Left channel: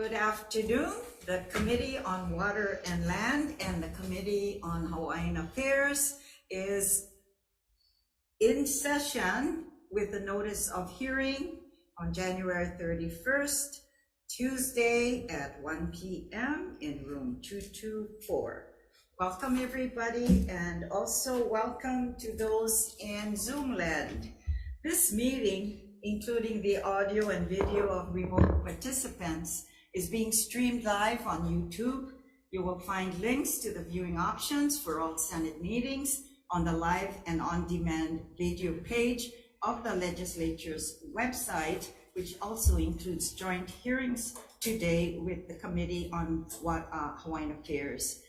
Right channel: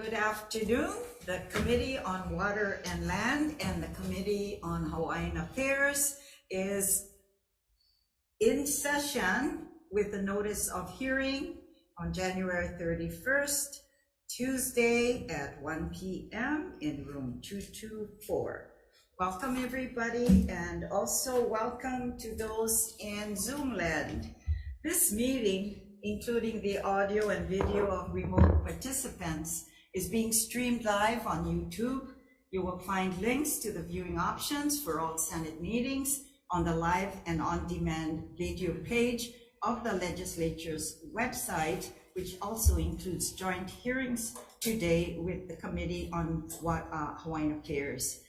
Good afternoon. The Committee on Water and Land and the Committee on Hawaiian Affairs is in session with the notice of hearing on January 31st, Tuesday at 1 p.m. in room 224. Welcome everybody, and also welcome to those in Zoom land. This meeting, including the audio and video of remote participants, is being streamed live on YouTube. You will find links to the viewing options for all Senate meetings on the live and on-demand video page of the legislature's website, which also includes joint hearings today with the Committee on Hawaiian Affairs.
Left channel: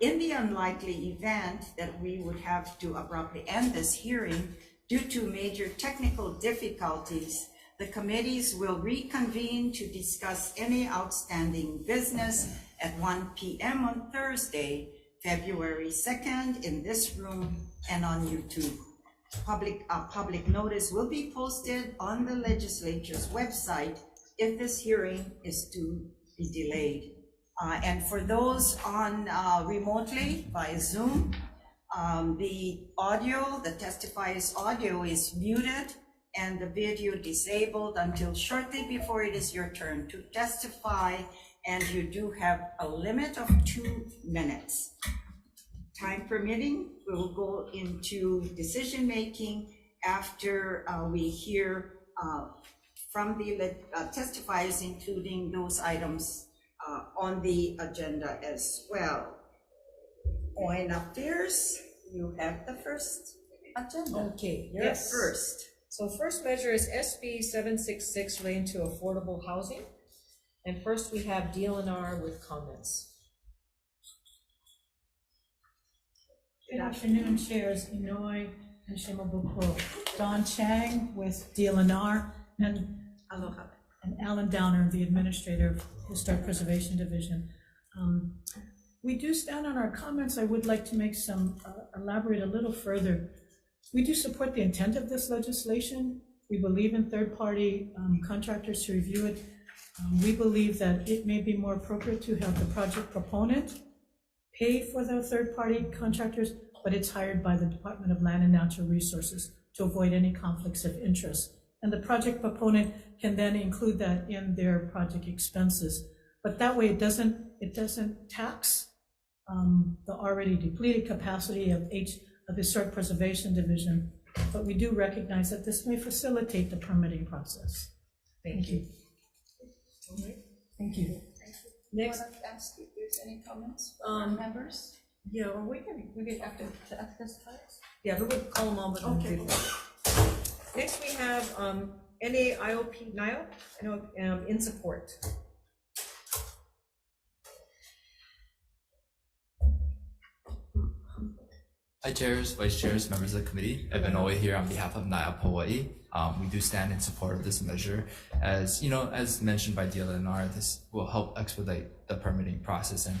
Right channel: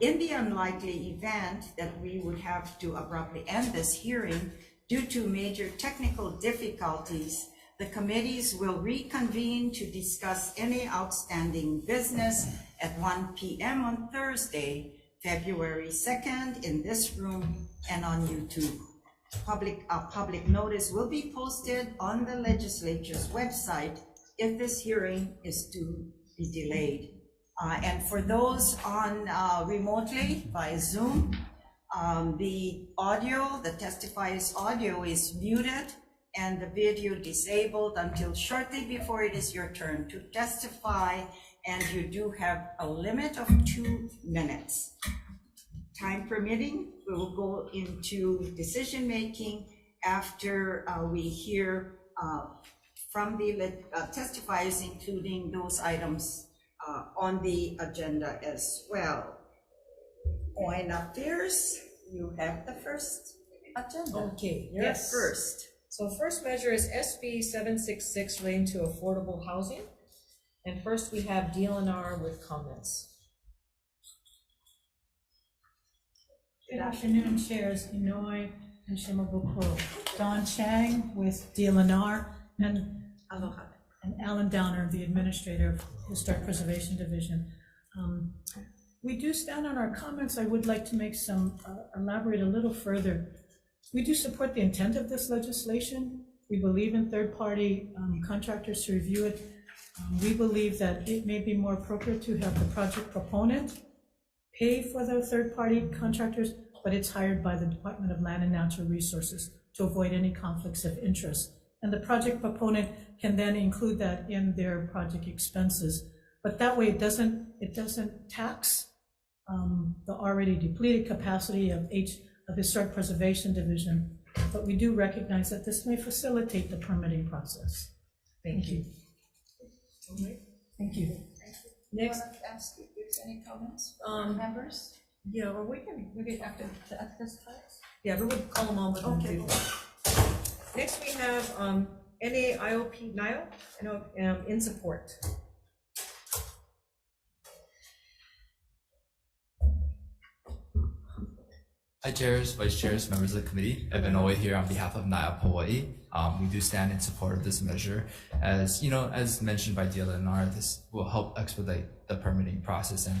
In the unlikely event that we would have to abruptly end this hearing due to major technical difficulties, the committees will reconvene to discuss any outstanding business at 1 p.m. on Thursday, February 2nd in this room and on YouTube. Public notice will be posted on the legislature's website if this hearing is to be delayed. And for those on remotely by Zoom, the audio, the testifier's audio is muted and the video disabled until shortly before it is your turn to testify, and you do have a limit of 2 minutes. Time permitting, we will go into decision making after we hear from the testifiers, including those items on the agenda as well. Hawaiian Affairs, you have the first agenda. Okay, yes. You're first. So first measure is SB 766 relating to affordable housing. And first we have DLNR with comments. Good afternoon, Chairs Inouye and Shimabukuro. Don Chang with DLNR and Aloha. And Alan Downer, the Administrator of Historic Preservation Division. We do stand on our comments. I would like to make some, elaborate a little further. We do support the intent of this legislation. We believe in third-party contractors to review it. We believe that it may be more appropriate to have the project proponent pay for the third-party contractors, but it's hired by the Department of Land and Natural Resources to avoid any conflicts of interest. And the project proponent can then include that in their project expenses. But that way it doesn't tax the already depleted capacity of Historic Preservation Division, but we do recognize that this may facilitate the permitting process. Thank you. All right. Thank you. Next, Want to ask if there's any comments from members? yeah, or we can have to ask this class. Yeah, we would call them all, but Okay. Next we have NAIOP in support. Hi chairs, vice chairs, members of the committee. Evan Oe here on behalf of NAIOP Hawaii. We do stand in support of this measure. As you know, as mentioned by DLNR, this will help expedite the permitting process, and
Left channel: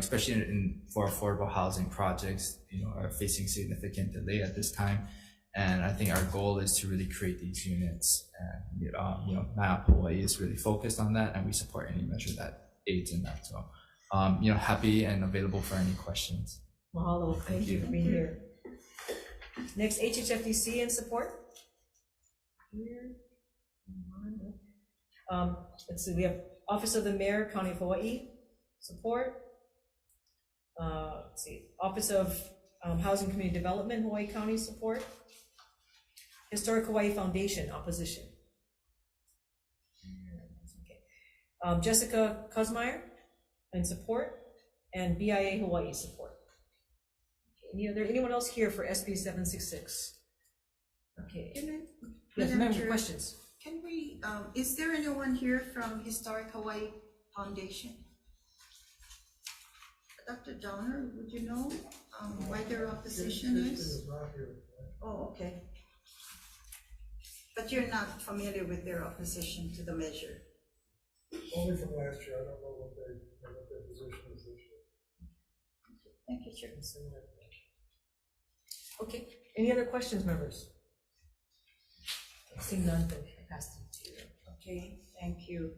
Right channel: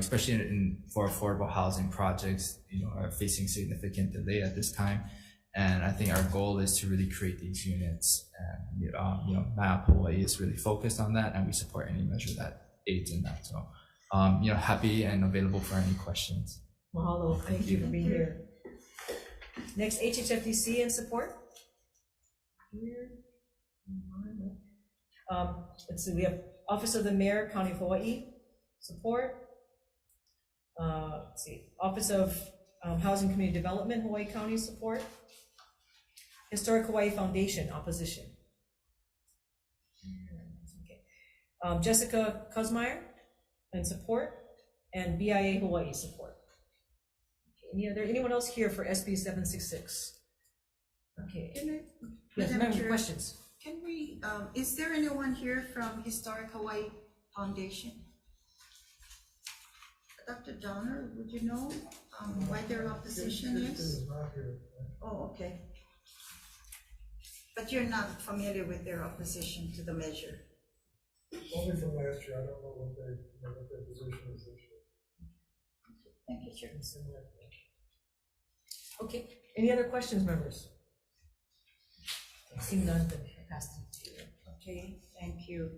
especially for affordable housing projects, are facing significant delay at this time. And I think our goal is to really create these units. And NAIOP Hawaii is really focused on that, and we support any measure that aids in that. So, happy and available for any questions. Mahalo, thank you for being here. Next, HHFDC in support. Let's see, we have Office of the Mayor, County of Hawaii, support. Let's see, Office of Housing Community Development, Hawaii County, support. Historic Hawaii Foundation, opposition. Okay. Jessica Kosmeyer in support, and BIA Hawaii support. Anyone else here for SB 766? Okay. Yes, member, questions? Can we, is there anyone here from Historic Hawaii Foundation? Dr. Donner, would you know why their opposition is? Oh, okay. But you're not familiar with their opposition to the measure? Only from last year. I don't know what their position is this year. Thank you, Chair. Okay, any other questions, members? Seeing none, then pass them to you. Okay, thank you.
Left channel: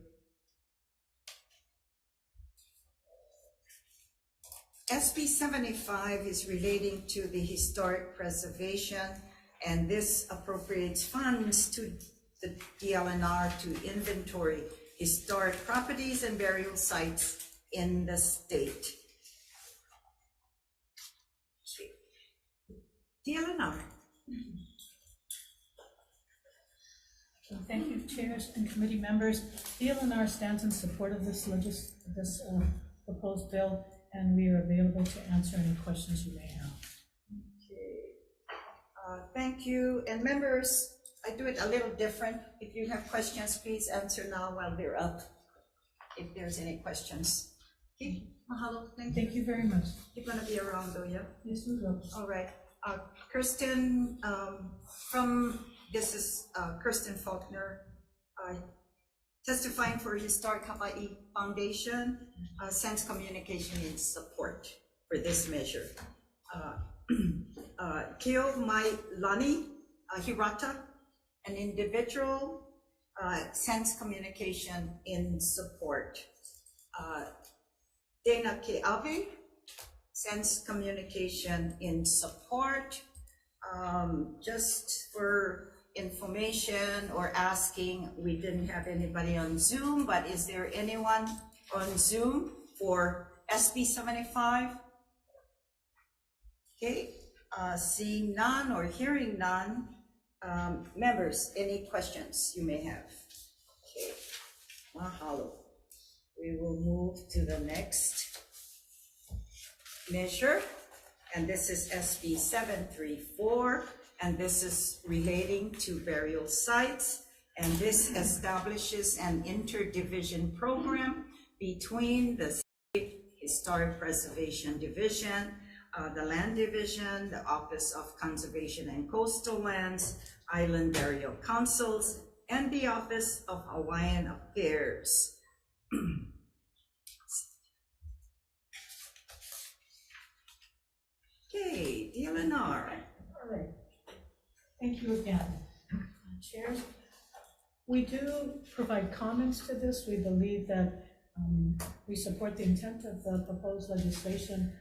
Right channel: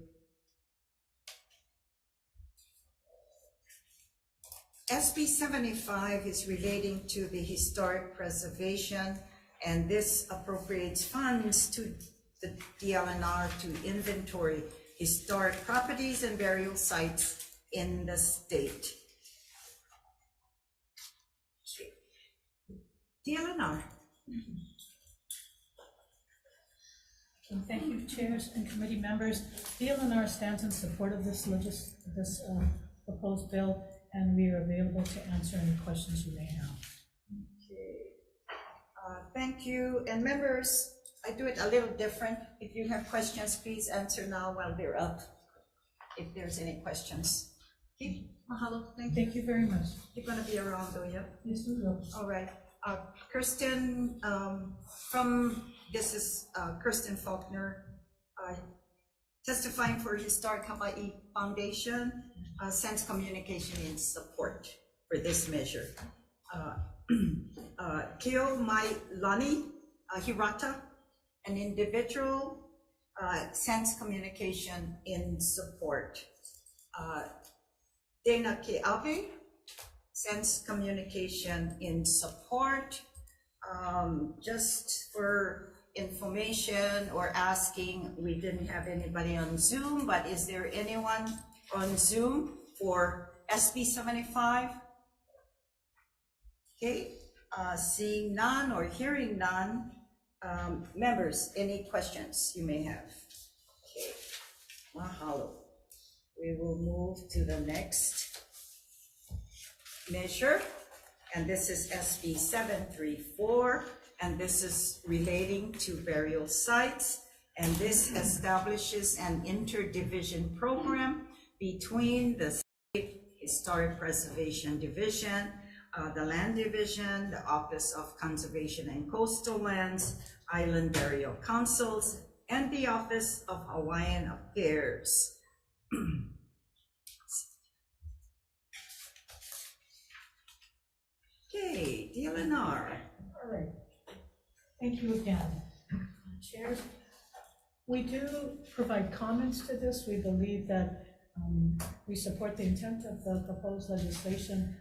SB 75 is relating to the historic preservation, and this appropriates funds to the DLNR to inventory historic properties and burial sites in the state. DLNR. Thank you, chairs and committee members. DLNR stands in support of this proposed bill, and we are available to answer any questions you may have. Okay. Thank you. And members, I do it a little different. If you have questions, please answer now while they're up, if there's any questions. Okay. Mahalo. Thank you very much. You're going to be around though, yeah? Yes, we will. All right. Kirsten, this is Kirsten Faulkner, testifying for Historic Hawai'i Foundation, sends communication in support for this measure. Kio Mailani Hirata, an individual, sends communication in support. Dana Ke'awe sends communication in support. Just for information or asking, we didn't have anybody on Zoom, but is there anyone on Zoom for SB 75? Okay, seeing none or hearing none, members, any questions you may have? Okay, mahalo. We will move to the next measure, and this is SB 734, and this is relating to burial sites, and this establishes an interdivision program between the State Historic Preservation Division, the Land Division, the Office of Conservation and Coastal Lands, Island Burial Councils, and the Office of Hawaiian Affairs. Okay, DLNR. All right. Thank you again. Chairs, we do provide comments to this. We believe that we support the intent of the proposed legislation.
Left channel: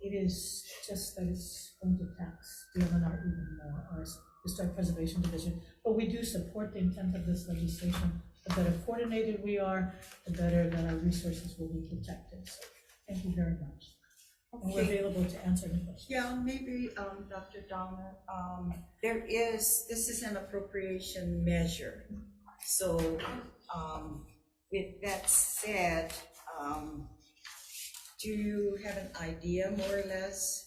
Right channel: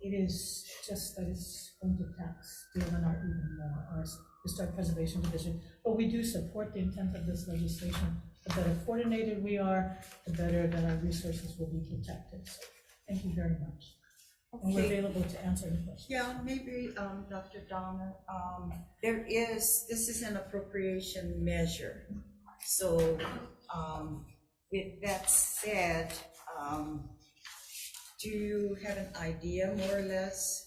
It is just that it's going to tax DLNR even more, our Historic Preservation Division. But we do support the intent of this legislation. The better coordinated we are, the better that our resources will be protected. So thank you very much. And we're available to answer any questions. Yeah, maybe, Dr. Downer, this is an appropriation measure. So, with that said, do you have an idea more or less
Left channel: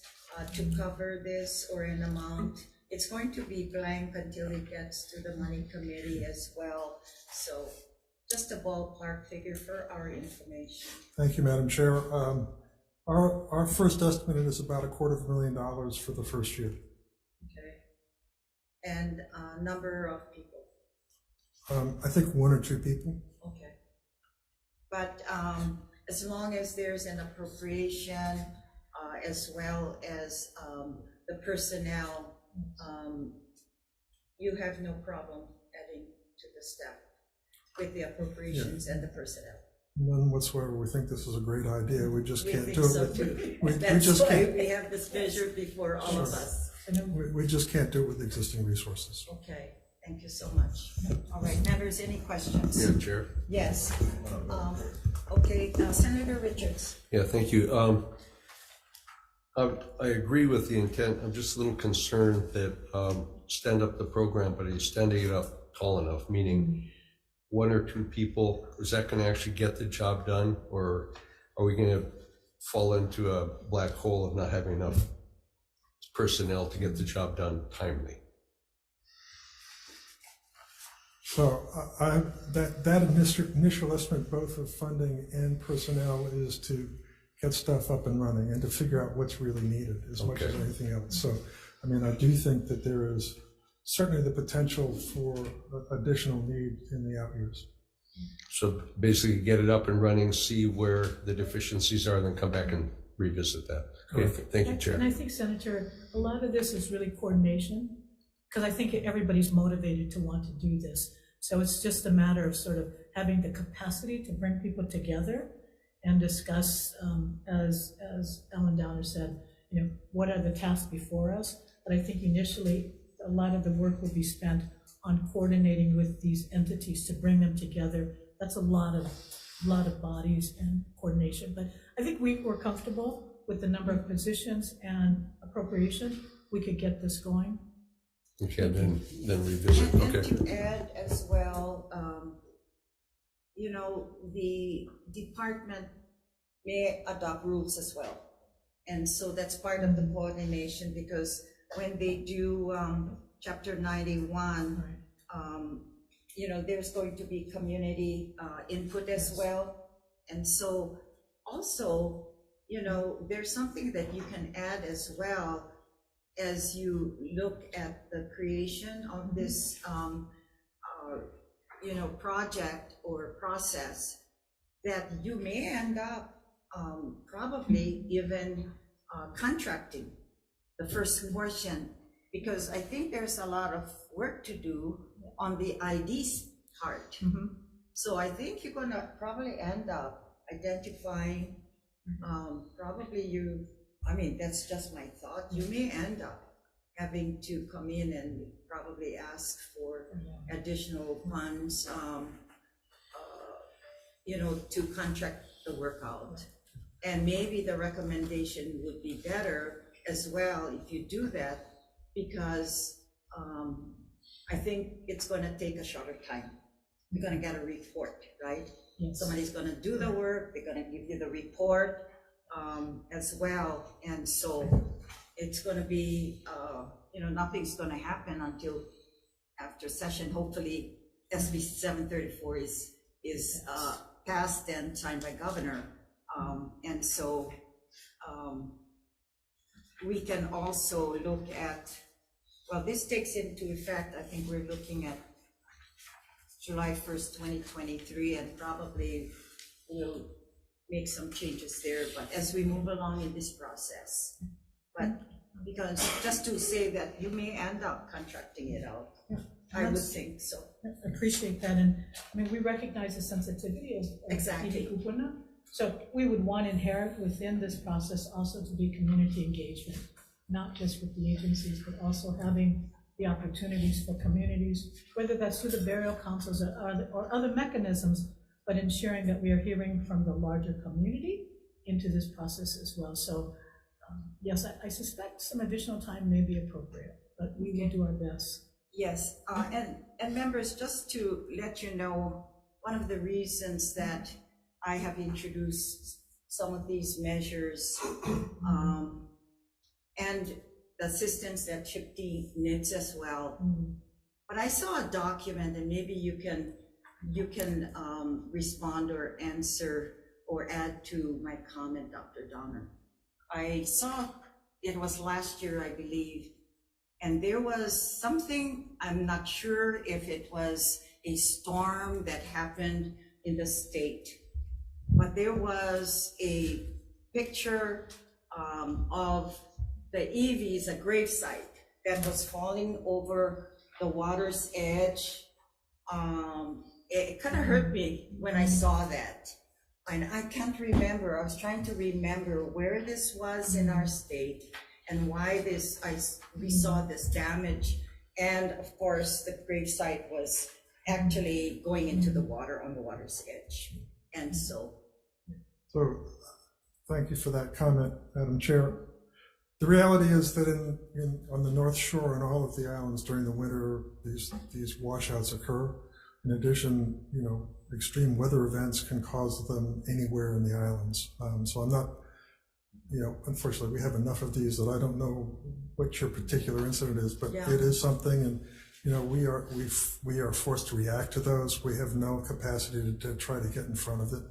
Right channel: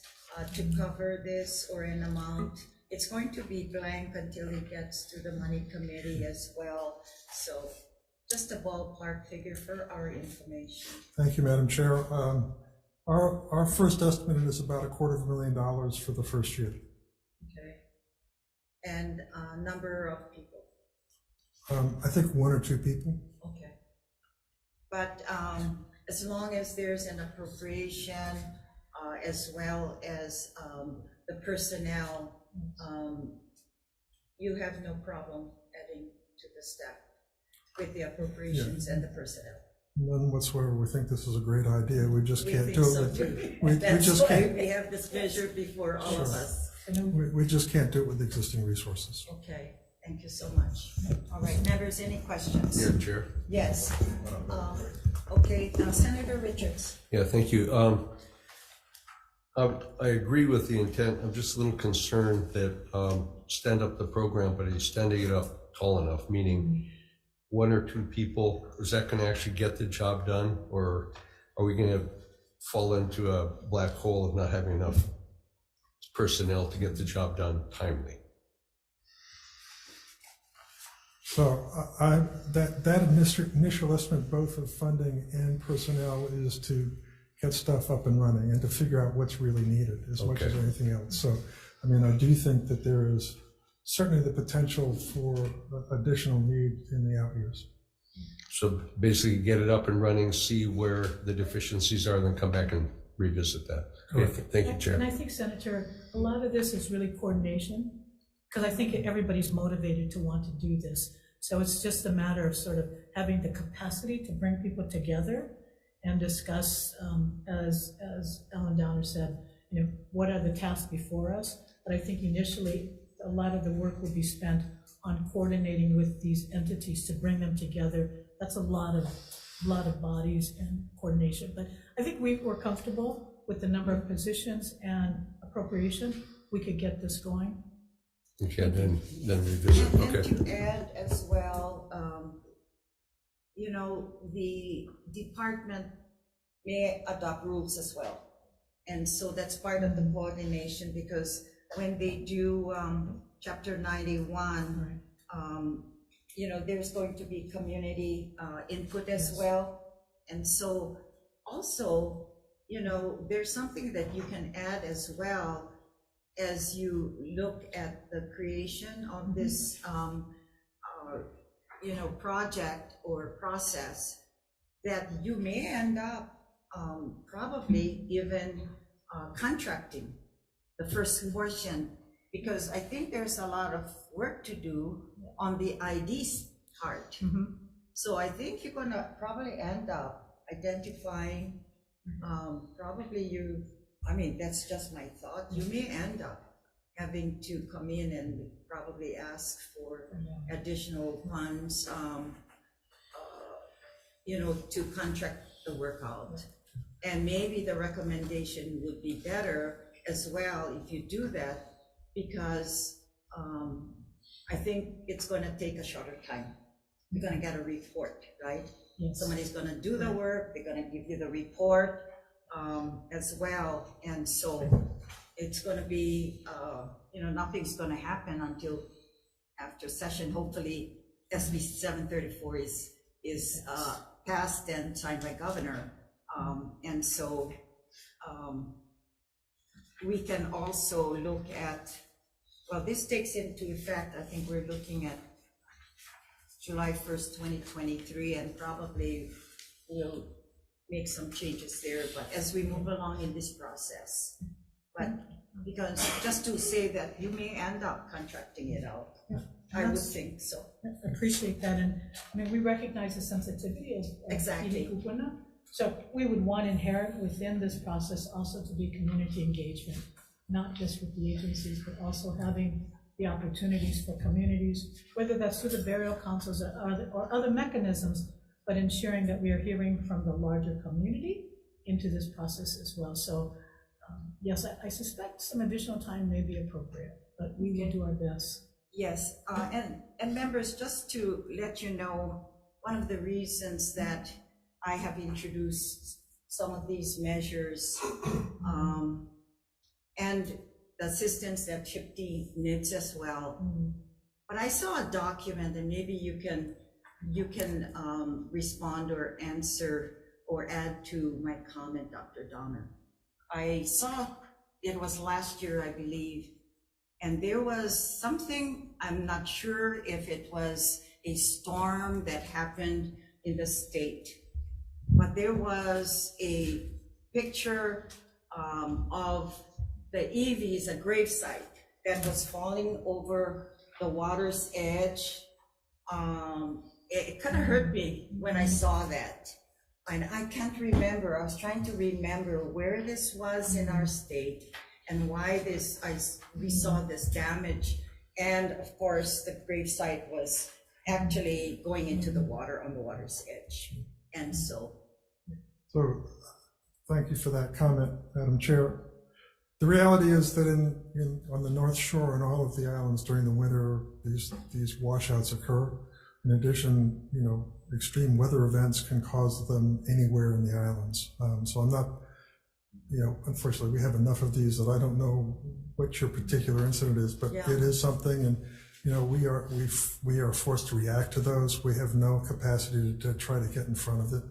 to cover this or an amount? It's going to be blank until it gets to the money committee as well. So just a ballpark figure for our information. Thank you, Madam Chair. Our first estimate is about $250,000 for the first year. Okay. And number of people? I think 1 or 2 people. Okay. But as long as there's an appropriation as well as the personnel, you have no problem adding to the staff with the appropriations and the personnel. None whatsoever. We think this is a great idea. We just can't do it. We That's just why can't. we have this measure before all of us. We just can't do it with existing resources. Okay, thank you so much. All right, members, any questions? Yeah, Chair. Yes. Okay, Senator Richards. Yeah, thank you. I agree with the intent. I'm just a little concerned that stand up the program, but he's standing it up tall enough, meaning 1 or 2 people, is that going to actually get the job done, or are we going to fall into a black hole of not having enough personnel to get the job done timely? So that initial estimate, both of funding and personnel, is to get stuff up and running and to figure out what's really needed as much as anything else. So, I mean, I do think that there is certainly the potential for additional need in the out years. So basically get it up and running, see where the deficiencies are, then come back and revisit that. Okay, thank you, Chair. And I think, Senator, a lot of this is really coordination, because I think everybody's motivated to want to do this. So it's just a matter of sort of having the capacity to bring people together and discuss, as Ellen Downer said, what are the tasks before us. But I think initially, a lot of the work will be spent on coordinating with these entities to bring them together. That's a lot of bodies and coordination. But I think we're comfortable with the number of positions and appropriation. We could get this going. Okay, then revisit. And Okay. to add as well, the department may adopt rules as well. And so that's part of the coordination, because when they do Chapter 91, there's going to be community input as well. And so also, there's something that you can add as well as you look at the creation of this, project or process, that you may end up probably even contracting the first portion, because I think there's a lot of work to do on the ID's part. So I think you're gonna probably end up identifying, that's just my thought, you may end up having to come in and probably ask for additional funds, to contract the work out. And maybe the recommendation would be better as well if you do that, because I think it's gonna take a shorter time. You're gonna get a report, right? Yes. Somebody's gonna do the work, they're gonna give you the report as well. And so it's gonna be, nothing's gonna happen until after session. Hopefully SB 734 is passed and signed by governor. And so we can also look at, well, this takes into effect, I think we're looking at July 1st, 2023, and probably we'll make some changes there, but as we move along in this process. But because just to say that you may end up contracting it out, I would think so. I appreciate that, and we recognize the sensitivity as Exactly. Kupuna. So we would want inherent within this process also to be community engagement, not just with the agencies, but also having the opportunities for communities, whether that's through the burial councils or other mechanisms, but ensuring that we are hearing from the larger community into this process as well. So yes, I suspect some additional time may be appropriate, but we will do our best. Yes, and members, just to let you know, one of the reasons that I have introduced some of these measures and the assistance that CHIPT needs as well. But I saw a document, and maybe you can respond or answer or add to my comment, Dr. Donner. I saw, it was last year, I believe, and there was something, I'm not sure if it was a storm that happened in the state, but there was a picture of the EVs, a gravesite that was falling over the water's edge. It kind of hurt me when I saw that. And I can't remember, I was trying to remember where this was in our state and why we saw this damage. And of course, the gravesite was actually going into the water on the water's edge. And so thank you for that comment, Madam Chair. The reality is that on the North Shore and all of the islands during the winter, these washouts occur. In addition, extreme weather events can cause them anywhere in the islands. So I'm not, unfortunately, we have enough of these that I don't know what your particular incident is, but it is something, and we are forced to react to those. We have no capacity to try to get in front of it.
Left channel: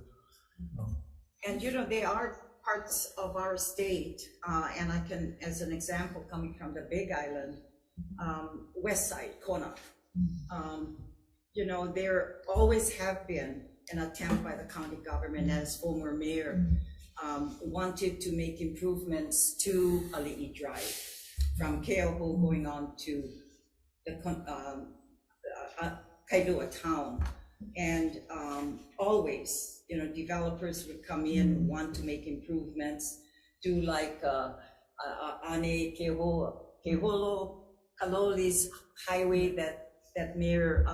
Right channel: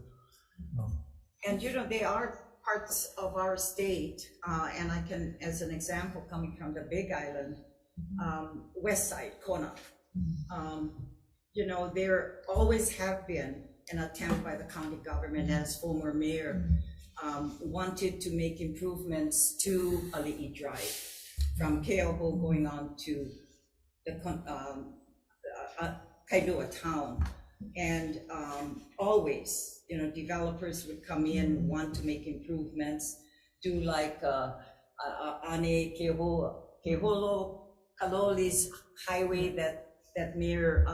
And they are parts of our state, and I can, as an example, coming from the Big Island, West Side, Kona. There always have been an attempt by the county government, as former mayor wanted to make improvements to Ali'i Drive from Keoho going on to the Kailua town, and always you know, developers would come in, want to make improvements, do like, Ane Keholo Kaloli's highway that Mayor,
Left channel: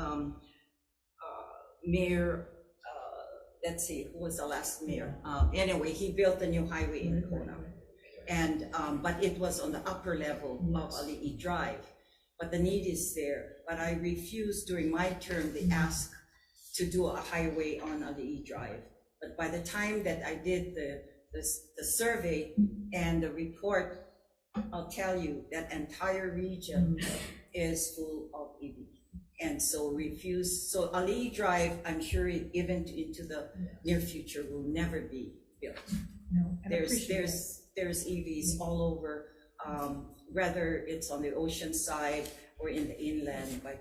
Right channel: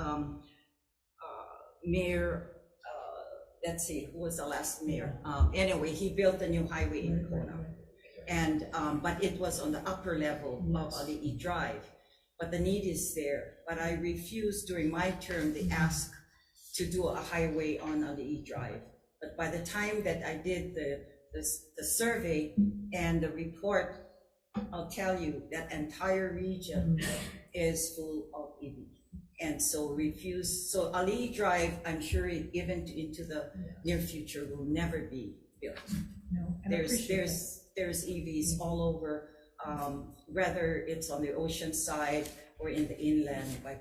let's see, who was the last mayor? Anyway, he built a new highway in Kona. And, but it was on the upper level of Ali'i Drive. But the need is there. But I refused during my term, they asked to do a highway on Ali'i Drive. But by the time that I did the survey and the report, I'll tell you that entire region is full of EV. And so refuse, so Ali'i Drive, I'm sure even into the near future will never be built. No, and I appreciate There's EVs all over, whether it's on the ocean side or in the inland. By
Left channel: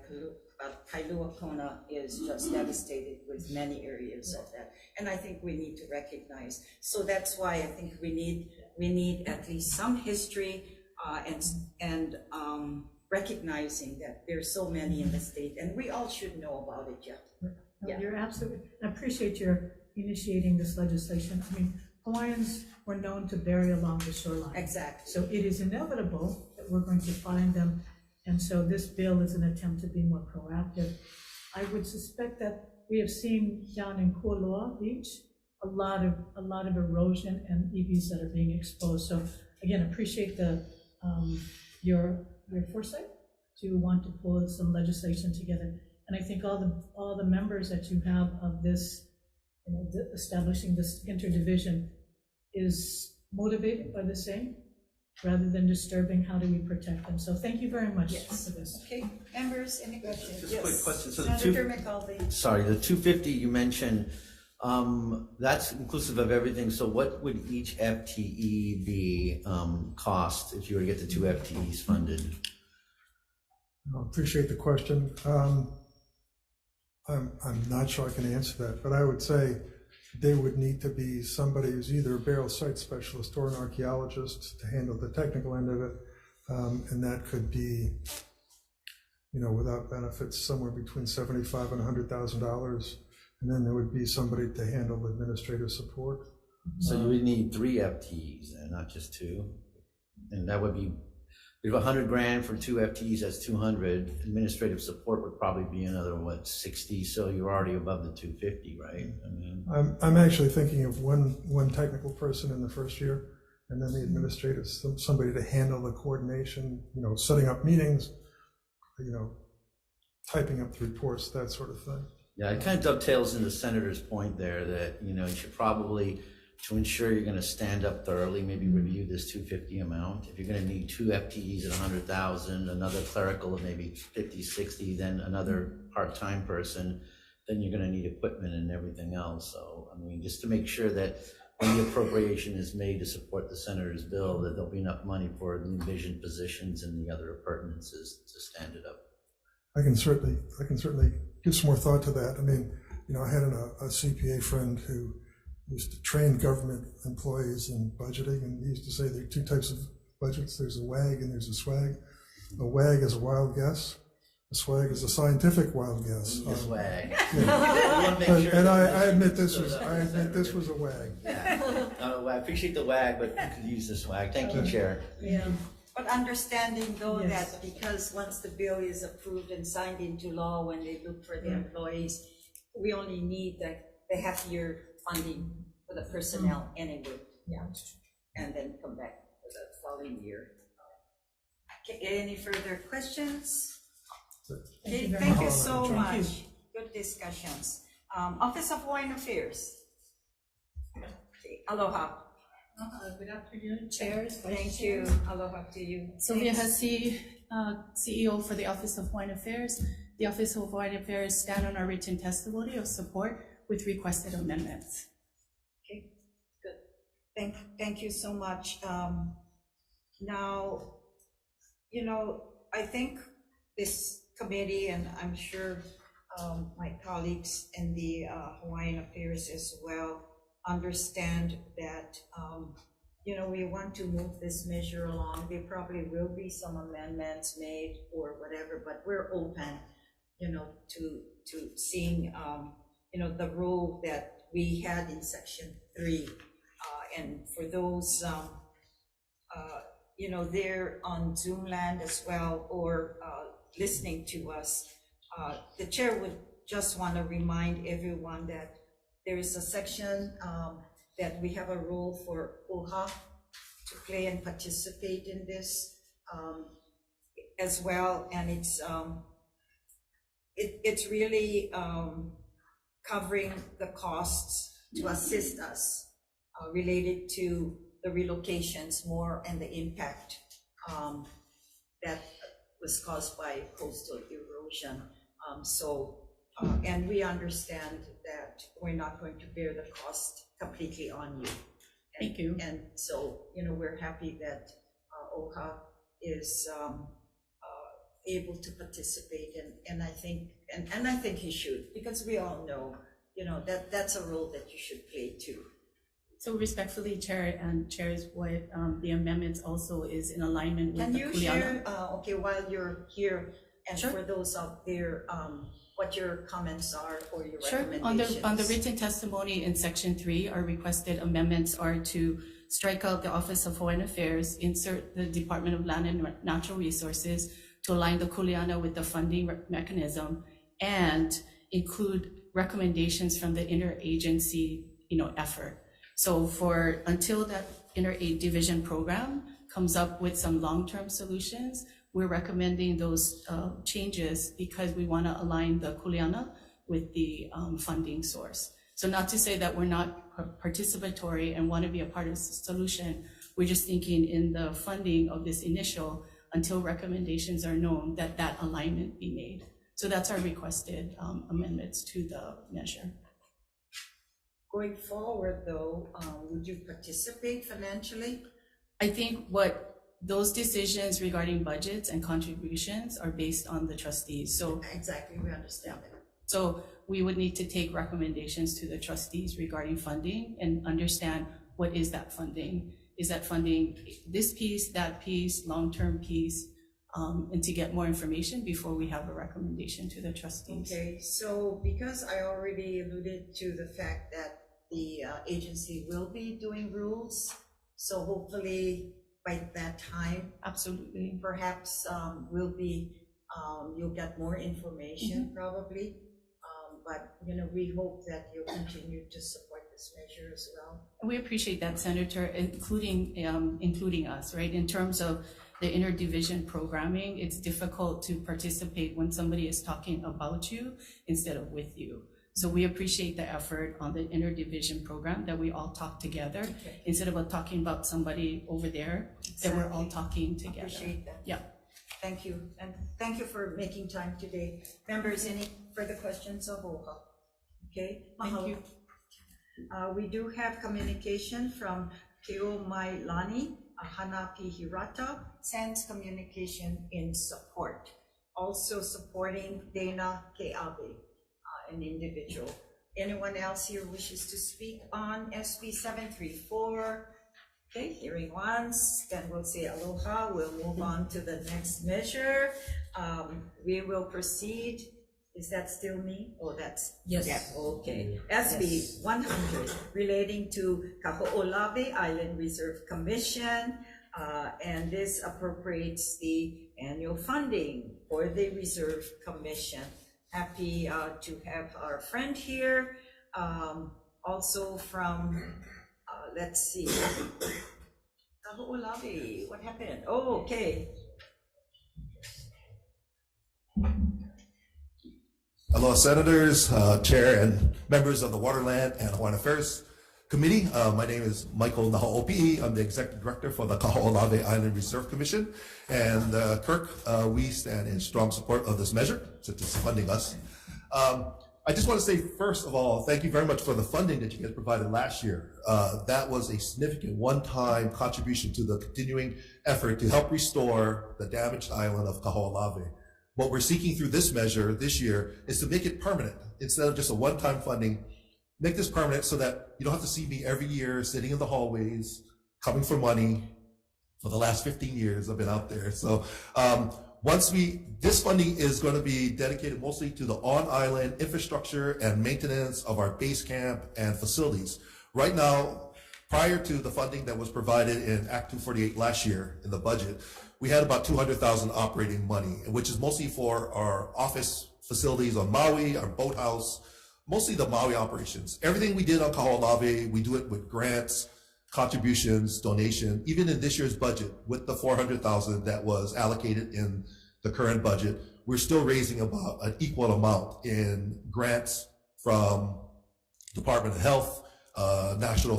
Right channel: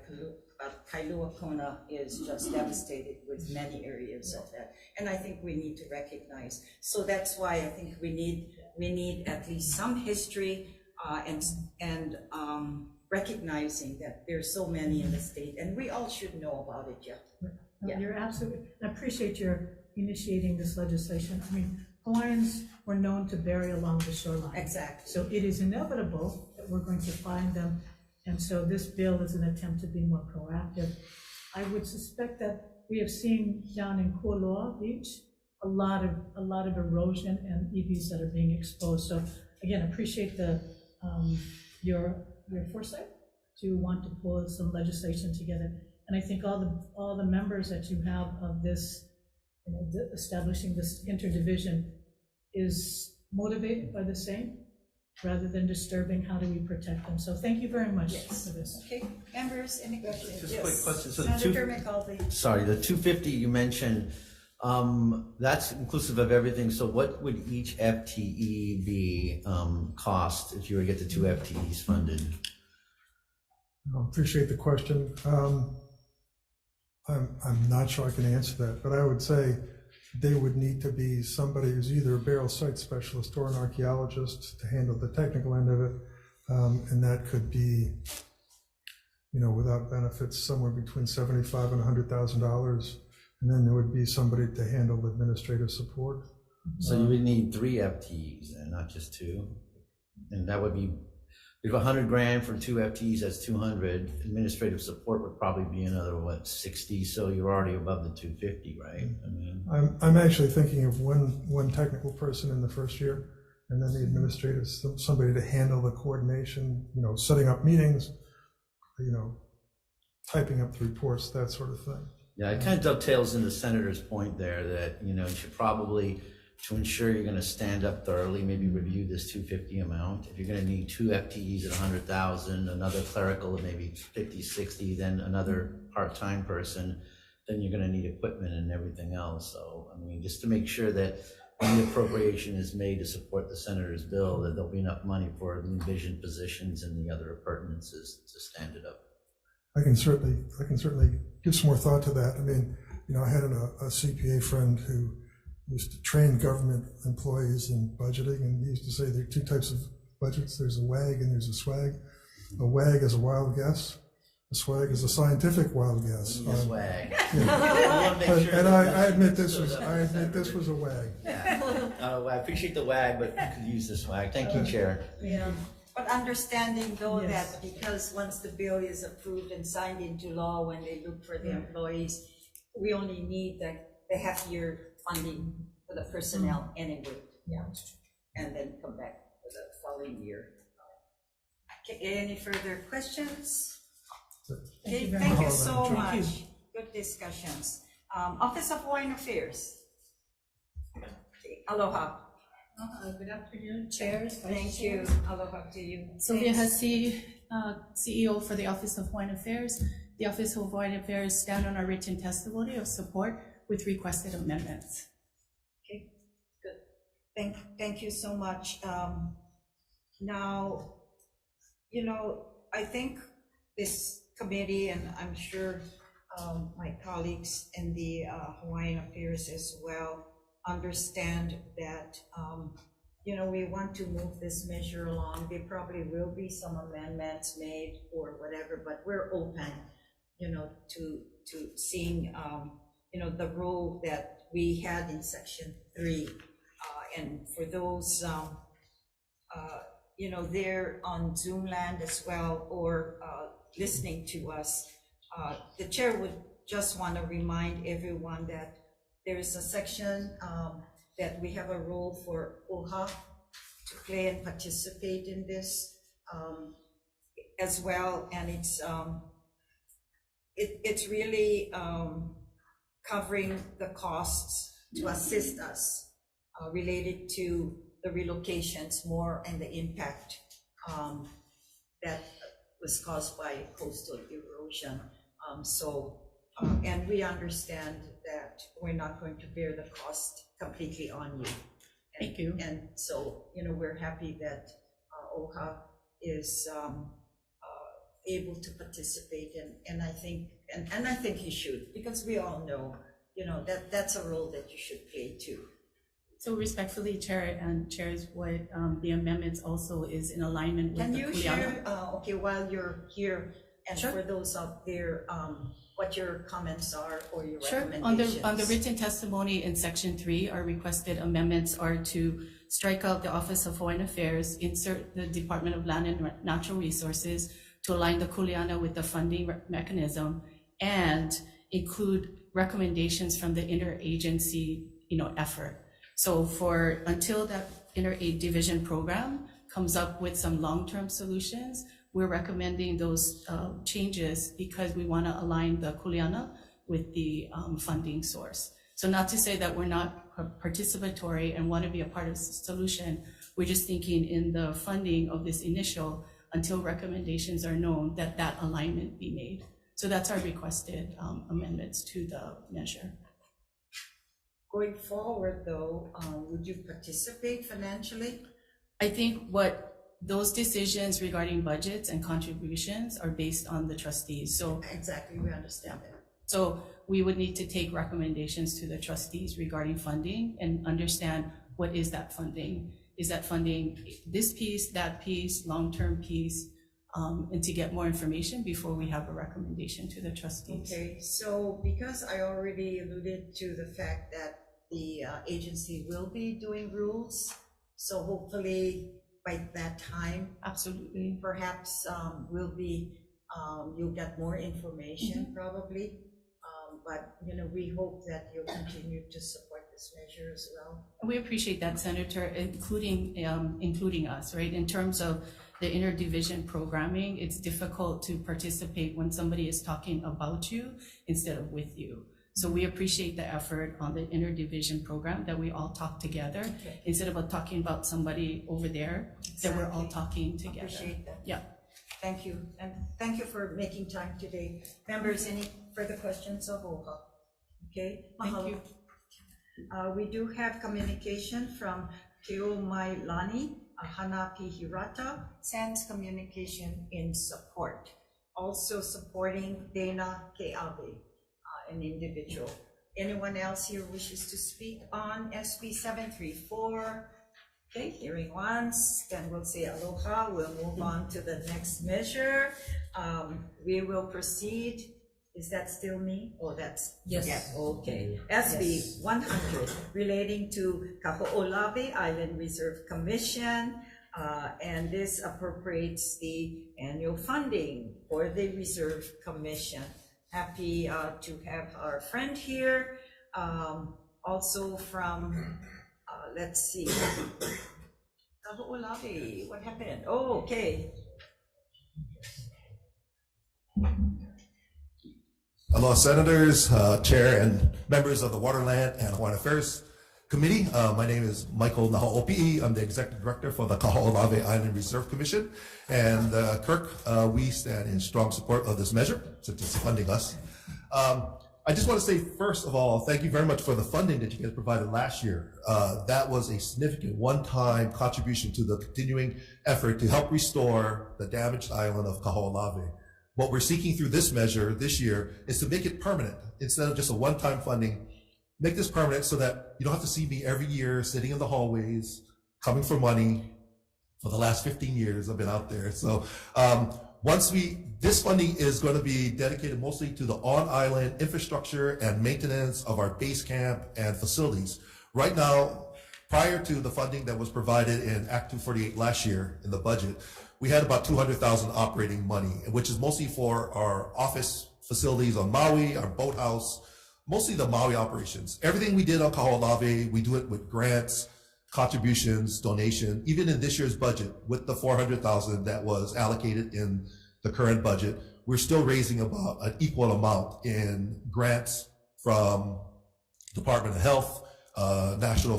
Kailua Kona is just devastated with many areas of that. And I think we need to recognize. So that's why I think we need at least some history and recognizing that there's so many in the state, and we all should know about it, yeah. No, you're absolutely, I appreciate your initiating this legislation. I mean, Hawaiians were known to bury along the shoreline. Exactly. So it is inevitable that we're going to find them. And so this bill is an attempt to be more proactive. I would suspect that we have seen down in Kualoa Beach, a lot of erosion and EVs that are being exposed. So again, appreciate your foresight to want to pull some legislation together. And I think all the members that you have of this, you know, establishing this interdivision is motivated by the same, rather than disturbing how do we protect them. So thank you very much for this. Okay, members, any questions? Just a quick question. So Senator McAuliffe. sorry, the 250 you mentioned, that's inclusive of everything. So what would each FTE be cost if you were to get the 2 FTEs funded? I appreciate the question. I'm not sure I can answer that, but I would say they would need to be somebody who's either a burial site specialist or an archaeologist to handle the technical end of it. And that could be, you know, without benefits, somewhere between $75,000 and $100,000. And then there would be somebody to handle administrative support. So you would need 3 FTEs and not just 2. And that would be, if $100,000 for 2 FTEs, that's 200. Administrative support would probably be another, what, 60? So you're already above the 250, right? I mean, I'm actually thinking of one technical person in the first year, and then the administrative, somebody to handle the coordination, you know, setting up meetings, you know, typing up the reports, that sort of thing. yeah, it kind of dovetails in the senator's point there that, you know, you should probably, to ensure you're going to stand up thoroughly, maybe review this 250 amount. If you're going to need 2 FTEs at 100,000, another clerical of maybe 50, 60, then another part-time person, then you're going to need equipment and everything else. So, I mean, just to make sure that when the appropriation is made to support the senator's bill, that there'll be enough money for the envisioned positions and the other appurtenances to stand it up. I can certainly give some more thought to that. I mean, you know, I had a CPA friend who used to train government employees in budgeting, and he used to say there are 2 types of budgets. There's a WAG and there's a SWAG. A WAG is a wild guess. A SWAG is a scientific wild guess. Swag. Yeah. And I admit this was a WAG. Yeah. I appreciate the WAG, but you could use the swag. Thank you, Chair. Yeah. But understanding though Yes. that because once the bill is approved and signed into law, when they look for the employees, we only need the half-year funding for the personnel anyway. Yeah. And then come back for the following year. Okay, any further questions? Okay, thank you so much. Good discussions. Office of Hawaiian Affairs. Okay, aloha. Good afternoon, chairs. Thank you. Aloha to you. Sylvia Thanks. Hussey, CEO for the Office of Hawaiian Affairs. The Office of Hawaiian Affairs stand on our written testimony of support with requested amendments. Okay, good. Thank you so much. Now, you know, I think this committee, and I'm sure my colleagues in the Hawaiian Affairs as well, understand that, you know, we want to move this measure along. There probably will be some amendments made or whatever, but we're open, you know, to seeing, you know, the role that we had in section 3. And for those, they're on Zoom land as well, or listening to us, the chair would just want to remind everyone that there is a section that we have a role for OHA to play and participate in this as well, and it's really covering the costs to assist us related to the relocations more and the impact that was caused by coastal erosion. And we understand that we're not going to bear the cost completely on you. Thank you. And so, we're happy that OHA is able to participate, and I think he should, because we all know, that's a role that you should play too. So respectfully, Chair and Chairs, what the amendments also is in alignment with Can the you Kuleana. share, while you're here, and Sure. for those out there, what your comments are or your Sure. recommendations? On the written testimony in section 3, our requested amendments are to strike out the Office of Hawaiian Affairs, insert the Department of Land and Natural Resources to align the Kuleana with the funding mechanism, and include recommendations from the interagency, effort. So until that interaid division program comes up with some long-term solutions, we're recommending those changes because we want to align the Kuleana with the funding source. So not to say that we're not participatory and want to be a part of the solution. We're just thinking in the funding of this initial, until recommendations are known, that alignment be made. So that's our requested amendments to the measure. Going forward though, would you participate financially? I think what those decisions regarding budgets and contributions are based on the trustees. So Exactly, we understand that. So we would need to take recommendations to the trustees regarding funding and understand what is that funding. Is that funding this piece, that piece, long-term piece, and to get more information before we have a recommendation to the trustees. Okay, so because I already alluded to the fact that the agency will be doing rules, so hopefully by that time, Absolutely. perhaps you'll get more information probably. But we hope that you'll continue to support this measure as well. We appreciate that, Senator, including us, right? In terms of the interdivision programming, it's difficult to participate when somebody is talking about you instead of with you. So we appreciate the effort on the interdivision program, that we all talk together instead of talking about somebody over there, that we're all talking together. Appreciate that. Yeah. Thank you, and thank you for making time today. Members, any further questions of OHA? Okay, Thank you. We do have communication from Keo Mailani, Hanapi Hirata, sends communication in support. Also supporting Dana Keabe, an individual. Anyone else here wishes to speak on SB 734? Okay, hearing once, then we'll say aloha. We'll move on to the next measure. We will proceed. Is that still me? Oh, that's, Yes. yeah, okay. SB 100, relating to Kaho'olawe Island Reserve Commission, and this appropriates the annual funding for the Reserve Commission. Happy to have our friend here, also from, let's see, Kaho'olawe, what happened? Oh, okay. Hello, Senators, Chair, and members of the Waterland and Hawaiian Affairs Committee. My name is Michael Naho'opi'i. I'm the Executive Director for the Kaho'olawe Island Reserve Commission. And Kirk, we stand in strong support of this measure, since it's funding us. I just want to say, first of all, thank you very much for the funding that you guys provided last year. That was a significant one-time contribution to the continuing effort to help restore the damaged island of Kaho'olawe. What we're seeking through this measure this year is to make it permanent. Instead of just a one-time funding, make this permanent so that you don't have to see me every year sitting in the hallways, coming for money. For the last 15 years, I've been out there. So This funding is going to be dedicated mostly to the on-island infrastructure and maintenance of our base camp and facilities. Right now, prior to the funding that was provided in Act 248 last year in the budget, we had about $200,000 operating money, which is mostly for our office facilities on Maui, our boathouse, mostly the Maui operations. Everything we did on Kaho'olawe, we do it with grants, contributions, donation. Even in this year's budget, with the $400,000 that was allocated in the current budget, we're still raising about an equal amount in grants from Department of Health, National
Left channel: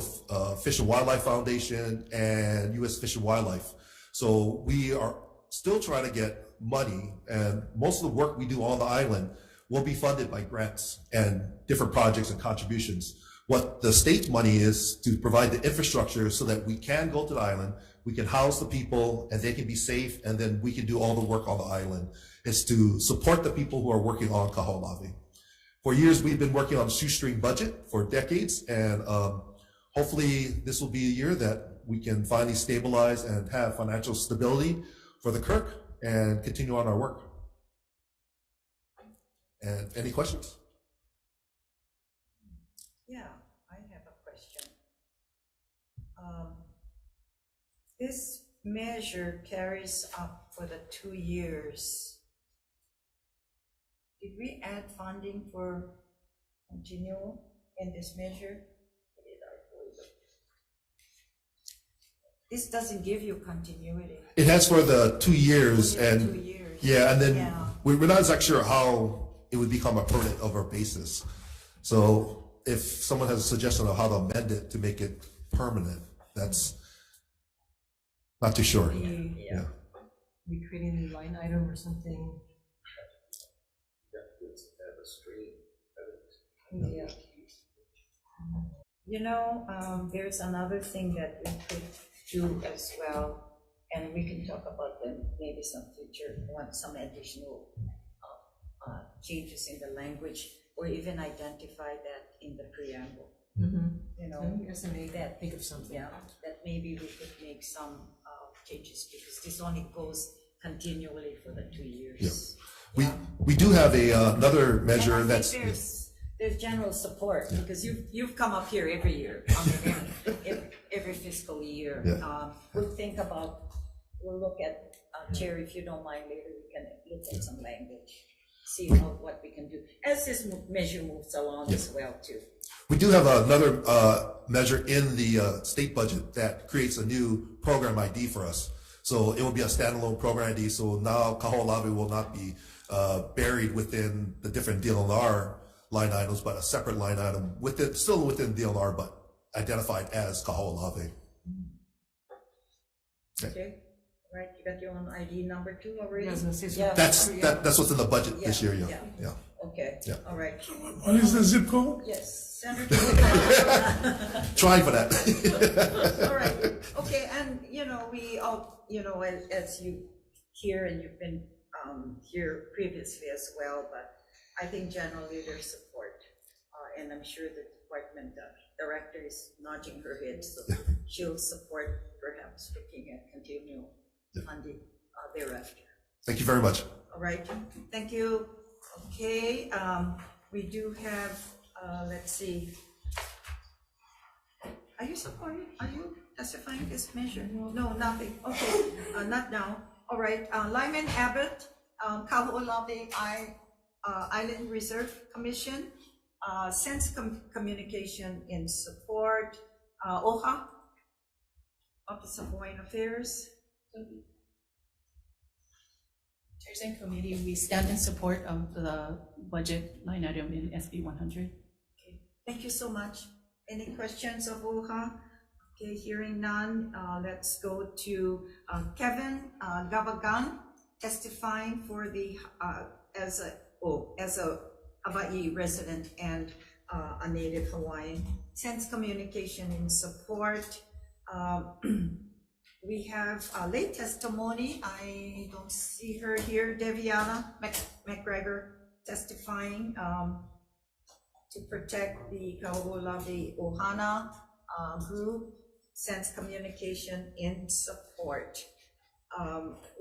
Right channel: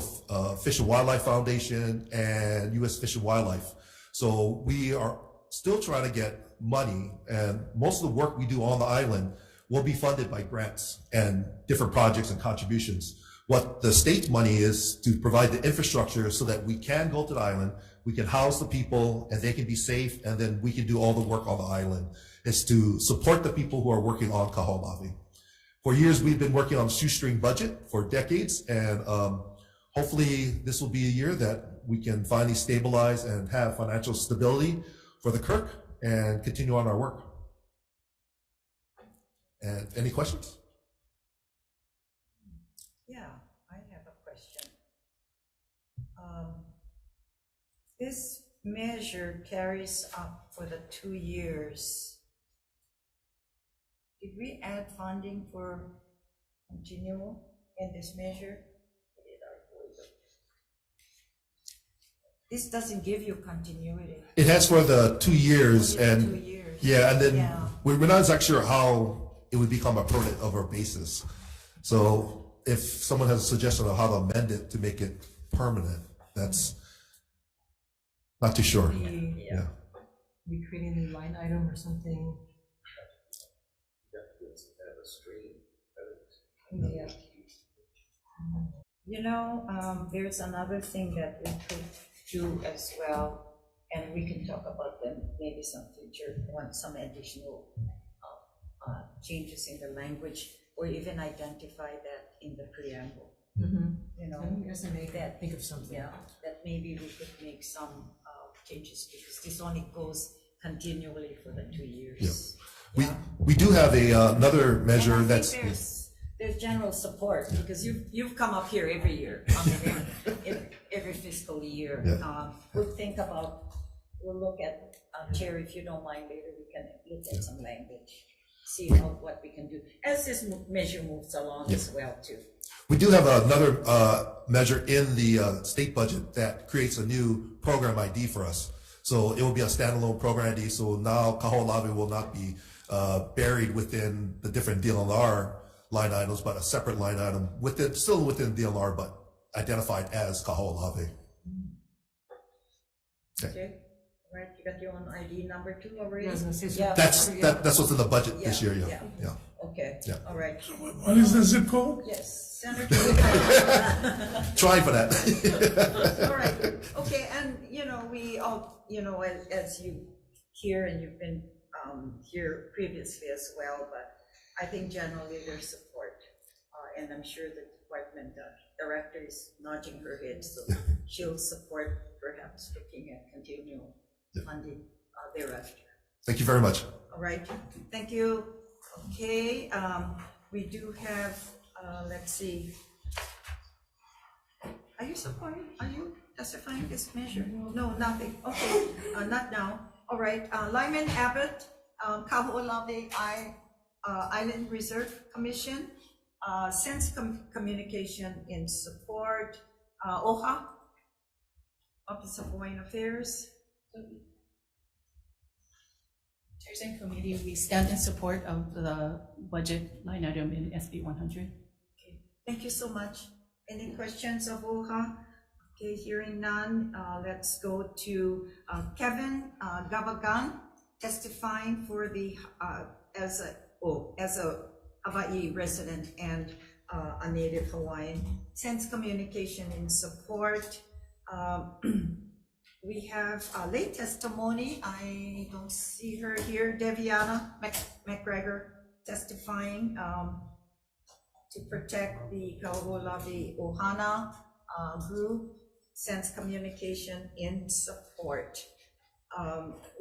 Fish and Wildlife Foundation, and U.S. Fish and Wildlife. So we are still trying to get money, and most of the work we do on the island will be funded by grants and different projects and contributions. What the state's money is to provide the infrastructure so that we can go to the island, we can house the people, and they can be safe, and then we can do all the work on the island. It's to support the people who are working on Kaho'olawe. For years, we've been working on a shoestring budget for decades, and hopefully this will be a year that we can finally stabilize and have financial stability for the Kirk and continue on our work. And any questions? Yeah, I have a question. This measure carries up for the 2 years. Did we add funding for continual in this measure? This doesn't give you continuity. It has for the 2 years, Only and 2 years. yeah, and then Yeah. we're not exactly sure how it would become a permanent of our basis. So if someone has a suggestion of how to amend it to make it permanent, that's not too sure. Yeah. We create a new line item or something. Yeah. You know, there's another thing that we could do as well, and we can talk about them maybe some future, want some additional changes in the language, or even identify that in the preamble. You know, that, think of something. yeah, that maybe we could make some changes, because this only goes continually for the 2 years. Yeah. We do have another measure And I that's. think there's general support, because you've come up here every year, every fiscal year. Yeah. We'll look at, Chair, if you don't mind, later we can look at some language, see what we can do, as this measure moves along as well too. We do have another measure in the state budget that creates a new program ID for us. So it will be a standalone program ID. So now Kaho'olawe will not be buried within the different DLNR line items, but a separate line item still within DLNR, but identified as Kaho'olawe. Okay, all right, you got your own ID number 2 already? Yeah, I was gonna say, so- Yeah. That's what's in the budget this year. Yeah. Okay, Yeah. all right. What is the zip code? Yes, Senator. Trying for that. All right, okay, and we all, as you hear, and you've been here previously as well, but I think generally there's support, and I'm sure the department director is nodding her head, so she'll support perhaps looking at continual funding thereafter. Thank you very much. All right, thank you. Okay, we do have, let's see. Are you testifying this measure? No, nothing. Okay, not now. All right, Lyman Abbott, Kaho'olawe Island Reserve Commission, sends communication in support. OHA, Office of Hawaiian Affairs. Chairs and committee, we stand in support of the budget line item in SB 100. Okay, thank you so much. Any questions of OHA? Okay, hearing none, let's go to Kevin Gavagan, testifying for the as a Hawaii resident and a native Hawaiian, sends communication in support. We have a late testimony. I don't see her here. Deviana McGregor testifying to protect the Kaho'olawe Ohana group, sends communication in support.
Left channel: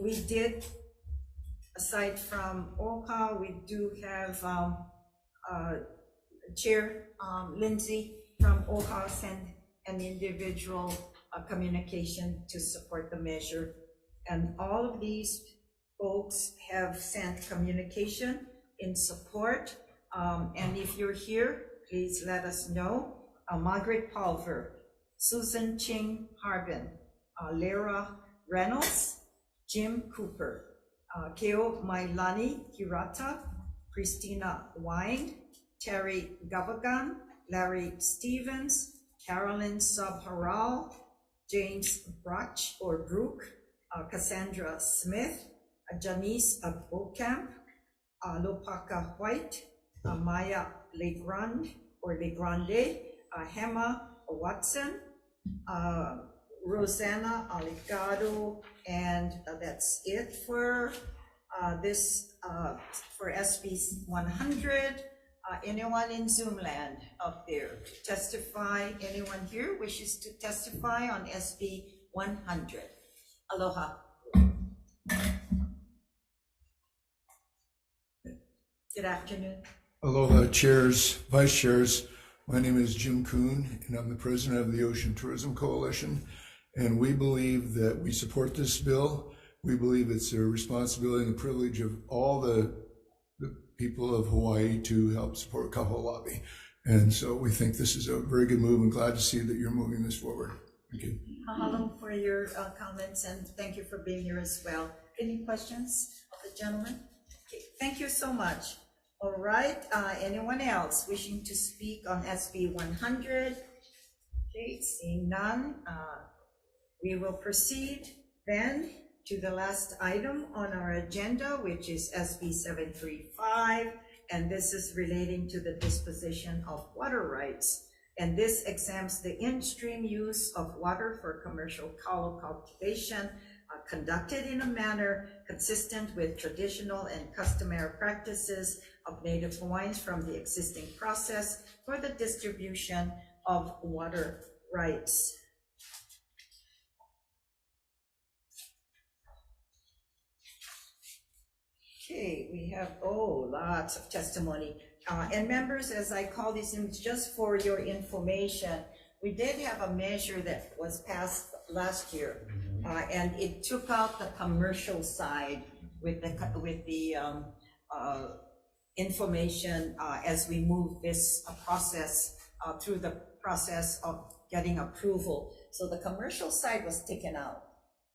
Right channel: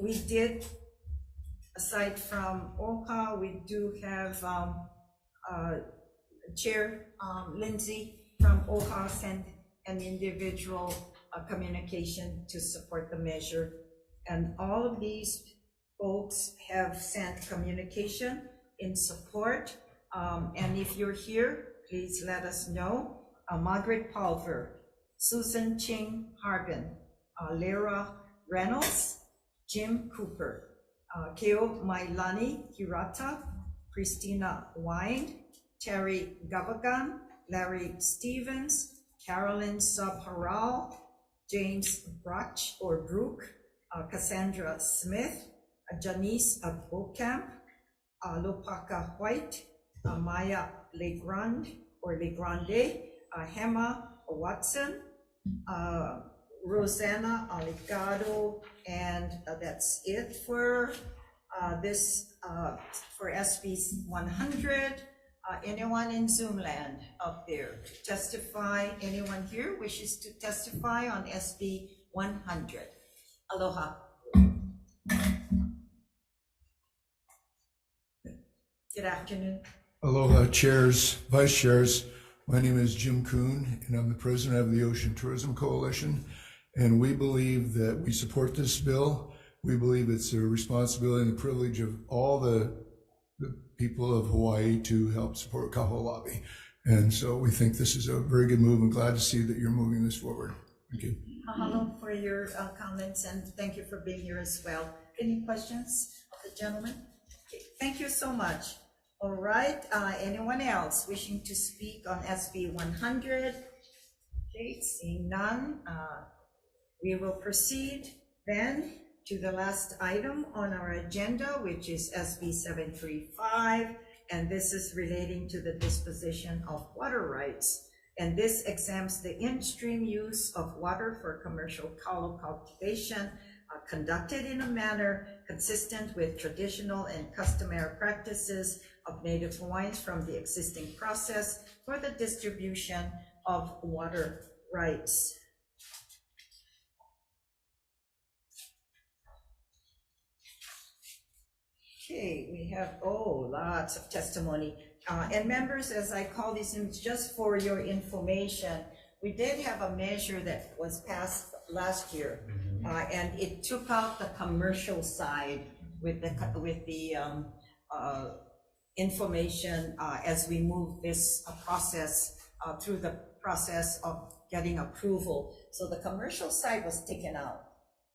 We did aside from OCA, we do have Chair Lindsay from OCA sent an individual communication to support the measure. And all of these folks have sent communication in support. And if you're here, please let us know. Margaret Pulver, Susan Ching Harbin, Lyra Reynolds, Jim Cooper, Keo Mailani Hirata, Christina Wine, Terry Gavagan, Larry Stevens, Carolyn Sabharal, James Brook, Cassandra Smith, Janice Bokamp, Lopaka White, Maya Legrand or Legrande, Hema Watson, Rosanna Aligado, and that's it for for SB 100. Anyone in Zoom land up there to testify? Anyone here wishes to testify on SB 100? Aloha. Good afternoon. Aloha, chairs, vice chairs. My name is Jim Kuhn, and I'm the president of the Ocean Tourism Coalition. And we believe that we support this bill. We believe it's a responsibility and the privilege of all the people of Hawaii to help support Kaho'olawe. And so we think this is a very good move. I'm glad to see that you're moving this forward. Thank you. Mahalo for your comments, and thank you for being here as well. Any questions of the gentleman? Okay, thank you so much. All right, anyone else wishing to speak on SB 100? Okay, seeing none, we will proceed then to the last item on our agenda, which is SB 735, and this is relating to the disposition of water rights. And this exempts the in-stream use of water for commercial kalo cultivation conducted in a manner consistent with traditional and customary practices of Native Hawaiians from the existing process for the distribution of water rights. Okay, we have, lots of testimony. And members, as I call these in, just for your information, we did have a measure that was passed last year, and it took out the commercial side with the information as we move this process through the process of getting approval. So the commercial side was taken out.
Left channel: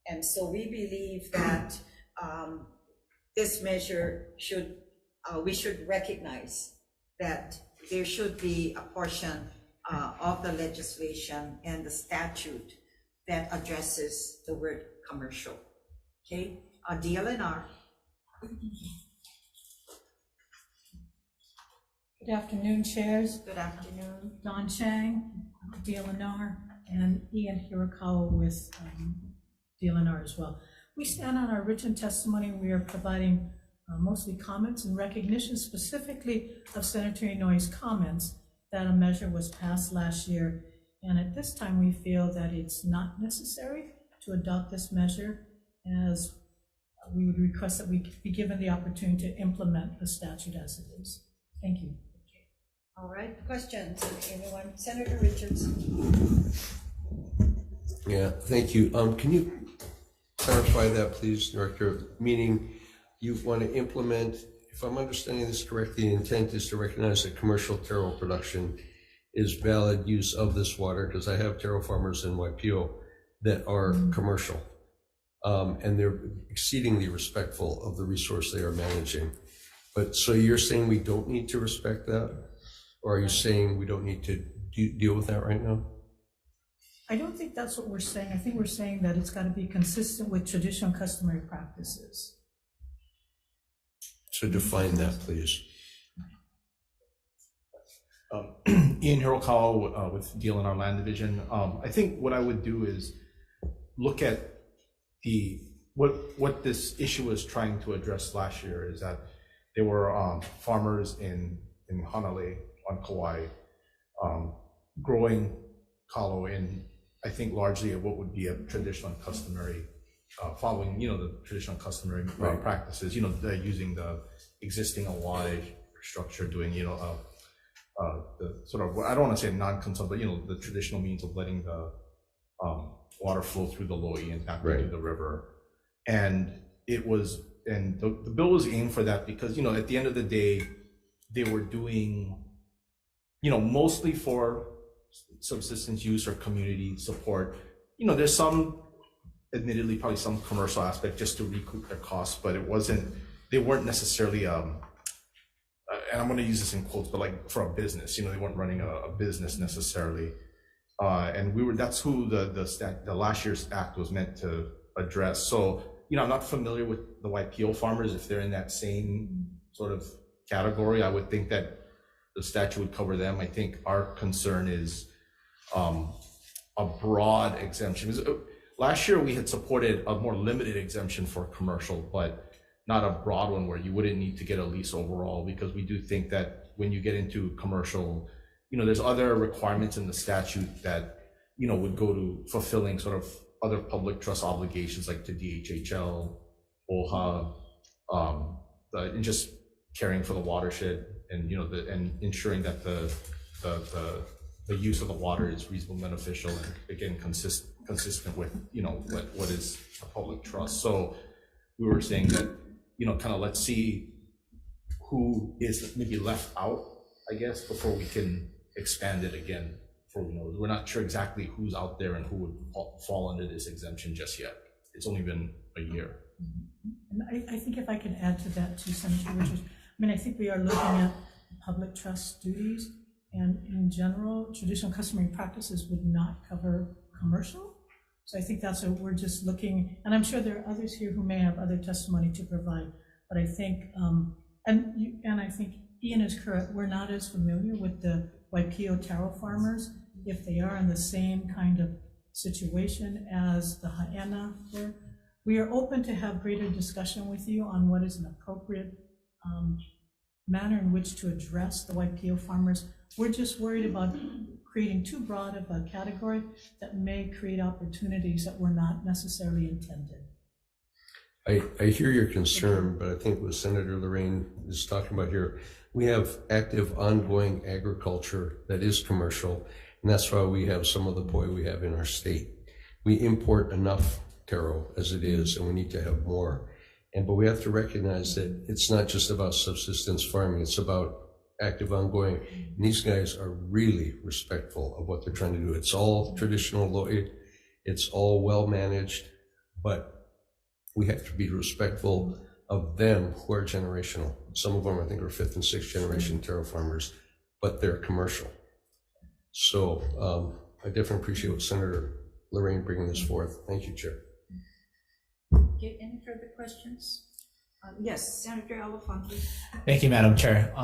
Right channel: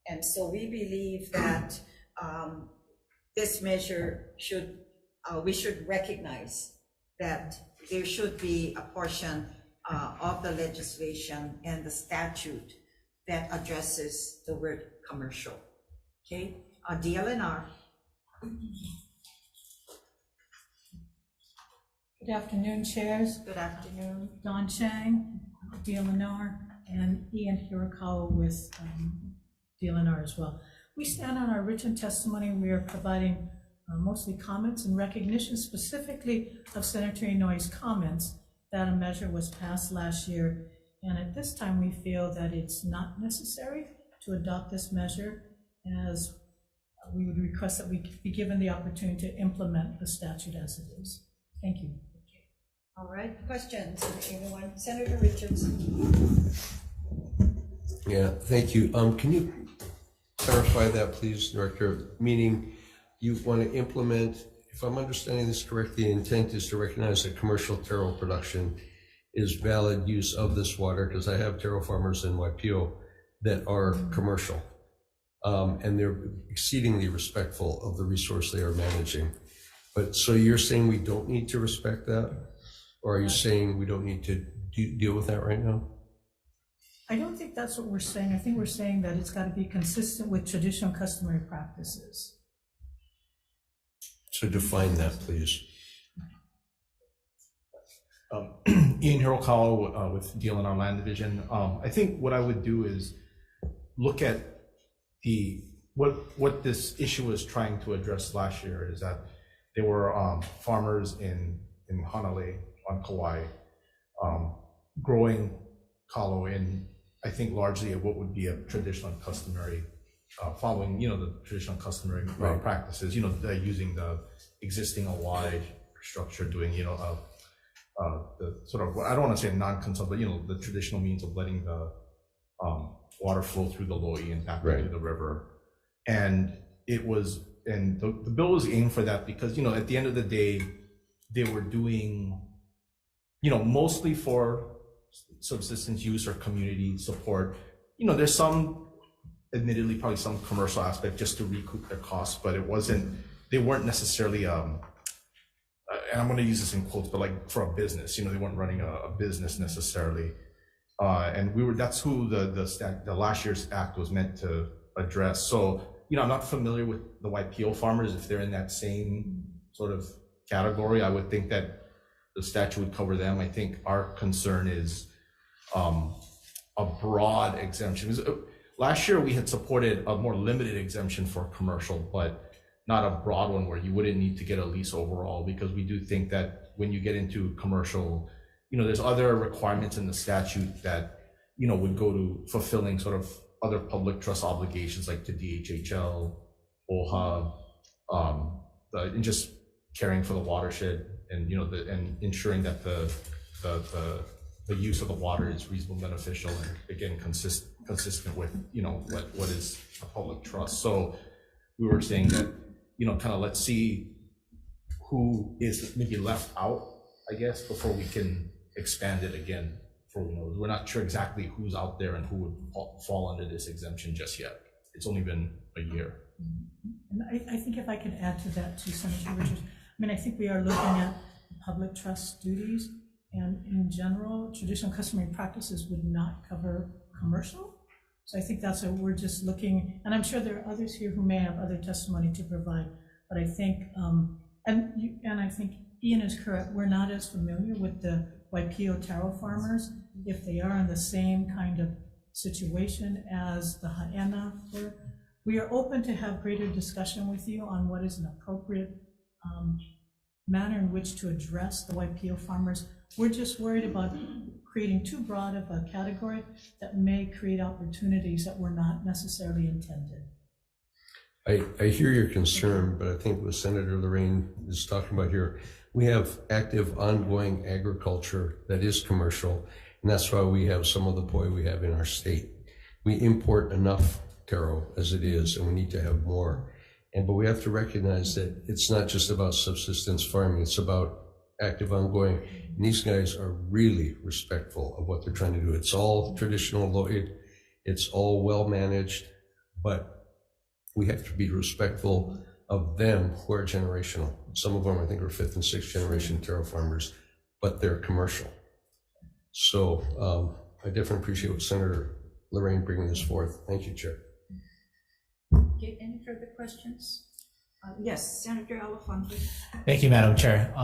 And so we believe that this measure we should recognize that there should be a portion of the legislation and the statute that addresses the word commercial. Okay, DLNR. Good afternoon, chairs. Good afternoon. Don Chang, DLNR, and Ian Hirakawa with DLNR as well. We stand on our written testimony. We are providing mostly comments and recognition specifically of Senator Inouye's comments that a measure was passed last year. And at this time, we feel that it's not necessary to adopt this measure, as we would request that we be given the opportunity to implement the statute as it is. Thank you. All right, questions? Anyone? Senator Richards. Yeah, thank you. Can you clarify that, please, Director? Meaning you want to implement, if I'm understanding this correctly, the intent is to recognize that commercial taro production is valid use of this water, because I have taro farmers in Waipio that are commercial, and they're exceedingly respectful of the resource they are managing. But so you're saying we don't need to respect that? Or are you saying we don't need to deal with that right now? I don't think that's what we're saying. I think we're saying that it's got to be consistent with traditional customary practices. So define that, please. Ian Hirakawa with DLNR Land Division. I think what I would do is look at what this issue was trying to address last year, is that there were farmers in Hanalei on Kauai growing kalo in, I think, largely what would be a traditional and customary following, the traditional customary practices, they're using the existing OY structure, doing, the sort of, I don't want to say non-consult, but, the traditional means of letting the water flow through the Lo'i and back into the river. And it was, and the bill was aimed for that because, at the end of the day, they were doing, mostly for subsistence use or community support. There's some, admittedly, probably some commercial aspect just to recoup their costs, but they weren't necessarily, and I'm going to use this in quotes, but like for a business, they weren't running a business necessarily. And that's who the last year's act was meant to address. So, I'm not familiar with the YPO farmers. If they're in that same sort of category, I would think that the statute would cover them. I think our concern is a broad exemption. Last year we had supported a more limited exemption for commercial, but not a broad one where you wouldn't need to get a lease overall, because we do think that when you get into commercial, there's other requirements in the statute that, would go to fulfilling sort of other public trust obligations like to DHHL, OHA, and just caring for the watershed, and and ensuring that the use of the water is reasonable, beneficial, and again consistent with what is a public trust. So we were saying that kind of let's see who is maybe left out, I guess, before we can expand it again. We're not sure exactly who's out there and who would fall under this exemption just yet. It's only been a year. And I think if I could add to that too, Senator Richards, I think we are looking at public trust duties, and in general, traditional customary practices would not cover commercial. So I think that's what we're just looking, and I'm sure there are others here who may have other testimony to provide, but I think, and I think Ian is correct, we're not as familiar with the YPO taro farmers, if they are in the same kind of situation as the Ha'ena were. We are open to have greater discussion with you on what is an appropriate manner in which to address the YPO farmers. We're just worried about creating too broad of a category that may create opportunities that were not necessarily intended. I hear your concern, but I think what Senator Lorraine is talking about here, we have active ongoing agriculture that is commercial, and that's why we have some of the poi we have in our state. We import enough taro as it is, and we need to have more. But we have to recognize that it's not just about subsistence farming, it's about active ongoing. And these guys are really respectful of what they're trying to do. It's all traditional Lo'i, it's all well managed, but we have to be respectful of them who are generational. Some of them I think are 5th and 6th generation taro farmers, but they're commercial. So I definitely appreciate what Senator Lorraine bringing this forth. Thank you, Chair. Okay, any further questions? Yes, Senator Elefante. Thank you, Madam Chair.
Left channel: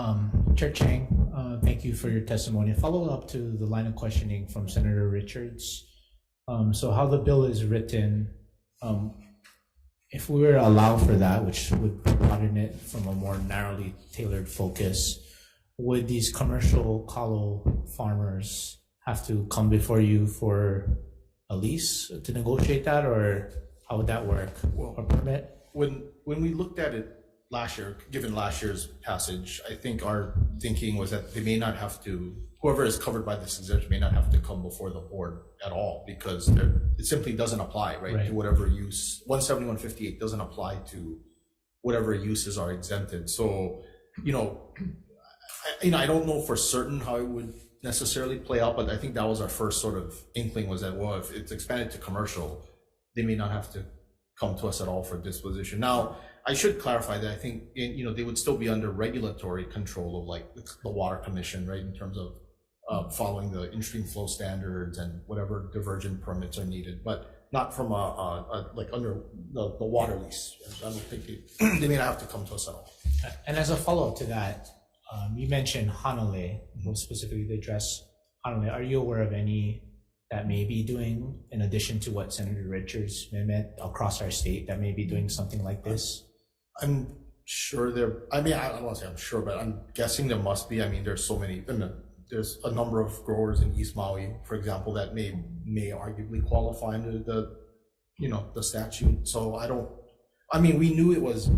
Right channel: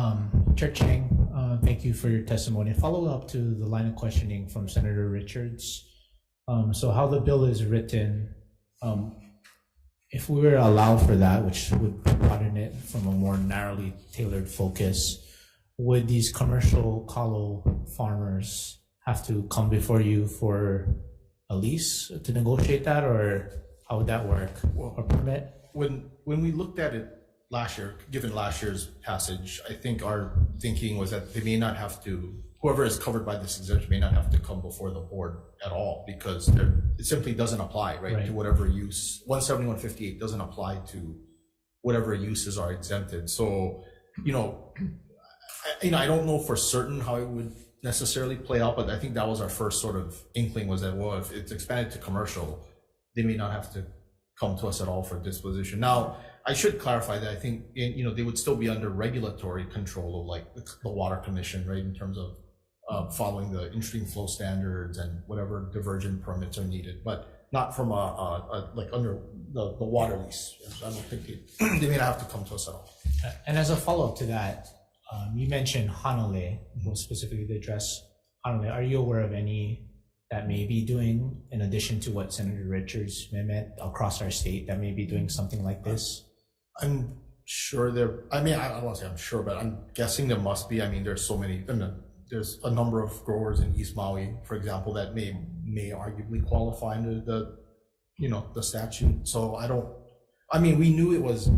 Chair Chang, thank you for your testimony. Follow up to the line of questioning from Senator Richards. So how the bill is written, if we were to allow for that, which would broaden it from a more narrowly tailored focus, would these commercial kalo farmers have to come before you for a lease to negotiate that, or how would that work? Well, or permit? When we looked at it last year, given last year's passage, I think our thinking was that they may not have to, whoever is covered by this exemption may not have to come before the board at all, because it simply doesn't apply, right, to whatever use. 17158 doesn't apply to whatever uses are exempted. So, I don't know for certain how it would necessarily play out, but I think that was our first sort of inkling, was that, well, if it's expanded to commercial, they may not have to come to us at all for disposition. Now, I should clarify that I think, they would still be under regulatory control of like the Water Commission, right, in terms of following the in-stream flow standards and whatever diversion permits are needed, but not from like under the water lease. I don't think they may not have to come to us at all. And as a follow-up to that, you mentioned Hanalei, specifically to address Hanalei. Are you aware of any that may be doing, in addition to what Senator Richards meant, across our state, that may be doing something like this? I'm sure I don't want to say I'm sure, but I'm guessing there must be. There's so many, there's a number of growers in East Maui, for example, that may arguably qualify under the statute. So we knew it was,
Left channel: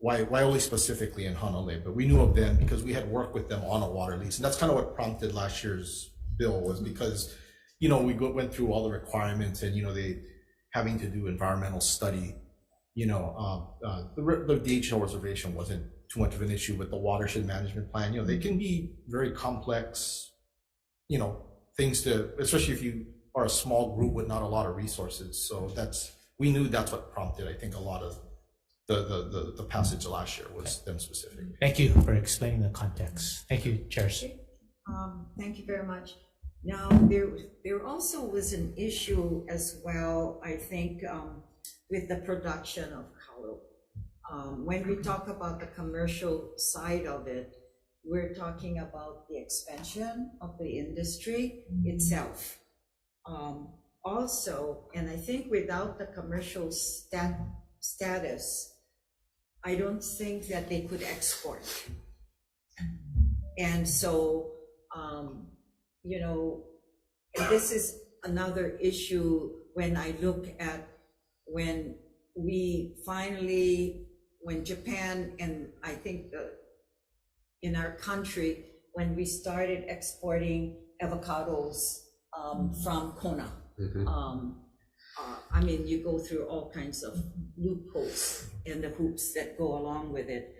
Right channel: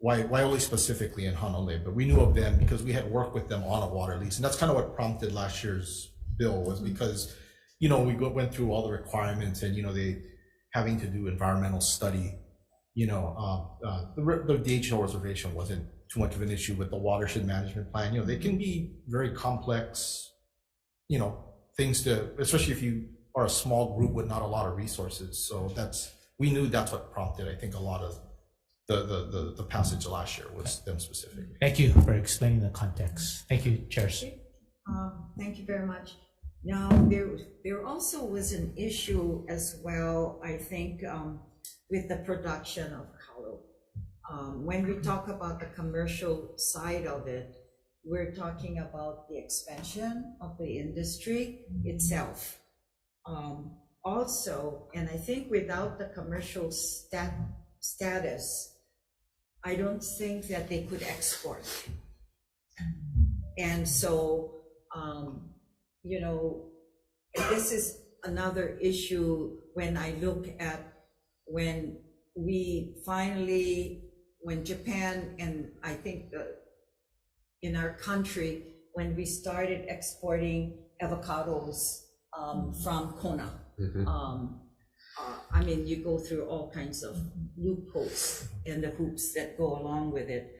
Waiole specifically in Honolulu, but we knew of them because we had worked with them on a water lease. And that's kind of what prompted last year's bill, was because, we went through all the requirements and, they having to do environmental study, the DHL reservation wasn't too much of an issue with the watershed management plan. They can be very complex, things to, especially if you are a small group with not a lot of resources. So we knew that's what prompted, I think, a lot of the passage last year was them specific. Thank you for explaining the context. Thank you, chairs. Thank you very much. Now, there also was an issue as well, I think, with the production of kalo. When we talk about the commercial side of it, we're talking about the expansion of the industry itself. Also, and I think without the commercial status, I don't think that they could export. And so, this is another issue when I look at when Japan, and I think in our country, when we started exporting avocados from Kona. You go through all kinds of loopholes and the hoops that go along with it.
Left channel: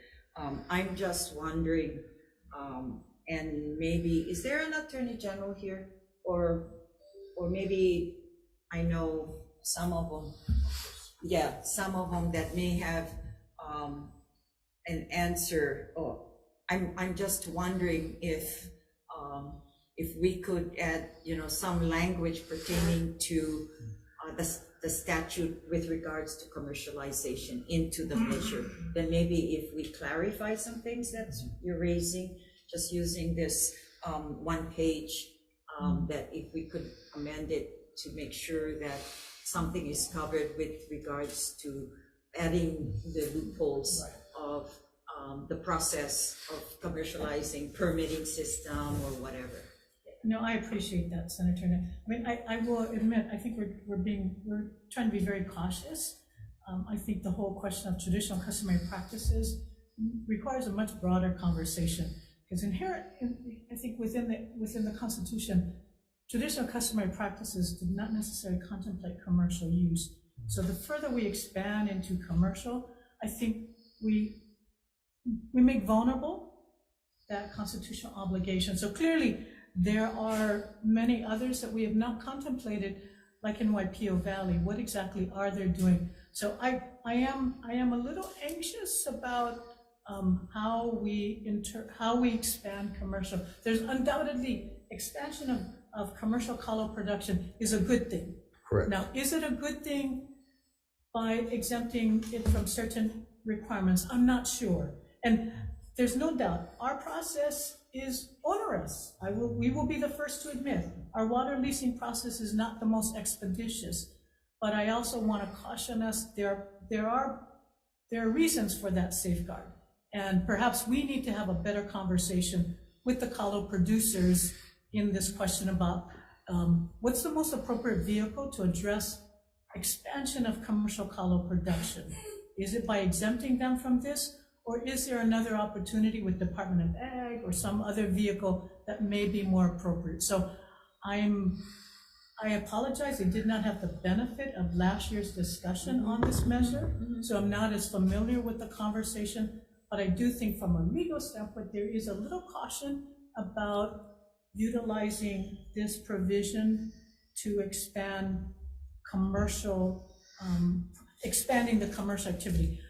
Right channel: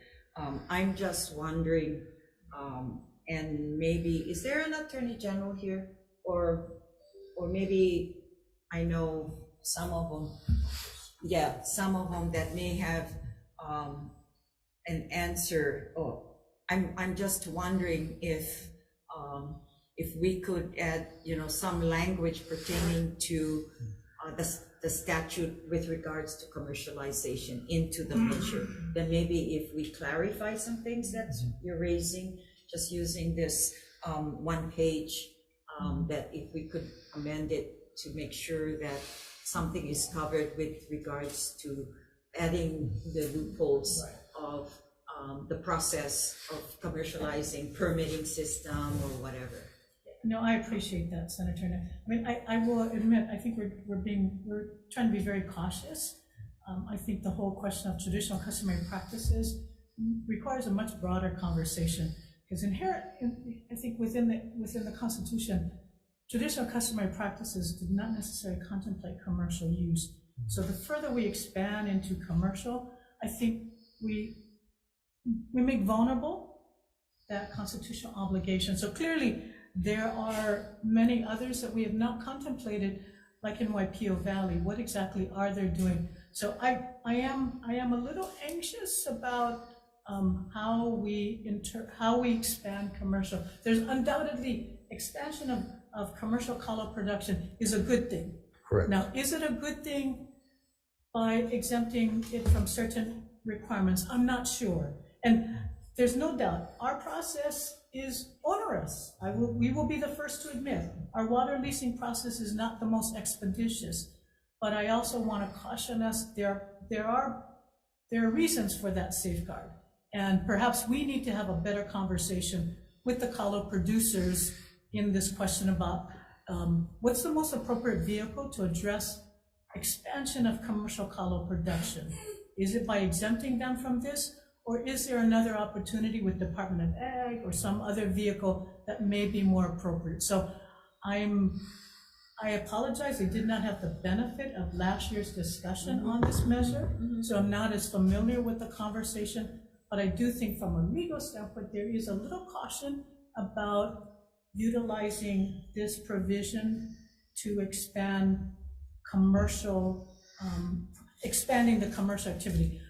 I'm just wondering, and maybe, is there an attorney general here? Or maybe, I know some of them that may have an answer. I'm just wondering if we could add, some language pertaining to the statute with regards to commercialization into the measure. Then maybe if we clarify some things that you're raising, just using this one page, that if we could amend it to make sure that something is covered with regards to adding the loopholes of the process of commercializing, permitting system or whatever. No, I appreciate that, Senator. I will admit, I think we're trying to be very cautious. I think the whole question of traditional customary practices requires a much broader conversation, because inherent, I think within the Constitution, traditional customary practices did not necessarily contemplate commercial use. So the further we expand into commercial, I think we make vulnerable that constitutional obligation. So clearly, there are many others that we have not contemplated, like in Waipio Valley. What exactly are they doing? So I am a little anxious about how we expand commercial. There's undoubtedly expansion of commercial kalo production is a good thing. Correct. Now, is it a good thing by exempting it from certain requirements? I'm not sure. And there's no doubt our process is onerous. We will be the first to admit our water leasing process is not the most expeditious, but I also want to caution us, there are reasons for that safeguard. And perhaps we need to have a better conversation with the kalo producers in this question about what's the most appropriate vehicle to address expansion of commercial kalo production? Is it by exempting them from this? Or is there another opportunity with Department of Ag or some other vehicle that may be more appropriate? So I apologize, I did not have the benefit of last year's discussion on this measure, so I'm not as familiar with the conversation, but I do think from a legal standpoint, there is a little caution about utilizing this provision to expand expanding the commercial activity.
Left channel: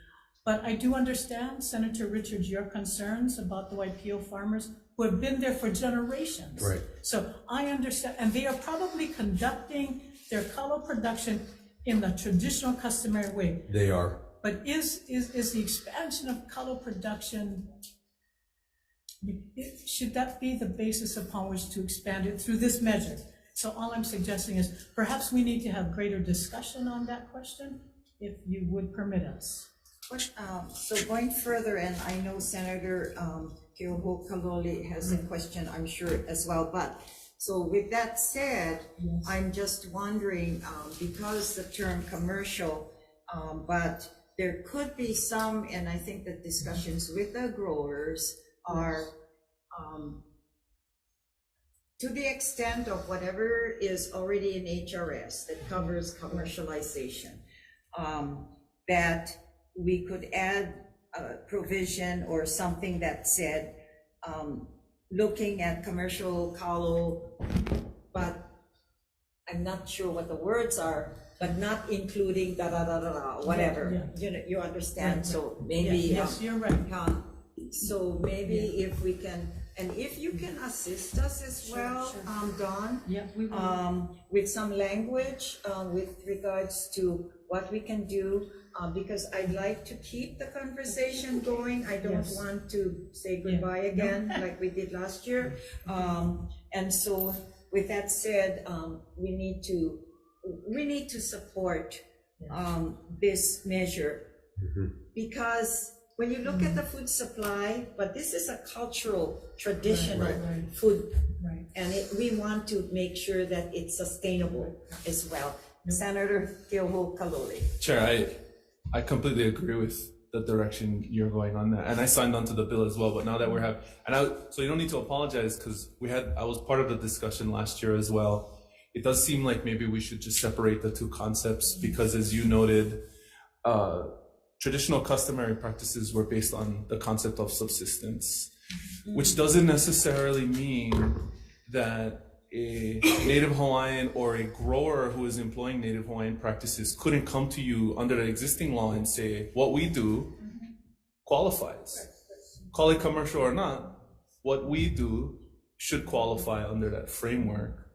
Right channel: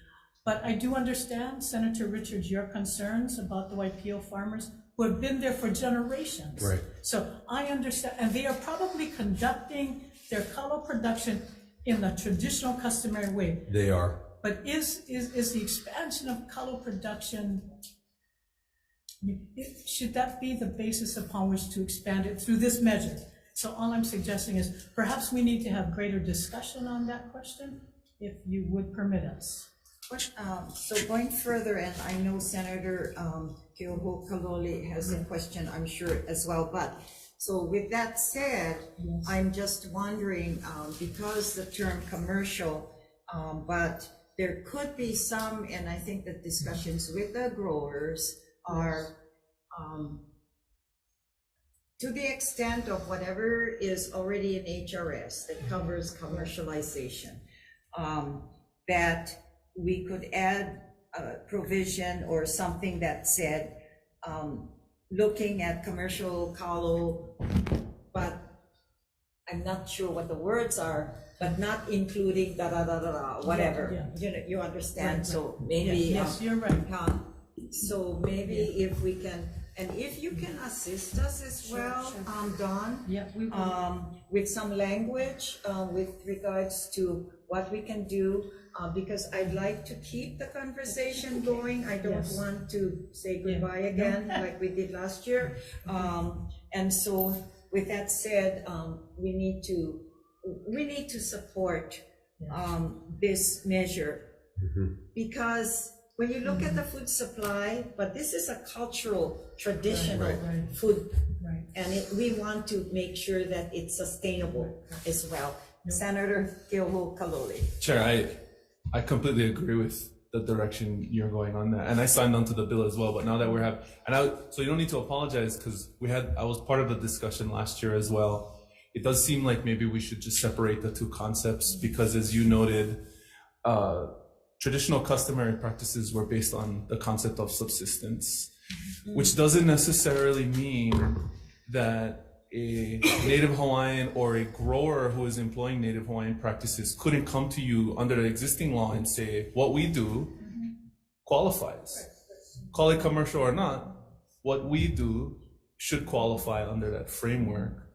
But I do understand, Senator Richards, your concerns about the Waipio farmers who have been there for generations. Right. So I understand, and they are probably conducting their kalo production in the traditional customary way. They are. But is the expansion of kalo production, should that be the basis upon which to expand it through this measure? So all I'm suggesting is perhaps we need to have greater discussion on that question, if you would permit us. So going further, and I know Senator Keoho Kalole has a question, I'm sure as well, but So with that said, I'm just wondering, because the term commercial, but there could be some, and I think the discussions with the growers are to the extent of whatever is already in HRS that covers commercialization, that we could add a provision or something that said, looking at commercial kalo, but I'm not sure what the words are, but not including whatever. You know, you understand. Right. So maybe yes, you're right. So maybe if we can, and if you can assist us as well, Dawn, we will. With some language with regards to what we can do, because I'd like to keep the conversation going. I don't want to say goodbye again like we did last year. And so with that said, we need to support this measure, because when you look at the food supply, but this is a cultural, traditional food, and we want to make sure that it's sustainable as well. Senator Keoho Kalole. Chair, I completely agree with the direction you're going on that, and I signed onto the bill as well. But now that we're so you don't need to apologize, because I was part of the discussion last year as well. It does seem like maybe we should just separate the two concepts, because as you noted, traditional customary practices were based on the concept of subsistence, which doesn't necessarily mean that a Native Hawaiian or a grower who is employing Native Hawaiian practices couldn't come to you under the existing law and say, what we do qualifies. Call it commercial or not, what we do should qualify under that framework.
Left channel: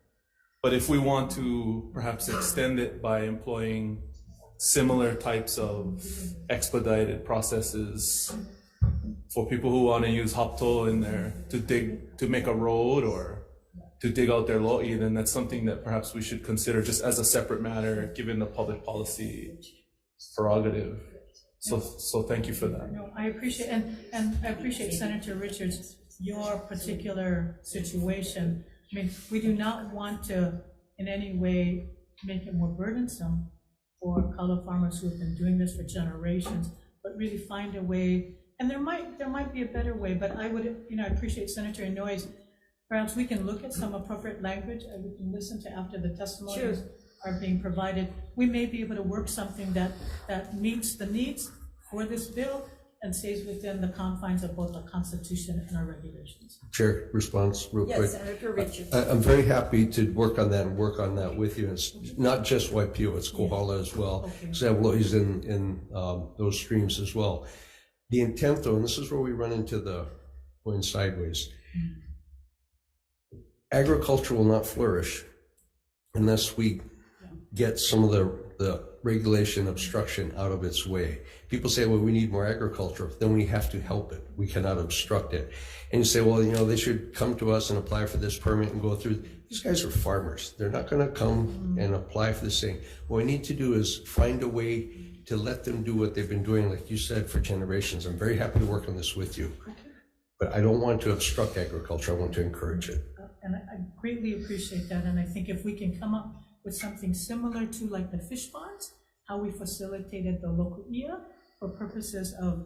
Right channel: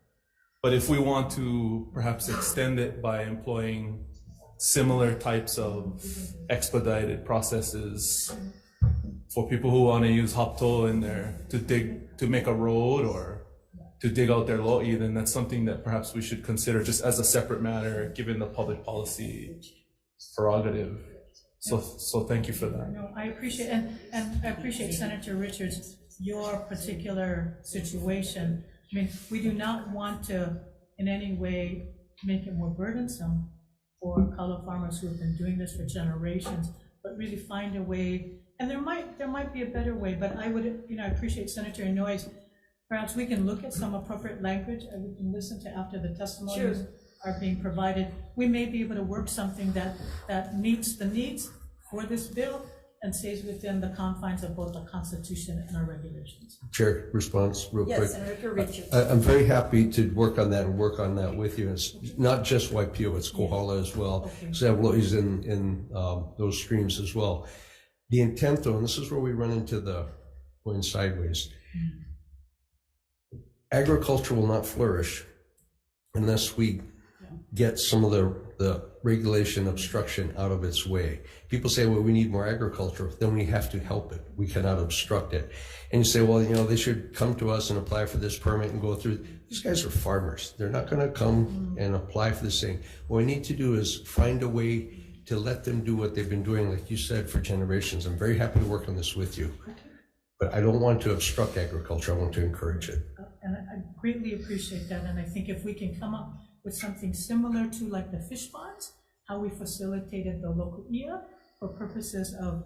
But if we want to perhaps extend it by employing similar types of expedited processes for people who want to use hapto in there to make a road or to dig out their lo'i, then that's something that perhaps we should consider just as a separate matter, given the public policy prerogative. So thank you for that. No, I appreciate, and I appreciate Senator Richards, your particular situation. I mean, we do not want to in any way make it more burdensome for kalo farmers who have been doing this for generations, but really find a way, and there might be a better way, but I would, I appreciate Senator Inouye's. Perhaps we can look at some appropriate language and we can listen to after the testimonies are being provided. We may be able to work something that meets the needs for this bill and stays within the confines of both the Constitution and our regulations. Chair, response real quick. Yes, Senator Richards. I'm very happy to work on that with you. It's not just Waipio, it's Kohala as well. So lo'i's in those streams as well. The intent though, and this is where we run into going sideways. Agriculture will not flourish unless we get some of the regulation obstruction out of its way. People say, well, we need more agriculture. Then we have to help it. We cannot obstruct it. And you say, well, they should come to us and apply for this permit and go through. These guys are farmers. They're not going to come and apply for this thing. What we need to do is find a way to let them do what they've been doing, like you said, for generations. I'm very happy to work on this with you. But I don't want to obstruct agriculture. I want to encourage it. And I greatly appreciate that. And I think if we can come up with something similar to like the fish ponds, how we facilitated the local IA for purposes of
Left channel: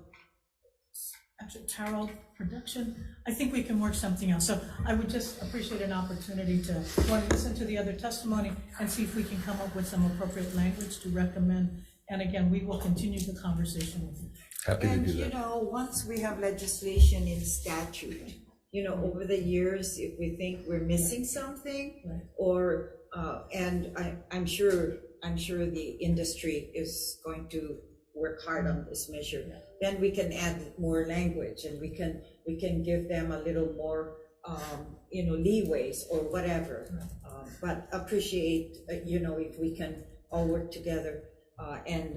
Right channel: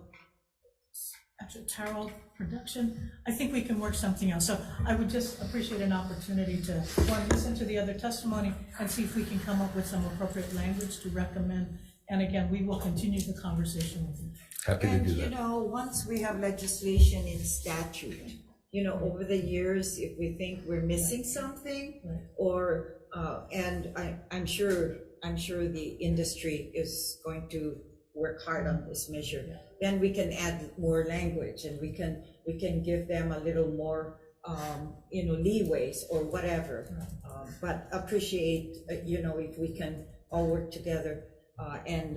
actual taro production, I think we can work something out. So I would just appreciate an opportunity to listen to the other testimony and see if we can come up with some appropriate language to recommend. And again, we will continue the conversation with you. Happy to do that. Once we have legislation in statute, over the years, if we think we're missing something, or and I'm sure the industry is going to work hard on this measure, then we can add more language and we can give them a little more leeways or whatever. But appreciate if we can all work together and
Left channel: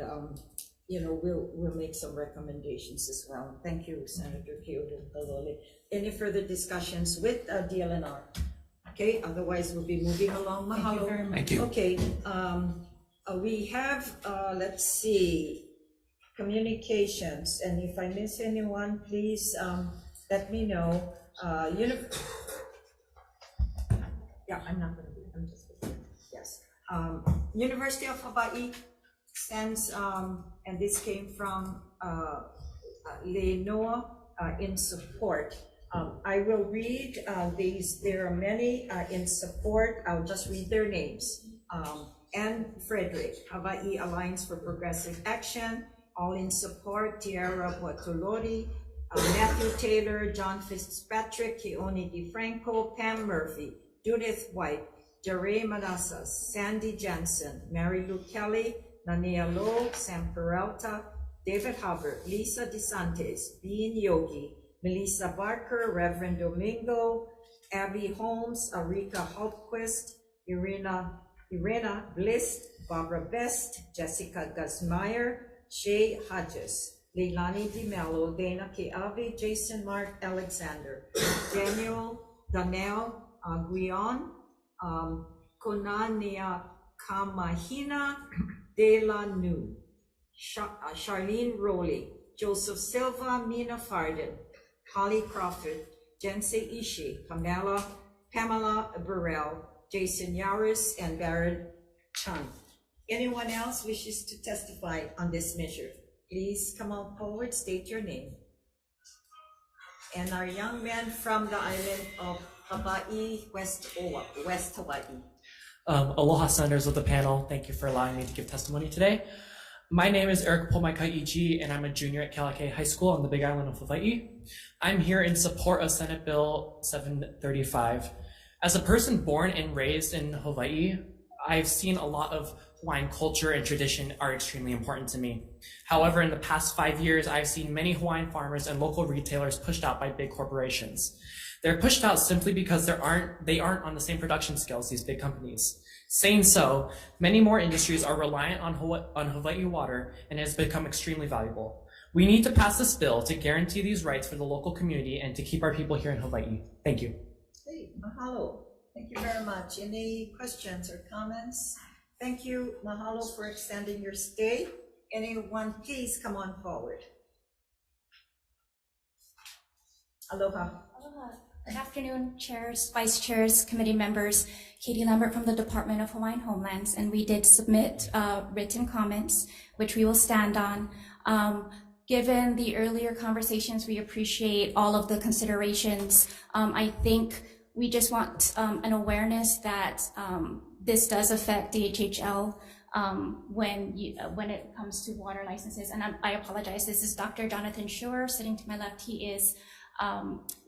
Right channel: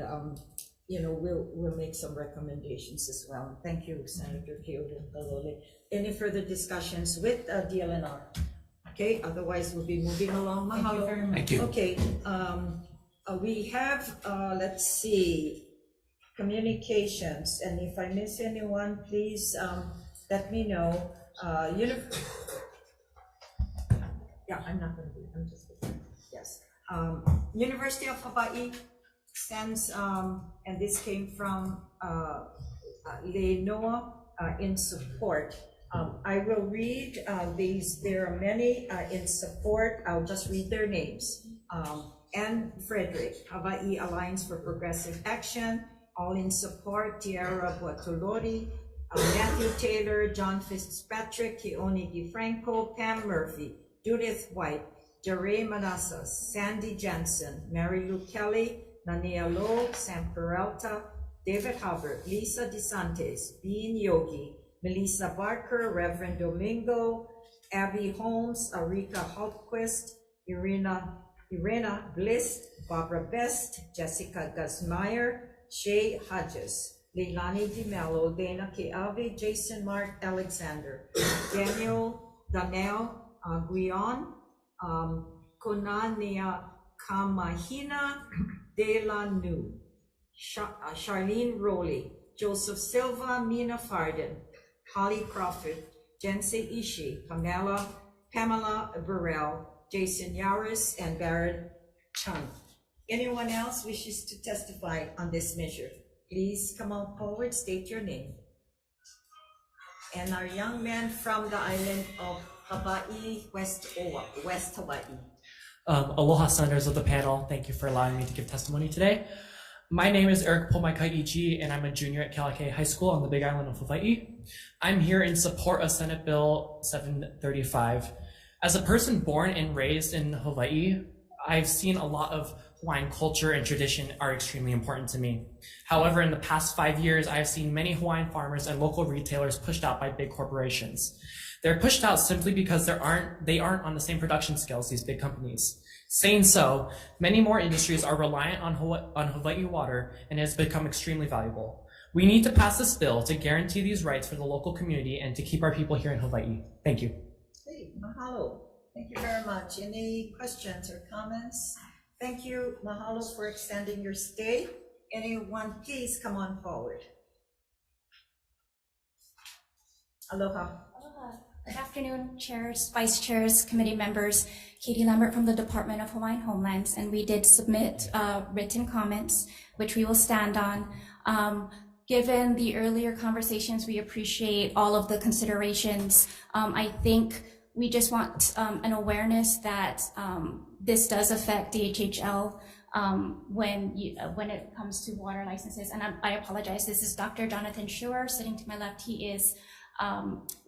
we'll make some recommendations as well. Thank you, Senator Keoho Kalole. Any further discussions with DLNR? Okay, otherwise we'll be moving along. Mahalo. Thank you very much. Thank you. Okay, we have, let's see, communications, and if I miss anyone, please let me know. Yeah, I'm not gonna be, I'm just. Yes. University of Hawaii sends, and this came from Leinoa in support. I will read these. There are many in support. I'll just read their names. Anne Frederick, Hawaii Alliance for Progressive Action, all in support. Tiara Bottolori, Matthew Taylor, John Fitzpatrick, Keone DeFranco, Pam Murphy, Judith White, Jare Manassas, Sandy Jensen, Mary Lou Kelly, Nania Lowe, Sam Peralta, David Hubbard, Lisa DeSantis, Bean Yogi, Melissa Barker, Reverend Domingo, Abby Holmes, Arika Hultquist, Irena Bliss, Barbara Best, Jessica Guzmeyer, Shay Hodges, Leilani DiMello, Dana Keavi, Jason Mark Alexander, Daniel Guion, Konania Kamahina, De La Nu, Charlene Rowley, Joseph Silva, Mina Farden, Holly Crawford, Jensei Ishii, Pamela Burrell, Jason Yaris, and Baron Chung. Anyone else wishes to testify on this measure? Please come on forward, state your name. And our young man from the island of Hawaii, West Hawaii. Aloha, senators of the panel. Thank you for allowing me to give testimony today. My name is Eric Pomaikai, and I'm a junior at Kealakekei High School on the Big Island of Hawaii. I'm here in support of Senate Bill 735. As a person born and raised in Hawaii, I've seen a lot of Hawaiian culture and tradition are extremely important to me. However, in the past 5 years, I've seen many Hawaiian farmers and local retailers pushed out by big corporations. They're pushed out simply because they aren't on the same production scale as these big companies. Saying so, many more industries are reliant on Hawaii water, and it has become extremely valuable. We need to pass this bill to guarantee these rights for the local community and to keep our people here in Hawaii. Thank you. Hey, mahalo. Thank you very much. Any questions or comments? Thank you, mahalo, for extending your stay. Anyone, please come on forward. Aloha. Aloha. Good afternoon, chairs, vice chairs, committee members. Katie Lambert from the Department of Hawaiian Homelands, and we did submit written comments, which we will stand on. Given the earlier conversations, we appreciate all of the considerations. I think we just want an awareness that this does affect DHHL when it comes to water licenses. And I apologize, this is Dr. Jonathan Schur sitting to my left. He is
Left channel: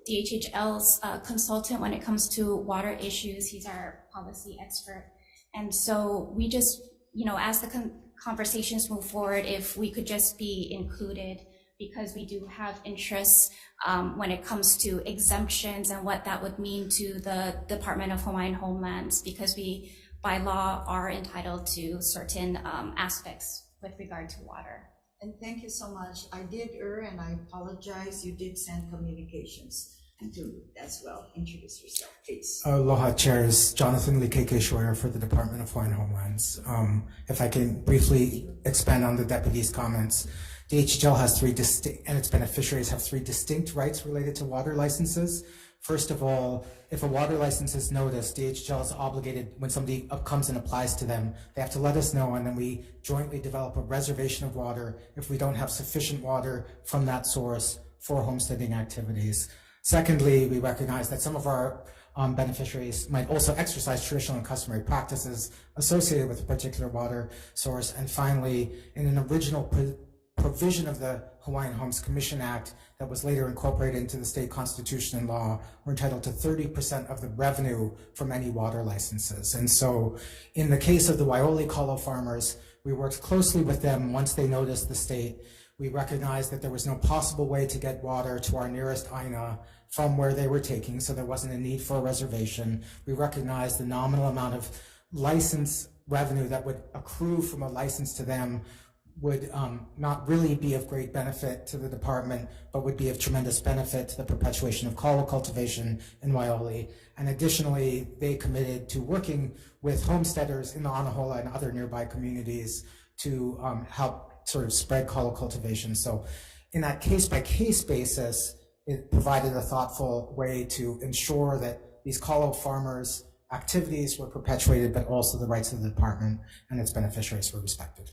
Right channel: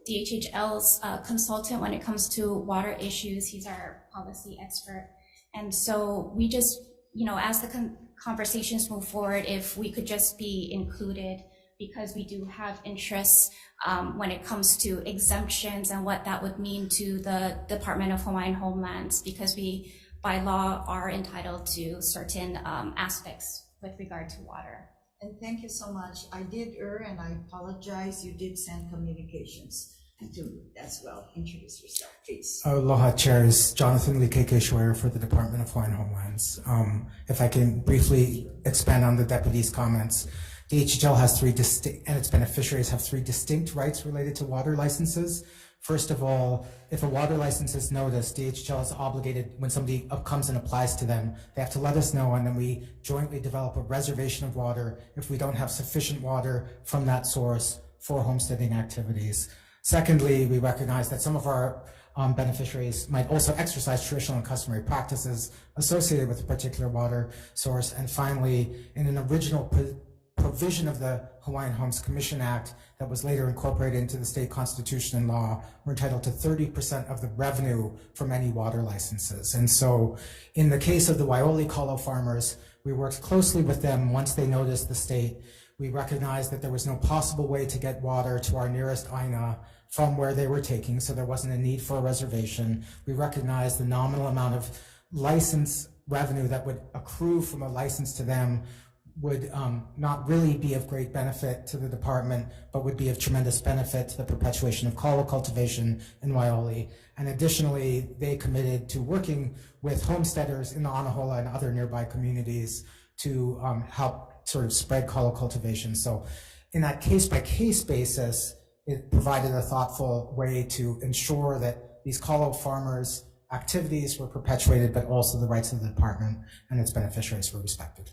DHHL's consultant when it comes to water issues. He's our policy expert. And so we just, as the conversations move forward, if we could just be included, because we do have interests when it comes to exemptions and what that would mean to the Department of Hawaiian Homelands, because we, by law, are entitled to certain aspects with regard to water. And thank you so much. I did err, and I apologize. You did send communications to as well. Introduce yourself, please. Aloha, chairs. Jonathan Likeke Schwer for the Department of Hawaiian Homelands. If I can briefly expand on the deputy's comments, DHHL has three distinct, and its beneficiaries have three distinct rights related to water licenses. First of all, if a water license is noticed, DHHL is obligated, when somebody comes and applies to them, they have to let us know, and then we jointly develop a reservation of water if we don't have sufficient water from that source for homesteading activities. Secondly, we recognize that some of our beneficiaries might also exercise traditional and customary practices associated with a particular water source. And finally, in an original provision of the Hawaiian Homes Commission Act that was later incorporated into the state constitution and law, we're entitled to 30% of the revenue from any water licenses. And so in the case of the Waioli kalo farmers, we worked closely with them once they noticed the state. We recognized that there was no possible way to get water to our nearest aina from where they were taking, so there wasn't a need for a reservation. We recognized the nominal amount of license revenue that would accrue from a license to them would not really be of great benefit to the department, but would be of tremendous benefit to the perpetuation of kalo cultivation in Waioli. And additionally, they committed to working with homesteaders in the Anahola and other nearby communities to help sort of spread kalo cultivation. So in that case-by-case basis, it provided a thoughtful way to ensure that these kalo farmers activities were perpetuated, but also the rights of the department and its beneficiaries were respected.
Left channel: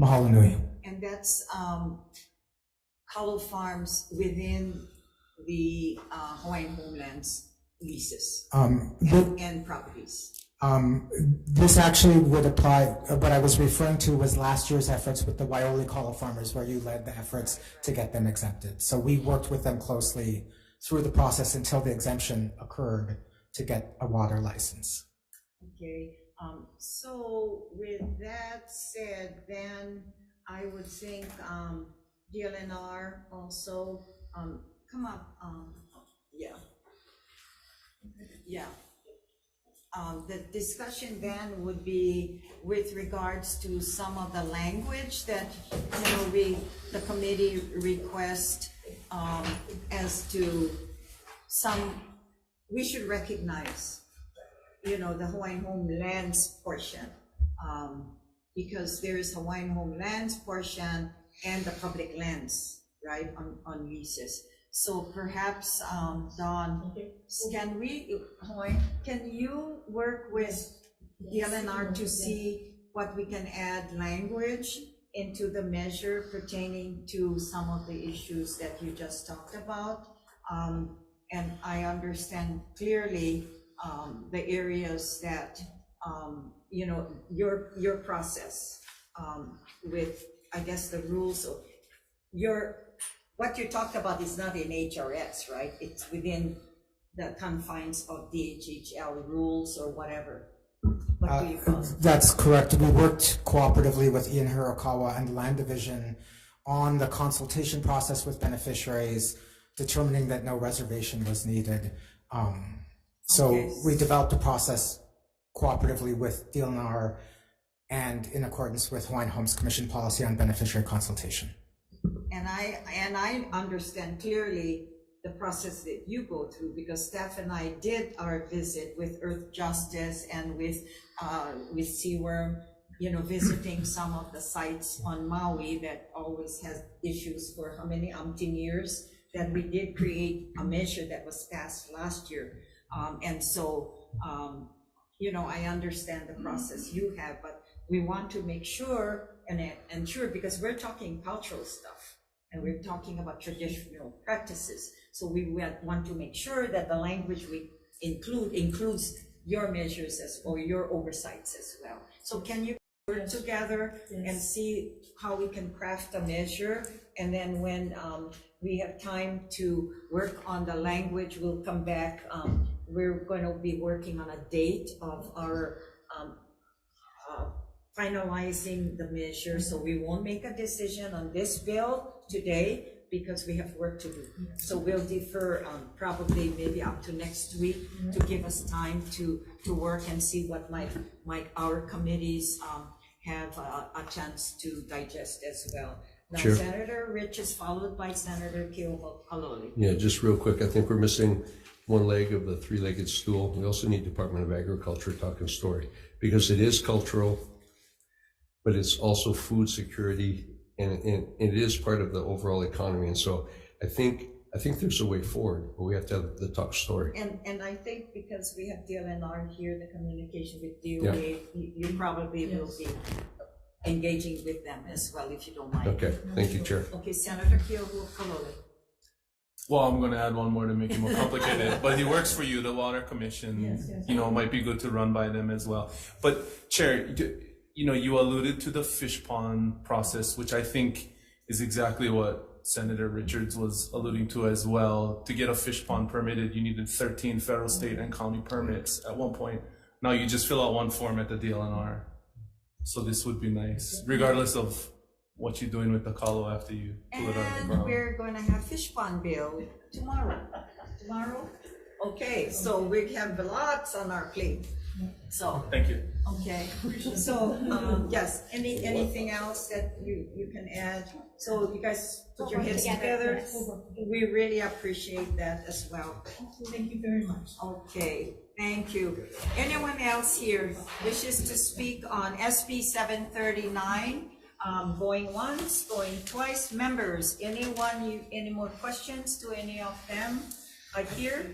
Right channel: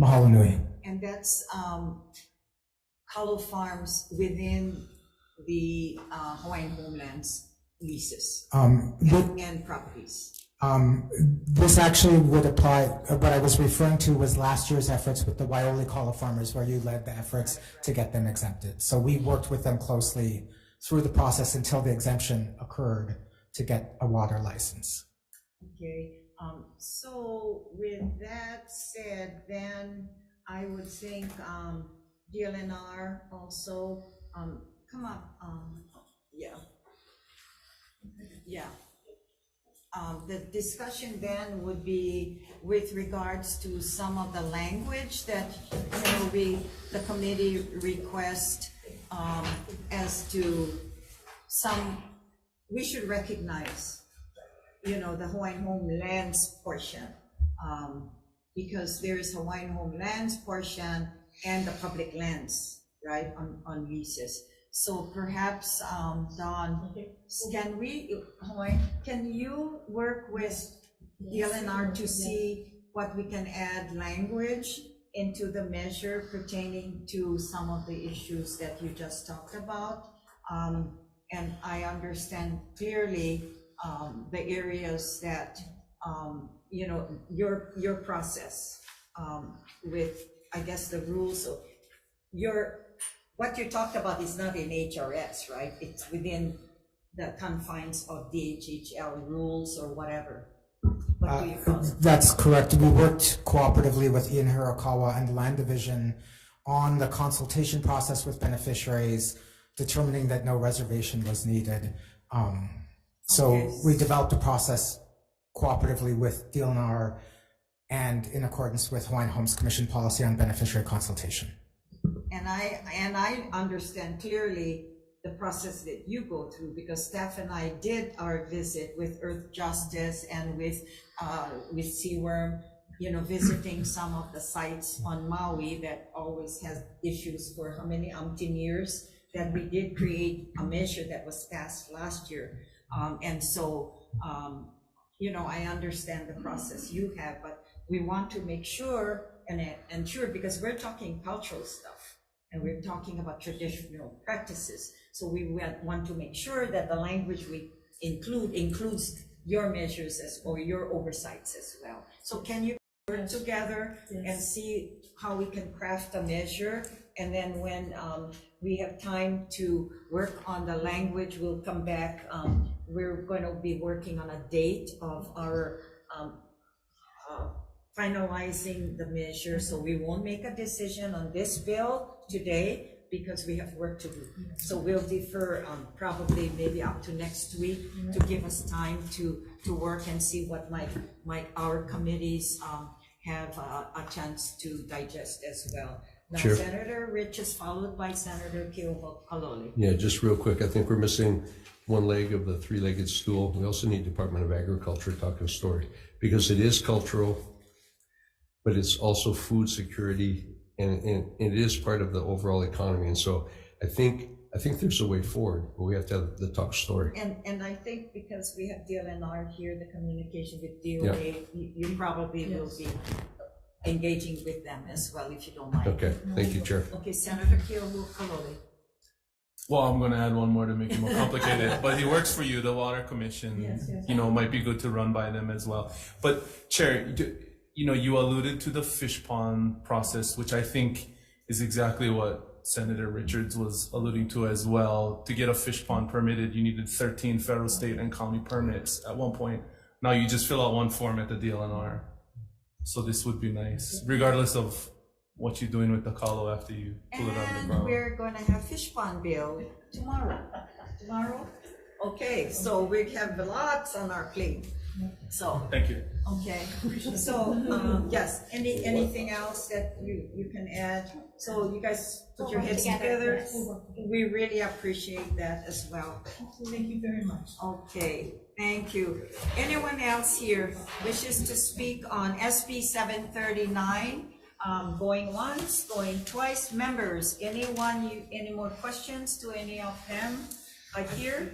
Mahalo nui. And that's Kalo Farms within the Hawaiian Homelands leases and properties. This actually would apply, what I was referring to was last year's efforts with the Waioli Kalo farmers, where you led the efforts to get them exempted. So we worked with them closely through the process until the exemption occurred to get a water license. Okay, so with that said, then I would think DLNR also, come up, the discussion then would be with regards to some of the language that, the committee request as to we should recognize, the Hawaiian Homelands portion, because there is Hawaiian Homelands portion and the public lands, right, on leases. So perhaps, Don, can you work with the LNR to see what we can add language into the measure pertaining to some of the issues that you just talked about? And I understand clearly the areas that, your process with, I guess, the rules of what you talked about is not in HRS, right? It's within the confines of DHHL rules or whatever. What do you call it? That's correct. We worked cooperatively with Ian Hirakawa and the Land Division on the consultation process with beneficiaries, determining that no reservation was needed. So we developed a process cooperatively with DLNR and in accordance with Hawaiian Homes Commission policy on beneficiary consultation. And I understand clearly the process that you go through, because staff and I did our visit with Earth Justice and with Seaworm, visiting some of the sites on Maui that always has issues for how many umpteen years, that we did create a measure that was passed last year. And so, I understand the process you have, but we want to make sure and ensure, because we're talking cultural stuff and we're talking about traditional practices. So we want to make sure that the language we includes your measures or your oversights as well. So can you work together and see how we can craft a measure? And then when we have time to work on the language, we'll come back. We're going to be working on a date of our finalizing the measure. So we won't make a decision on this bill today because we have work to do. So we'll defer probably maybe up to next week to give us time to work and see what our committees have a chance to digest as well. Now, sure. Senator Rich is followed by Senator Keokalole. Yeah, just real quick, I think we're missing one leg of the three-legged stool. We also need Department of Agriculture talking story, because it is cultural, but it's also food security, and it is part of the overall economy. And so I think there's a way forward, but we have to have the talk story. And I think because we have DLNR here, the communication with DOA, you probably will be engaging with them as well, if you don't mind. Okay, thank you, Chair. Okay, Senator Keokalole. Well, I'm going to add one more to make it more complicated, but it works for you, the Water Commission, might be good to run by them as well. But Chair, you alluded to the fish pond process, which I think is exactly what Senator Richards was alluding to as well. To get a fish pond permitted, you needed 13 federal, state, and county permits at one point. Now you just fill out one form at the DLNR. So this would be nice, regardless of what you're doing with the kalo after you pull it out of the ground. And we're going to have fish pond bill tomorrow. Tomorrow? Okay, so we have lots on our plate. So thank you. Okay, so yes, anything else that you can add? So you guys put your heads together. We really appreciate that as well. Thank you very much. Okay, thank you. Anyone else here wishes to speak on SB 739? Going once, going twice. Members, any more questions to any of them here?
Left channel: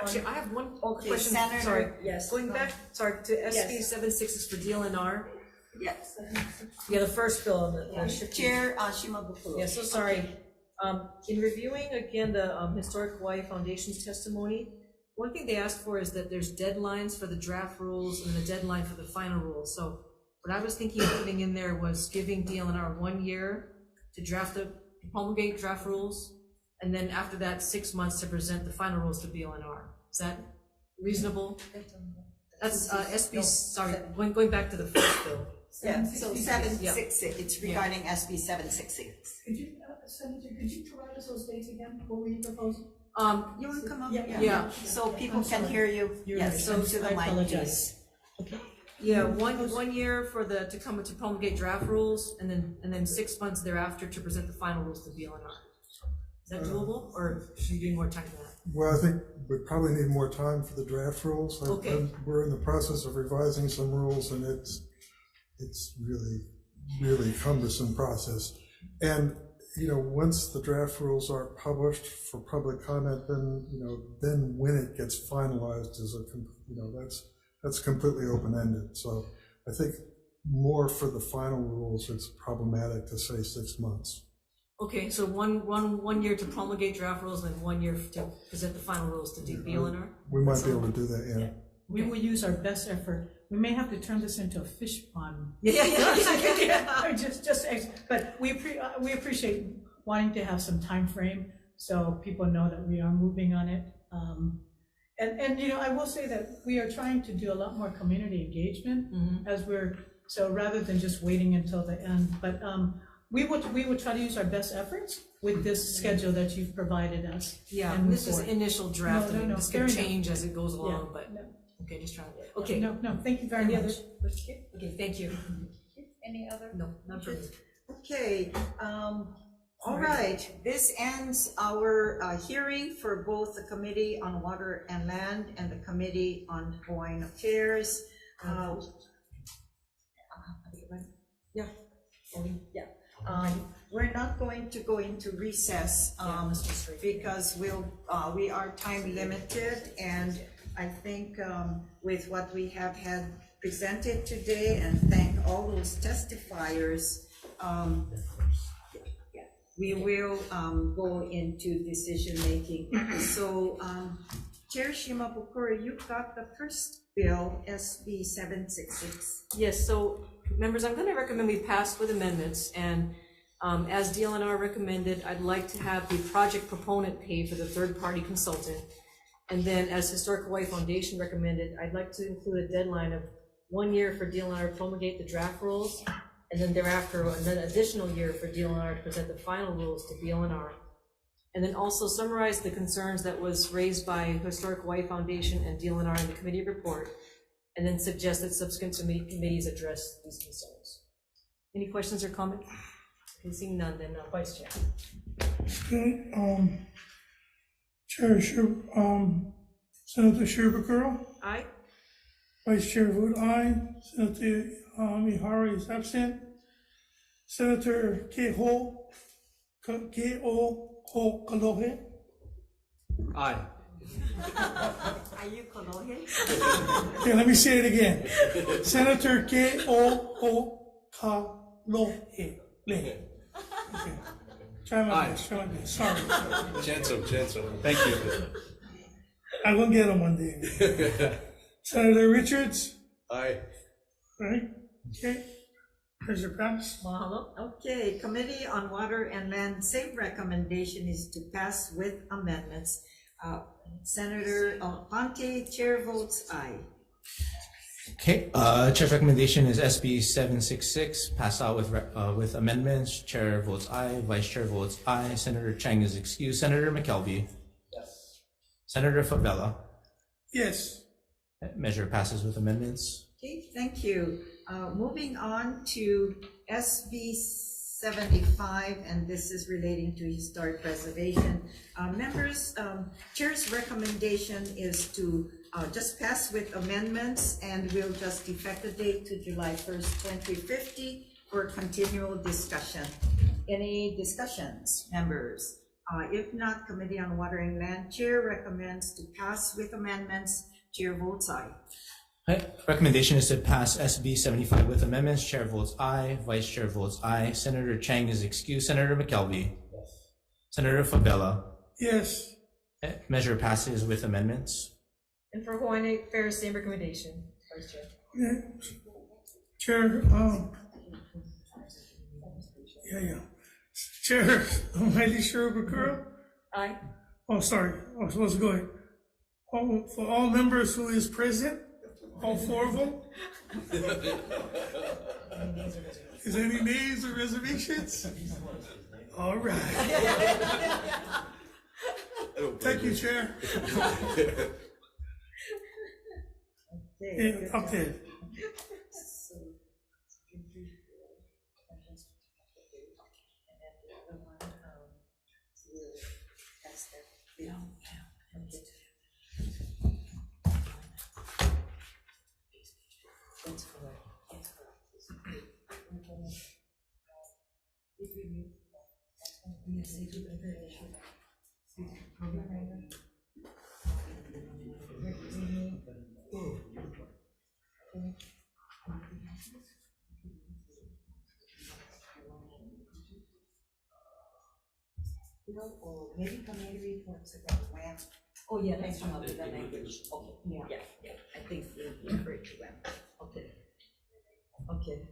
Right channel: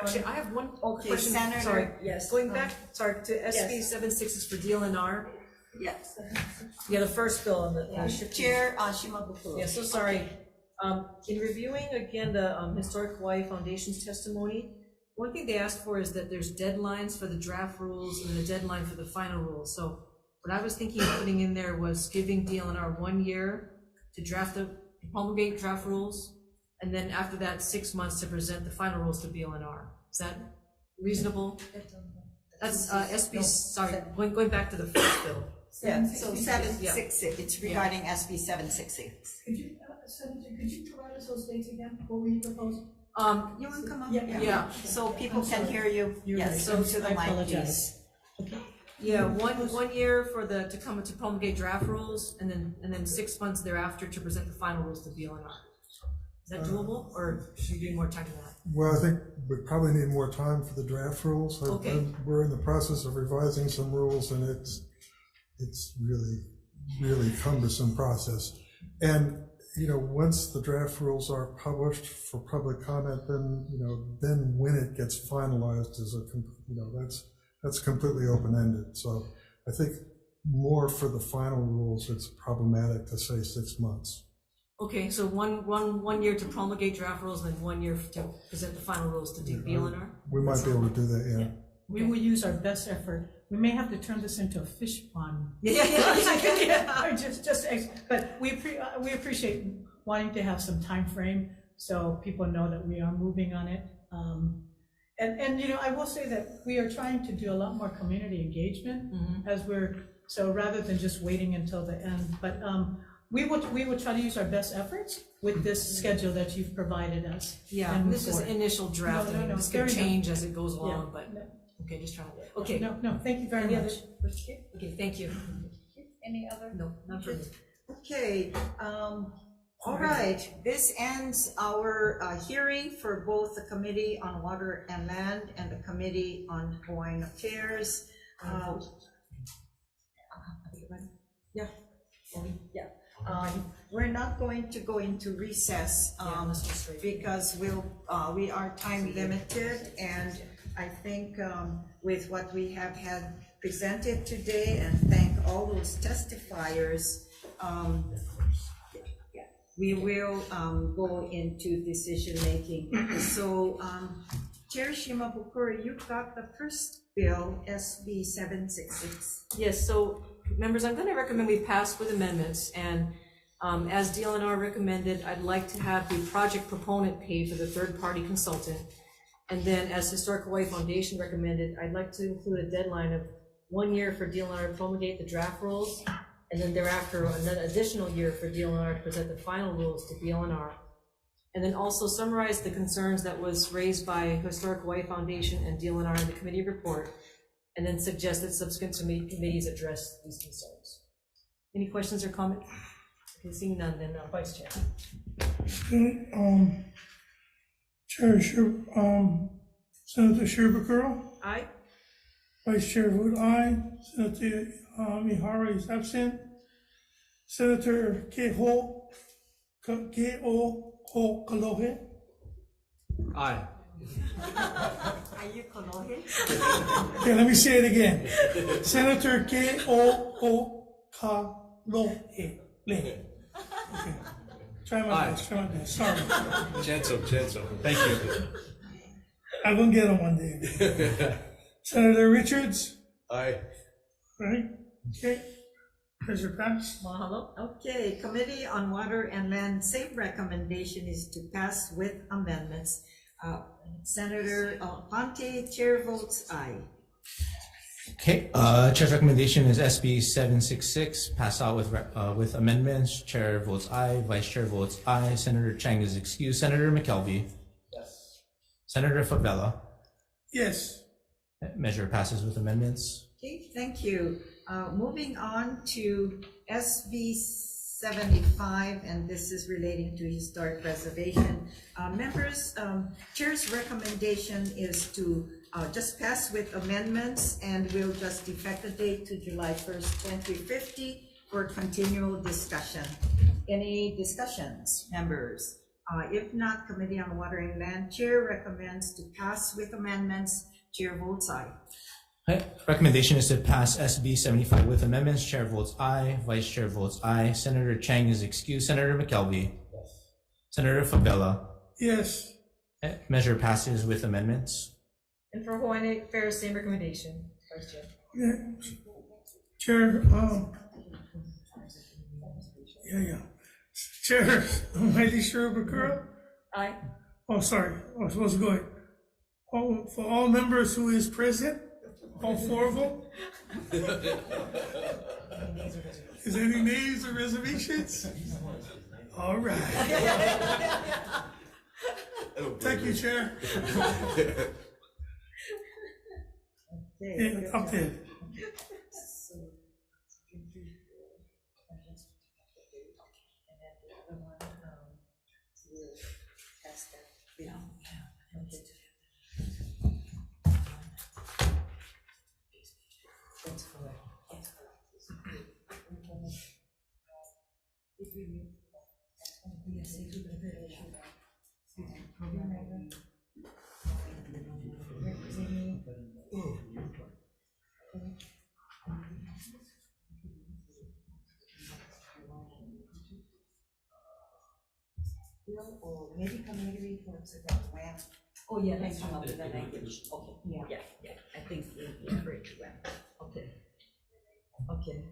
Actually, I have one Okay, question, Senator, sorry, yes. going back, sorry, to SB Yes. 76 is for DLNR. Yes. Yeah, the first bill, Chair Shimabukuro. Yeah, so sorry. In reviewing again the Historic Hawaii Foundation's testimony, one thing they asked for is that there's deadlines for the draft rules and the deadline for the final rules. So what I was thinking of putting in there was giving DLNR 1 year to promulgate draft rules, and then after that, 6 months to present the final rules to BLNR. Is that reasonable? That's SB, sorry, going back to the first bill. Yeah, so 766, Yeah. it's regarding SB 766. Could you, Senator, could you provide us those dates again? What were you proposing? You want to come up? Yeah. So people can hear you. Yes, so to the I mic, apologize. please. Yeah, one year for to come to promulgate draft rules, and then 6 months thereafter to present the final rules to BLNR. Is that doable, or should you do more time than that? Well, I think we probably need more time for the draft rules. Okay. We're in the process of revising some rules, and it's really cumbersome process. And once the draft rules are published for public comment, then when it gets finalized that's completely open-ended. So I think more for the final rules, it's problematic to say 6 months. Okay, so one year to promulgate draft rules, and then 1 year to present the final rules to BLNR? We might be able to do that, yeah. We will use our best effort. We may have to turn this into a fish pond. Yeah. But we appreciate wanting to have some time frame so people know that we are moving on it. And I will say that we are trying to do a lot more community engagement so rather than just waiting until the end. But we would try to use our best efforts with this schedule that you've provided us. Yeah, and this is initial draft. No, This could change as it goes along, but okay, just trying to. Okay. No, thank you very Any much. Okay, thank you. Any other? No, not for me. Okay, all right, this ends our hearing for both the Committee on Water and Land and the Committee on Hawaiian Affairs. We're not going to go into recess because we are time limited, and I think with what we have had presented today, and thank all those testifiers, we will go into decision making. So Chair Shimabukuro, you got the first bill, SB 766. Yes, so members, I'm going to recommend we pass with amendments, and as DLNR recommended, I'd like to have the project proponent pay for the third-party consultant. And then as Historic Hawaii Foundation recommended, I'd like to include a deadline of 1 year for DLNR to promulgate the draft rules, and then thereafter an additional year for DLNR to present the final rules to BLNR. And then also summarize the concerns that was raised by Historic Hawaii Foundation and DLNR in the committee report, and then suggest that subsequent committees address these concerns. Any questions or comments? Okay, seeing none, then Vice Chair. Chair Senator Shimabukuro. Aye. Vice Chair vote aye. Senator Ihara is absent. Senator Keho Kalohe. Aye. Are you Kalohe? Okay, let me say it again. Senator Keho Kalohe. Okay. Try my best. Sorry. Gentle. Thank you. I'm gonna get him one day. Senator Richards. Aye. Right. Okay. There's your pass. Mahalo. Okay, Committee on Water and Land, same recommendation is to pass with amendments. Senator Ponte, chair votes aye. Okay, Chair's recommendation is SB 766, pass out with amendments. Chair votes aye, Vice Chair votes aye. Senator Chang is excused. Senator McKelvey. Yes. Senator Favela. Yes. Measure passes with amendments. Okay, thank you. Moving on to SB 75, and this is relating to historic preservation. Members, Chair's recommendation is to just pass with amendments, and we'll just effect the date to July 1st, 2050 for continual discussion. Any discussions, members? If not, Committee on Water and Land, Chair recommends to pass with amendments. Chair votes aye. Recommendation is to pass SB 75 with amendments. Chair votes aye. Vice Chair votes aye. Senator Chang is excused. Senator McKelvey. Yes. Senator Favela. Yes. Measure passes with amendments. And for Hawaiian Affairs, same recommendation, Vice Chair. Yeah. Chair, Chair, Mighty Shirobakura? Aye. Oh, sorry, I was supposed to go ahead. For all members who is present, all 4 of them? Is there any nays or reservations? All right. Thank you, Chair. And up there. Or maybe committee reports about when. Oh, yeah, let's come up with that language. Okay, yeah, I think we refer to when. Okay.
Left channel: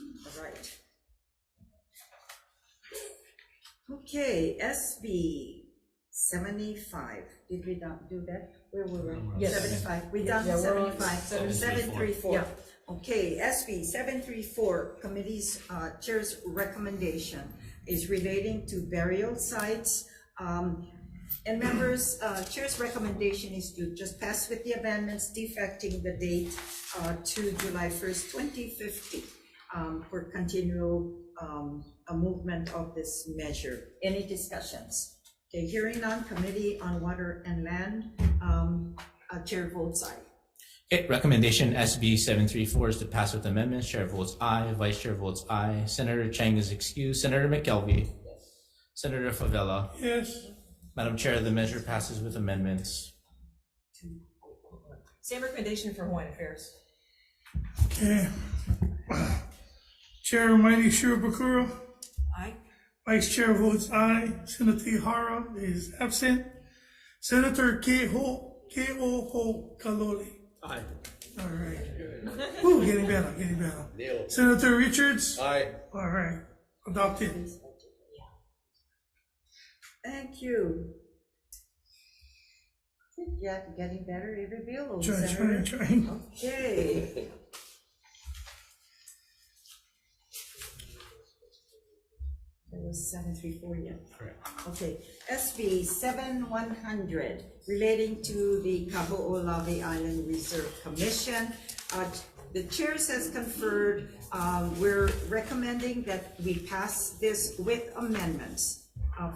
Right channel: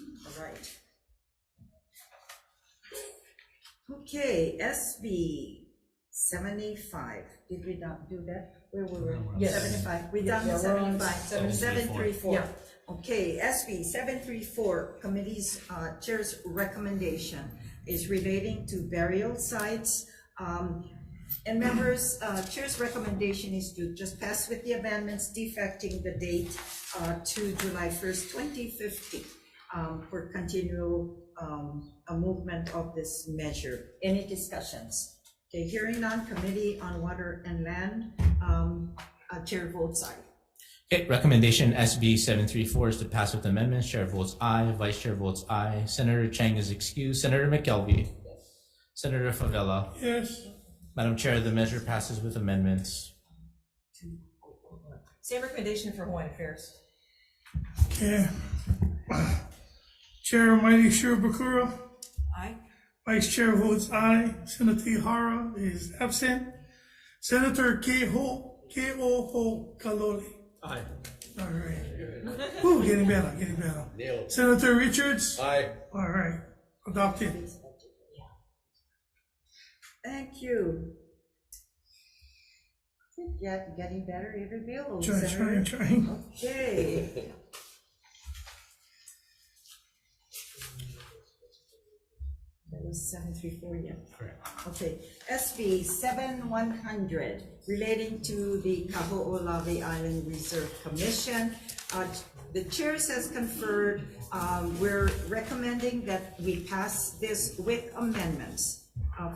All right. Okay, SB 75. Did we not do that? Where we were? Yes. 75. We done Yeah, we're on 75. 734. Yeah. Okay, SB 734, committee's chair's recommendation is relating to burial sites. And members, chair's recommendation is to just pass with the amendments defecting the date to July 1st, 2050 for continual movement of this measure. Any discussions? Okay, hearing none, Committee on Water and Land, chair votes aye. Okay, recommendation SB 734 is to pass with amendments. Chair votes aye. Vice Chair votes aye. Senator Chang is excused. Senator McKelvey. Yes. Senator Favela. Yes. Madam Chair, the measure passes with amendments. Same recommendation for Hawaiian Affairs. Okay. Chair Mighty Shirobakura? Aye. Vice Chair votes aye. Senator Hara is absent. Senator Ke'o Kalole. Aye. All right. Ooh, getting better. Senator Richards? Aye. All right. Adopted. Thank you. Yeah, getting better every bill. Trying. Okay. That was 734, yeah. Correct. Okay, SB 7100 relating to the Kaho'olawe Island Reserve Commission. The chairs has conferred. We're recommending that we pass this with amendments.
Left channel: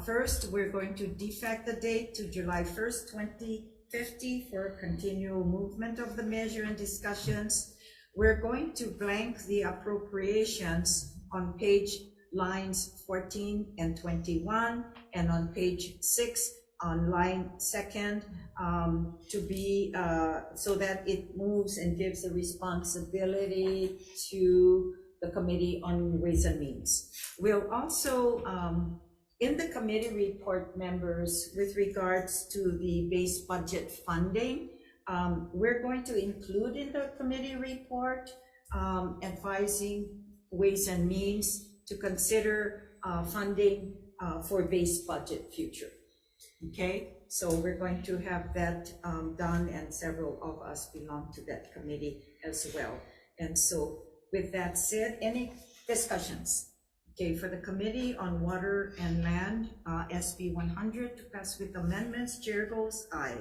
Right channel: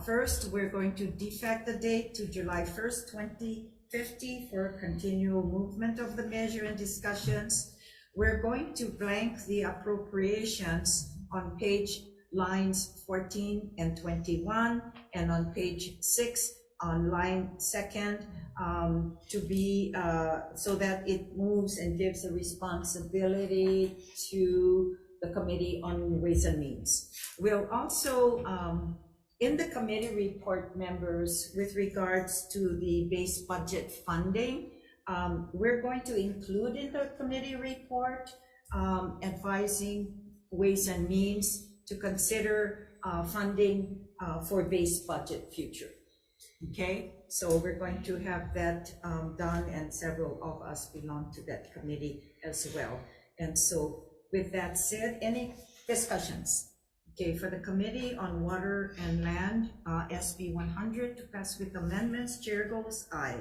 First, we're going to defect the date to July 1st, 2050 for continual movement of the measure and discussions. We're going to blank the appropriations on page lines 14 and 21, and on page 6 on line 2nd, to be so that it moves and gives the responsibility to the Committee on Ways and Means. We'll also in the committee report, members, with regards to the base budget funding, we're going to include in the committee report advising Ways and Means to consider funding for base budget future. Okay, so we're going to have that done, and several of us belong to that committee as well. And so with that said, any discussions? Okay, for the Committee on Water and Land, SB 100 to pass with amendments, chair goes aye.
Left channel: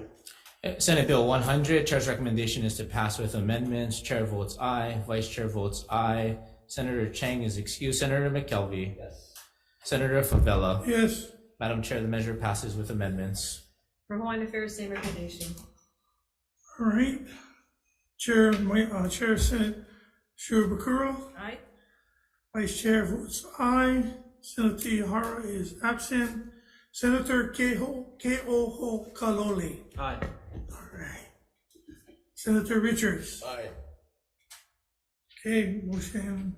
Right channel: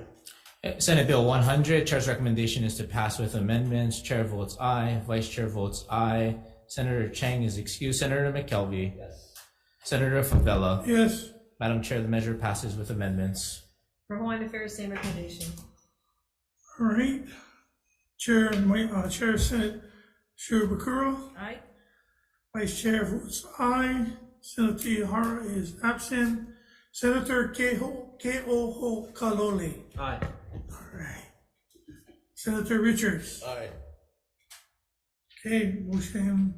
Senate Bill 100, Chair's recommendation is to pass with amendments. Chair votes aye. Vice Chair votes aye. Senator Chang is excused. Senator McKelvey. Yes. Senator Favela. Yes. Madam Chair, the measure passes with amendments. For Hawaiian Affairs, same recommendation. All right. Chair Senate Shirobakura? Aye. Vice Chair votes aye. Senator Hara is absent. Senator Ke'oho Kalole. Aye. All right. Senator Richards. Aye. Okay, motion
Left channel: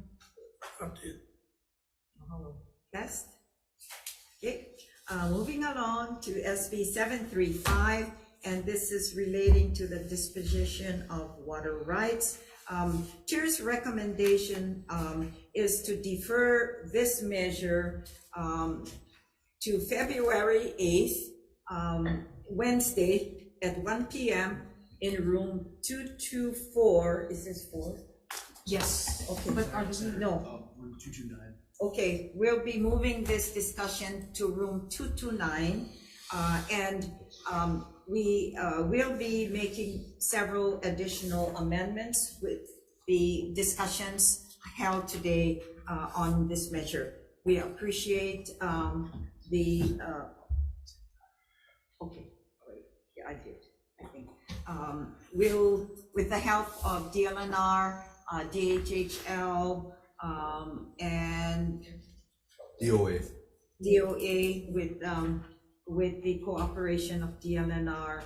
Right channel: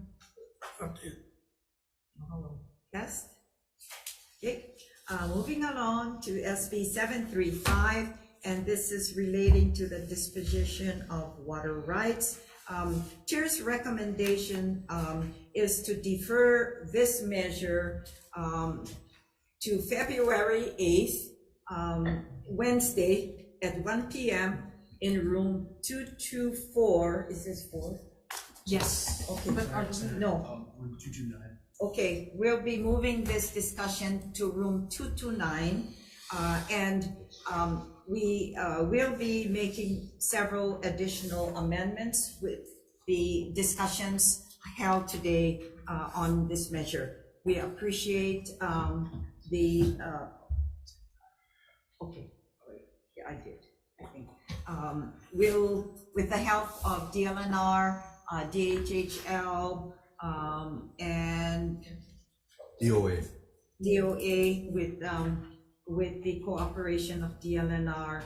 adopted. Yes. Okay, moving along to SB 735, and this is relating to the disposition of water rights. Chair's recommendation is to defer this measure to February 8th, Wednesday at 1 p.m. in room 224. Is this 4? Yes. Okay. But no. Room 229. Okay, we'll be moving this discussion to room 229, and we will be making several additional amendments with the discussions held today on this measure. We appreciate the, okay, yeah, I did, I think. We'll, with the help of DLNR, DHHL, and DOA with the cooperation of DLNR,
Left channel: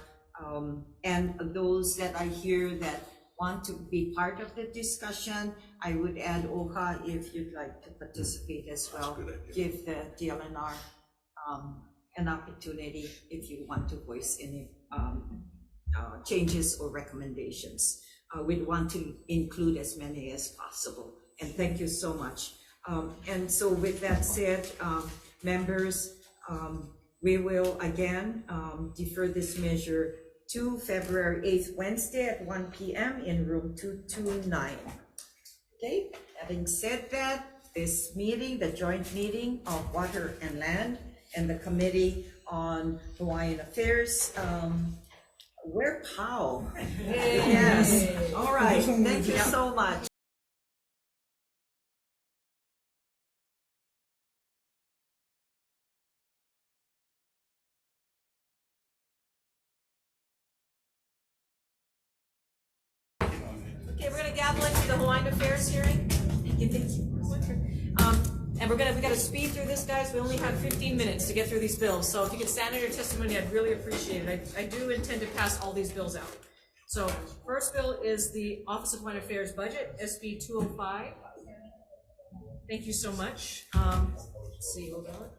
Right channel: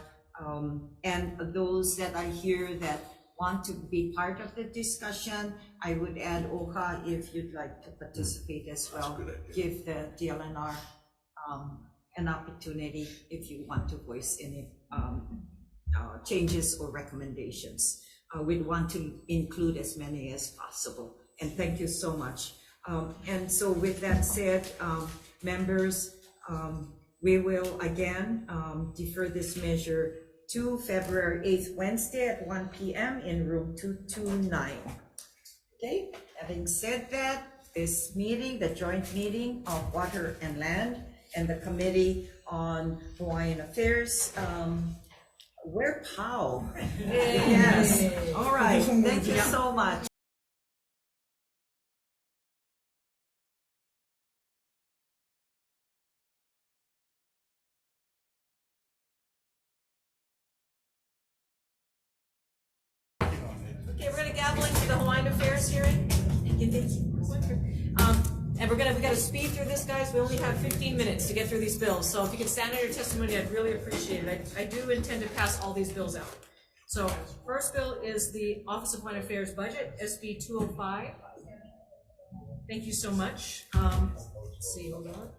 and those that are here that want to be part of the discussion. I would add Oka if you'd like to participate as well. Give the DLNR an opportunity if you want to voice any changes or recommendations. We'd want to include as many as possible. And thank you so much. And so with that said, members, we will again defer this measure to February 8th, Wednesday at 1 p.m. in room 229. Okay, having said that, this meeting, the joint meeting of Water and Land and the Committee on Hawaiian Affairs, we're POW. Yes, all right, thank you so much. Okay, we're gonna gavel into the Hawaiian Affairs hearing. And we gotta speed through this, guys. We only have 15 minutes to get through these bills. So if you could stand on your testimony, I'd really appreciate it. I do intend to pass all these bills out. So first bill is the Office of Hawaiian Affairs budget, SB 205. Thank you so much. Let's see, hold on.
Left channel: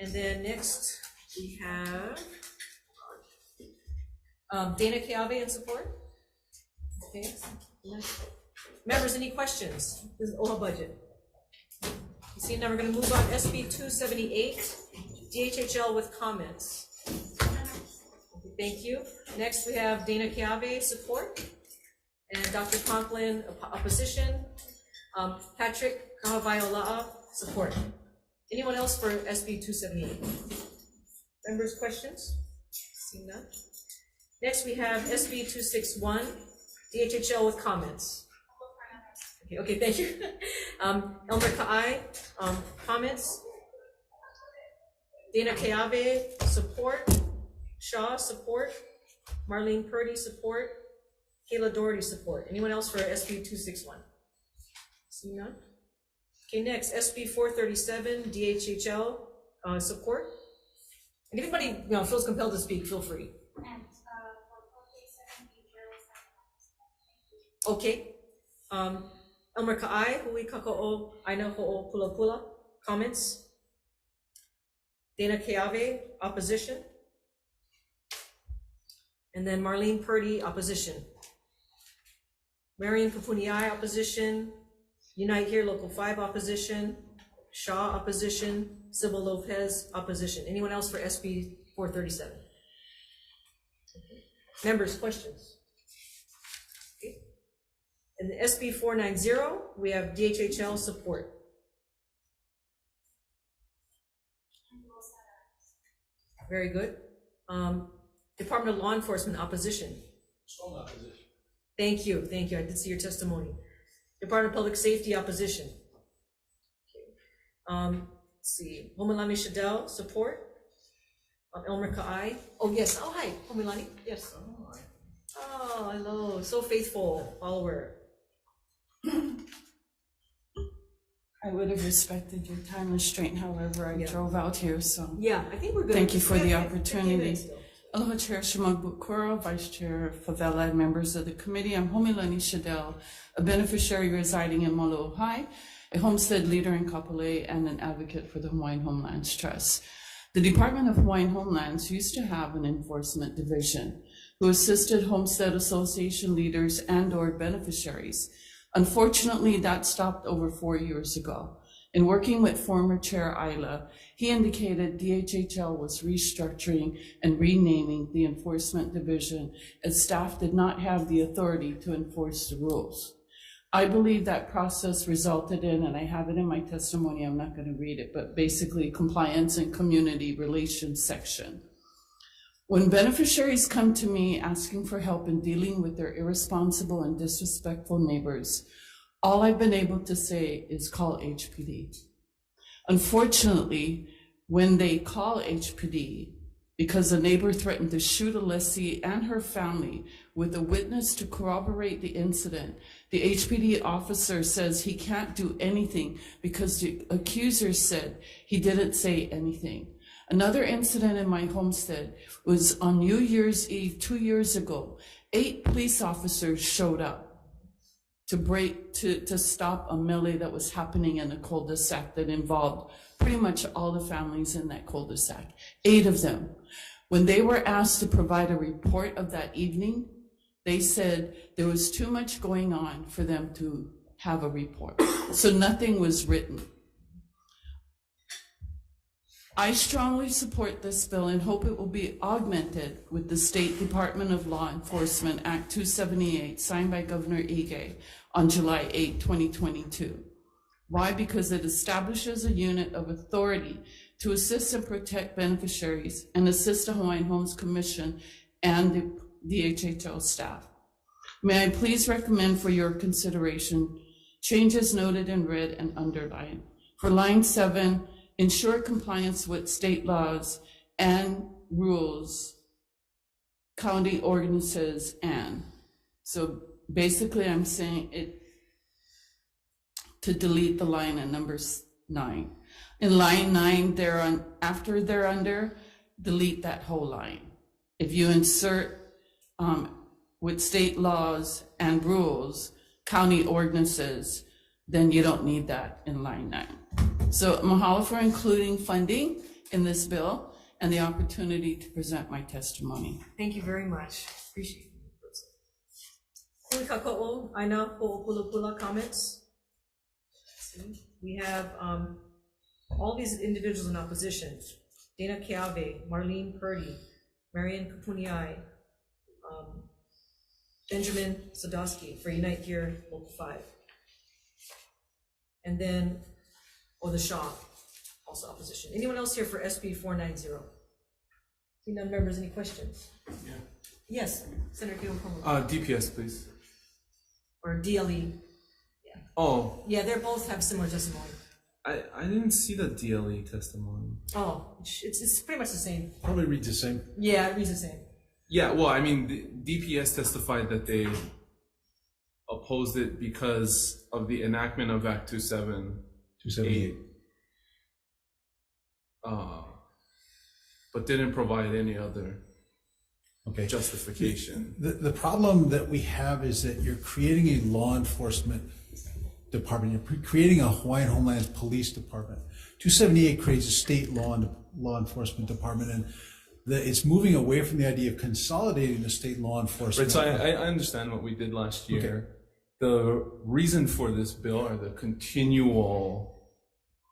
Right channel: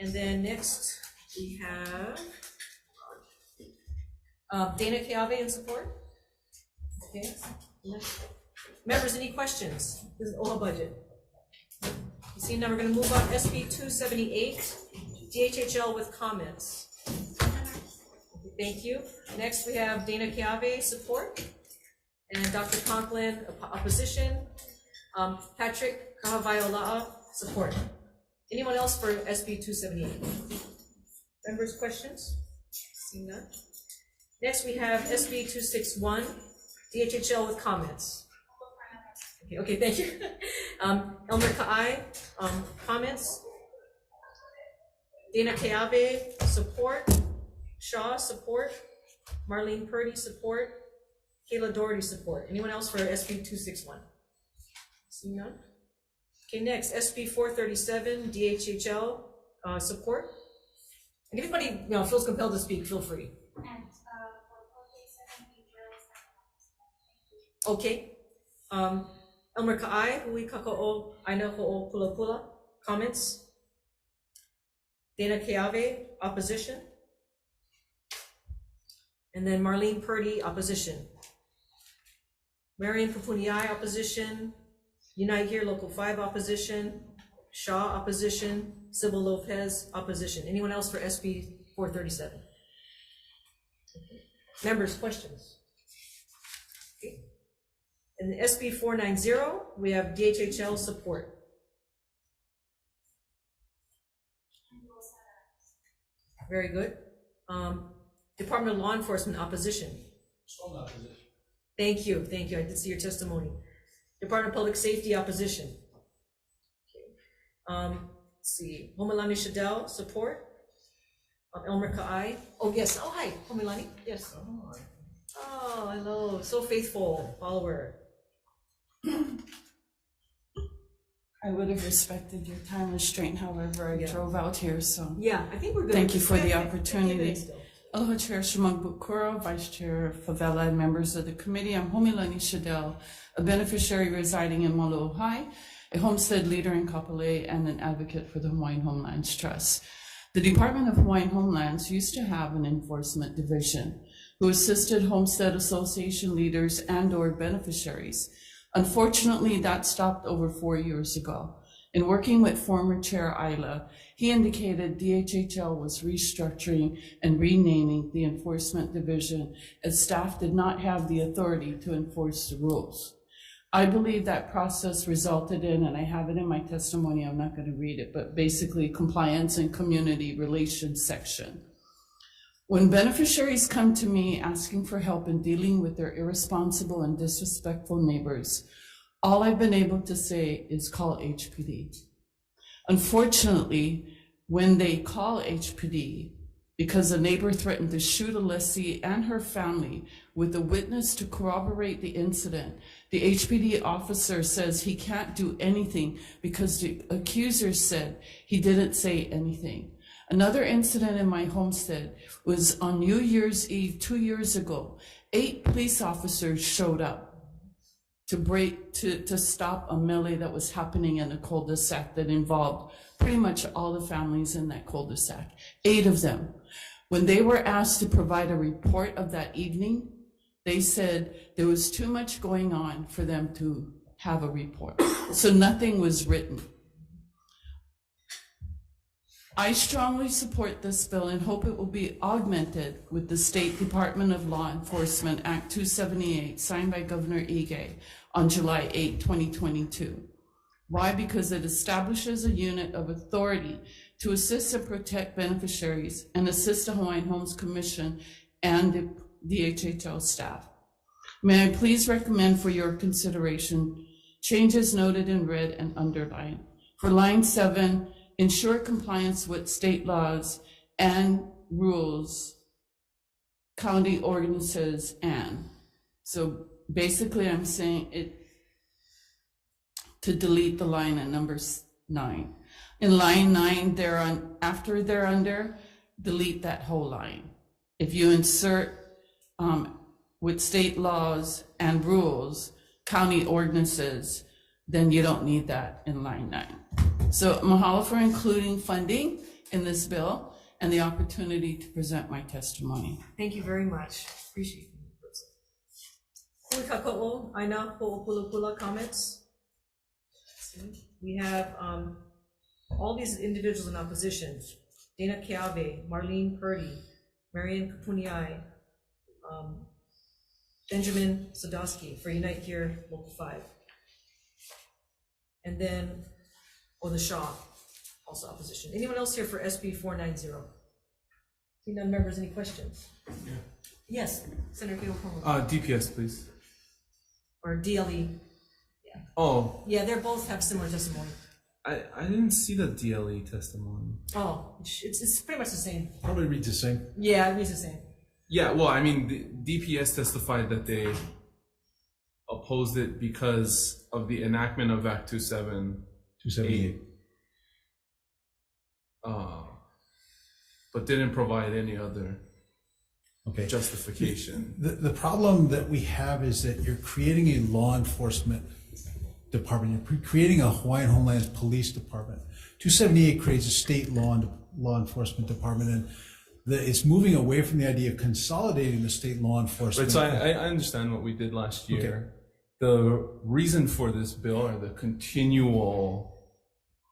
And then next we have Dana Keave in support. Okay. Members, any questions? This is OHA budget. See, now we're going to move on. SB 278, DHHL with comments. Thank you. Next, we have Dana Keave support, and Dr. Conklin opposition. Patrick Kahawaiola'a support. Anyone else for SB 278? Members, questions? Seeing none. Next, we have SB 261, DHHL with comments. Okay, thank you. Elmer Ka'ai, comments. Dana Keave, support. Shaw, support. Marlene Purdy, support. Kayla Doherty, support. Anyone else for SB 261? See none? Okay, next, SB 437, DHHL, support. And if anybody feels compelled to speak, feel free. Okay. Elmer Ka'ai, hui kaka'o aina ho'o pula pula, comments. Dana Keave, opposition. And then Marlene Purdy, opposition. Marion Kapuniai, opposition. Unite Here, Local 5, opposition. Shaw, opposition. Sybil Lopez, opposition. Anyone else for SB 437? Members, questions? In the SB 490, we have DHHL support. Very good. Department of Law Enforcement opposition. Strong opposition. Thank you. I did see your testimony. Department of Public Safety opposition. Okay. Let's see. Homilani Shadell support. Elmer Ka'ai. Oh yes. Oh hi, Homilani. Yes. Oh hello. So faithful follower. I would have respected your time restraint, however, I drove out here, so. Yeah, I think we're good. Thank you for the Yeah, opportunity. still. Aloha Chair Shimon Bukuro, Vice Chair Favela, and members of the committee. I'm Homilani Shadell, a beneficiary residing in Molo'ohai, a homestead leader in Kapolei, and an advocate for the Hawaiian Homelands Trust. The Department of Hawaiian Homelands used to have an enforcement division who assisted homestead association leaders and/or beneficiaries. Unfortunately, that stopped over 4 years ago. In working with former Chair Ayla, he indicated DHHL was restructuring and renaming the enforcement division as staff did not have the authority to enforce the rules. I believe that process resulted in, and I have it in my testimony, I'm not going to read it, but basically compliance and community relations section. When beneficiaries come to me asking for help in dealing with their irresponsible and disrespectful neighbors, all I've been able to say is call HPD. Unfortunately, when they call HPD, because a neighbor threatened to shoot a lessee and her family with a witness to corroborate the incident, the HPD officer says he can't do anything because the accuser said he didn't say anything. Another incident in my homestead was on New Year's Eve 2 years ago. 8 police officers showed up to stop a melee that was happening in a cul-de-sac that involved pretty much all the families in that cul-de-sac, 8 of them. When they were asked to provide a report of that evening, they said there was too much going on for them to have a report. So nothing was written. I strongly support this bill and hope it will be augmented with the State Department of Law Enforcement Act 278 signed by Governor Ige on July 8, 2022. Why? Because it establishes a unit of authority to assist and protect beneficiaries and assist the Hawaiian Homes Commission and the DHHL staff. May I please recommend for your consideration changes noted in red and underlined. For line 7, ensure compliance with state laws and rules, county ordinances, and. So basically I'm saying it to delete the line at number 9. In line 9, after they're under, delete that whole line. If you insert with state laws and rules, county ordinances, then you don't need that in line 9. So mahalo for including funding in this bill and the opportunity to present my testimony. Thank you very much. Appreciate it. Hui aina ho'opulapula comments. We have all these individuals in opposition: Dana Keave, Marlene Purdy, Marian Kapuniai, Benjamin Sadowski for Unite Here Local 5. And then the Shaw, also opposition. Anyone else here for SB 490? Seeing none, members, any questions? Yeah. Yes, Senator Kinokomo. DPS, please. Or DLE. Yeah. Oh. Yeah, they both have similar testimony. I didn't see the DLE testimony. Oh, it's pretty much the same. Probably reads the same. Yeah, it reads the same. Yeah, well, I mean, the DPS testified that they opposed it because of the enactment of Act 278. But didn't provide any other justification. The problem that we have is that you're creating a law enforcement department. You're creating a Hawaiian Homelands Police Department. 278 creates a state law enforcement department, and it's moving away from the idea of consolidating the state law enforcement. Right, so I understand what we did last year. Okay. The reason for this bill are the continual,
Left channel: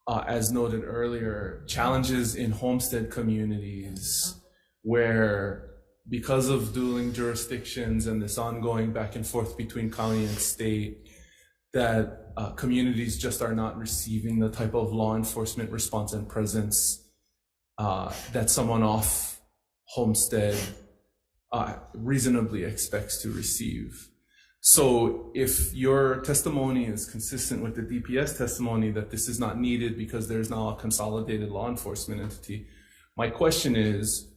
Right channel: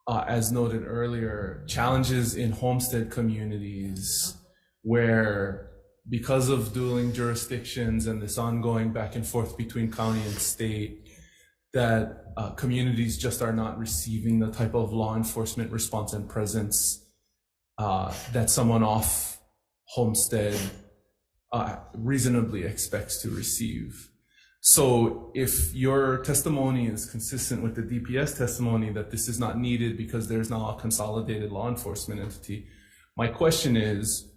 as noted earlier, challenges in homestead communities where, because of dueling jurisdictions and this ongoing back and forth between county and state, that communities just are not receiving the type of law enforcement response and presence that someone off homestead reasonably expects to receive. So if your testimony is consistent with the DPS testimony that this is not needed because there's now a consolidated law enforcement entity, my question is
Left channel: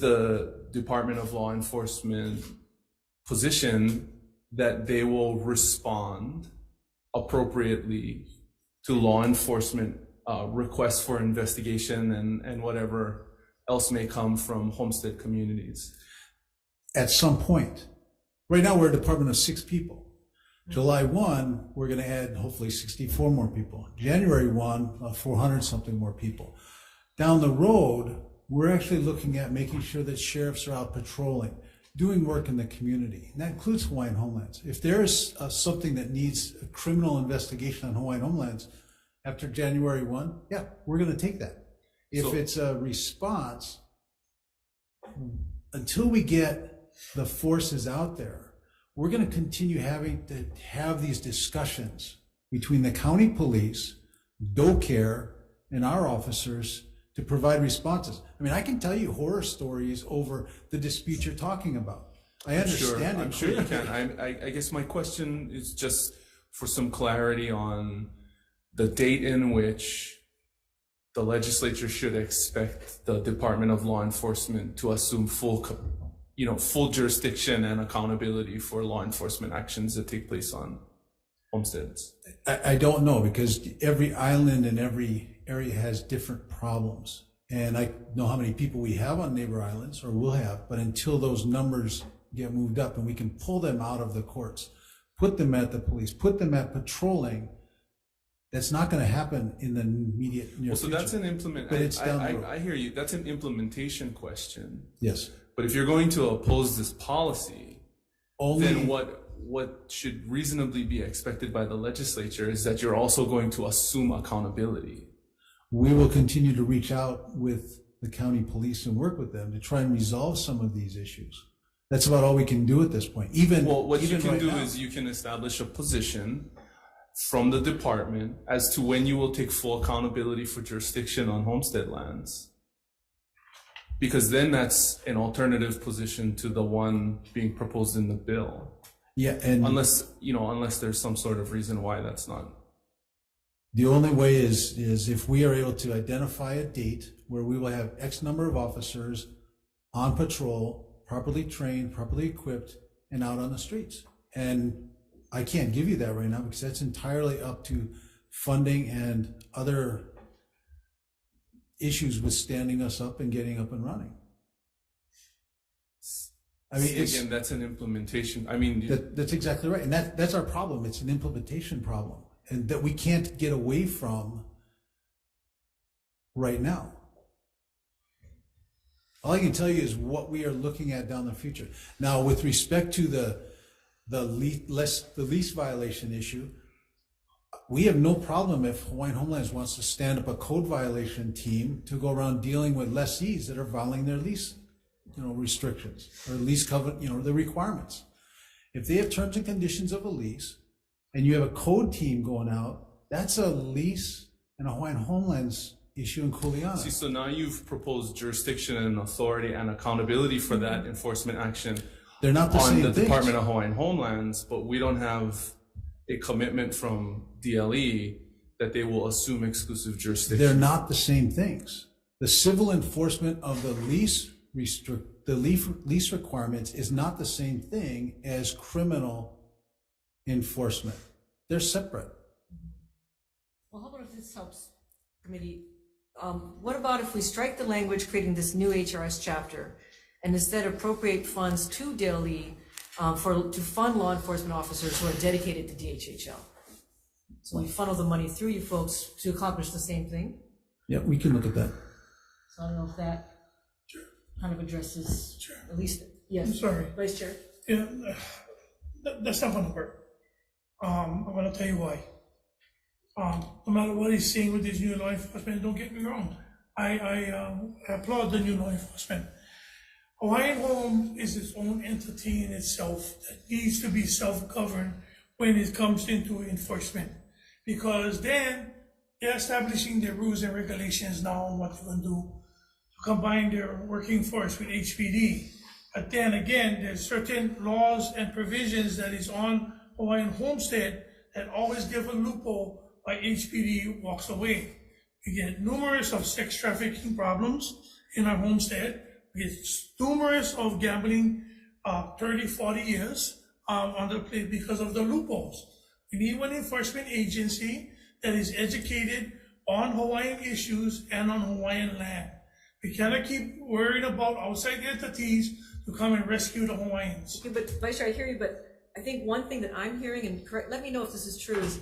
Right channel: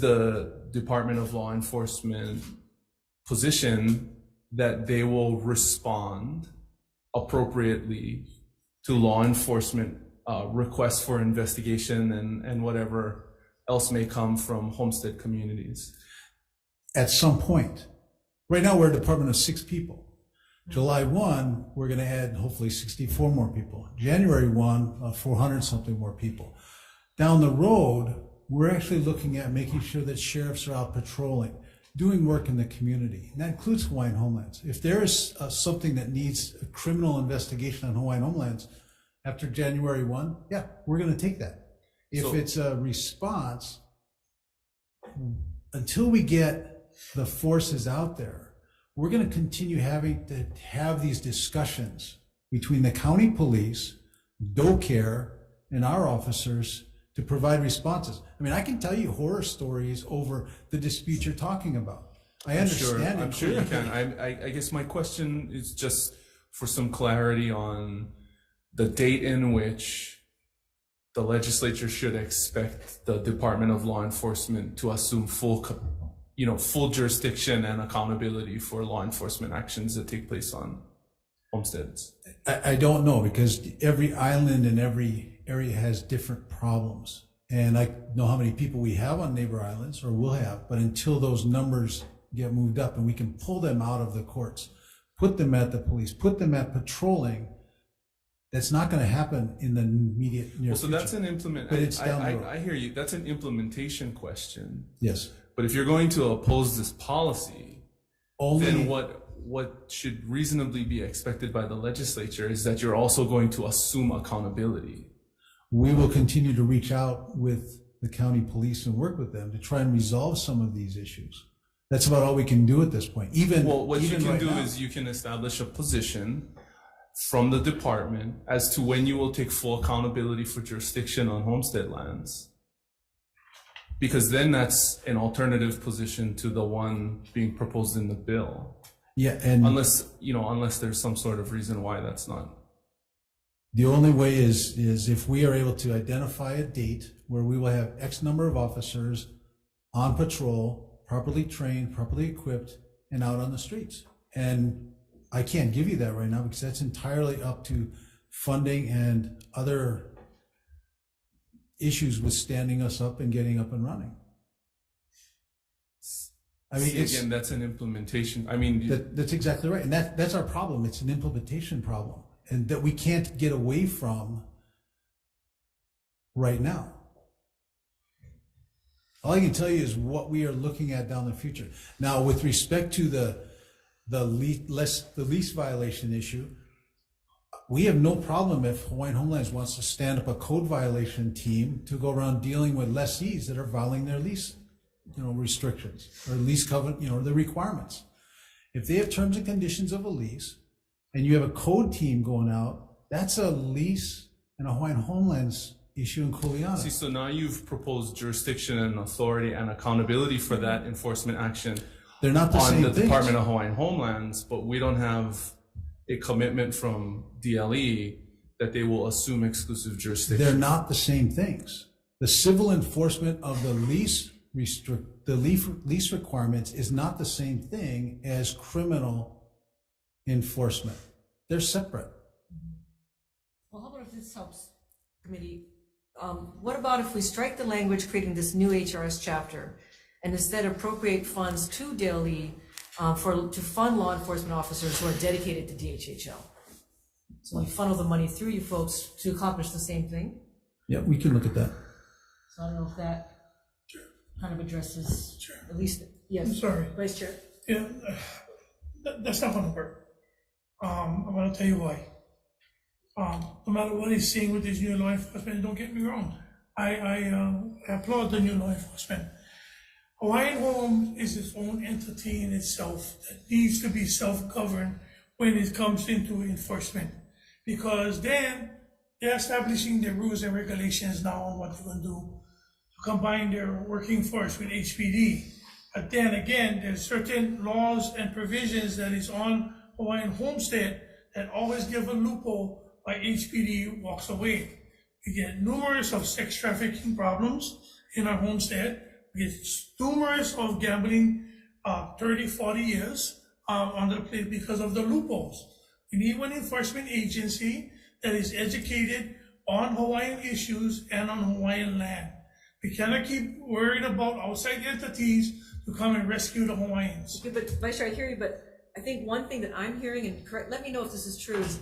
the Department of Law Enforcement position that they will respond appropriately law enforcement requests for investigation and whatever else may come from homestead communities? At some point. Right now, we're a department of 6 people. July 1, we're going to add hopefully 64 more people. January 1, 400 something more people. Down the road, we're actually looking at making sure that sheriffs are out patrolling, doing work in the community. And that includes Hawaiian Homelands. If there's something that needs a criminal investigation on Hawaiian Homelands after January 1, yeah, we're going to take that. If it's a response, until we get the forces out there, we're going to continue having to have these discussions between the county police, DoCare, and our officers to provide responses. I mean, I can tell you horror stories over the dispute you're talking about. I understand it. I'm sure you can. I guess my question is just for some clarity on the date in which the legislature should expect the Department of Law Enforcement to assume full jurisdiction and accountability for law enforcement actions that take place on homesteads. I don't know, because every island and every area has different problems. And I know how many people we have on neighbor islands, or will have, but until those numbers get moved up and we can pull them out of the courts, put them at the police, put them at patrolling, that's not going to happen in the immediate near future. So that's an I hear you. That's an implementation question. Yes. But if you're going to oppose this policy, then what should reasonably be expected by the legislature is that you're also going to assume accountability. We will continue to reach out with the county police and work with them to try and resolve some of these issues. That's about all we can do at this point. What you can do is you can establish a position from the department as to when you will take full accountability for jurisdiction on homestead lands. Because then that's an alternative position to the one being proposed in the bill. Yeah, and unless there's some sort of reason why that's not. The only way is if we are able to identify a date where we will have X number of officers on patrol, properly trained, properly equipped, and out on the streets. And I can't give you that right now because that's entirely up to funding and other issues with standing us up and getting up and running. I mean, again, that's an implementation. I mean, that's exactly right, and that's our problem. It's an implementation problem, and that we can't get away from right now. All I can tell you is what we are looking at down the future. Now, with respect to the lease violation issue, we have no problem if Hawaiian Homelands wants to stand up a code violation team to go around dealing with lessees that are violating their lease, restrictions or lease covenant, the requirements. If they have terms and conditions of a lease, and you have a code team going out, that's a lease and a Hawaiian Homelands issue in Kuleana. See, so now you've proposed jurisdiction and authority and accountability for that enforcement action. They're not the same on the things. Department of Hawaiian Homelands, but we don't have a commitment from DLE that they will assume exclusive jurisdiction. They're not the same things. The civil enforcement of the lease requirements is not the same thing as criminal enforcement. They're separate. Well, how about if this helps, committee? What about if we strike the language creating this new HRS chapter and instead appropriate funds to DLE to fund law enforcement officers who are dedicated to DHHL? So we funnel the money through you folks to accomplish the same thing. Yeah, we can look at that. So I don't know if that kind of addresses, at least, yes. I'm sorry. Vice Chair. Yeah, that's not gonna work. I'm gonna tell you why. No matter what he's saying with this new law enforcement, don't get me wrong. I applaud the new law enforcement. Hawaiian Home is its own entity in itself that needs to be self-governed when it comes into enforcement. Because then they're establishing their rules and regulations now on what they're going to do to combine their working force with HPD. But then again, there's certain laws and provisions that is on Hawaiian Homestead that always give a loophole why HPD walks away. We get numerous of sex trafficking problems in our homestead. We get numerous of gambling 30, 40 years on the place because of the loopholes. We need one enforcement agency that is educated on Hawaiian issues and on Hawaiian land. We cannot keep worrying about outside entities to come and rescue the Hawaiians. Okay, but Vice Chair, I hear you, but I think one thing that I'm hearing, and correct, let me know if this is true, is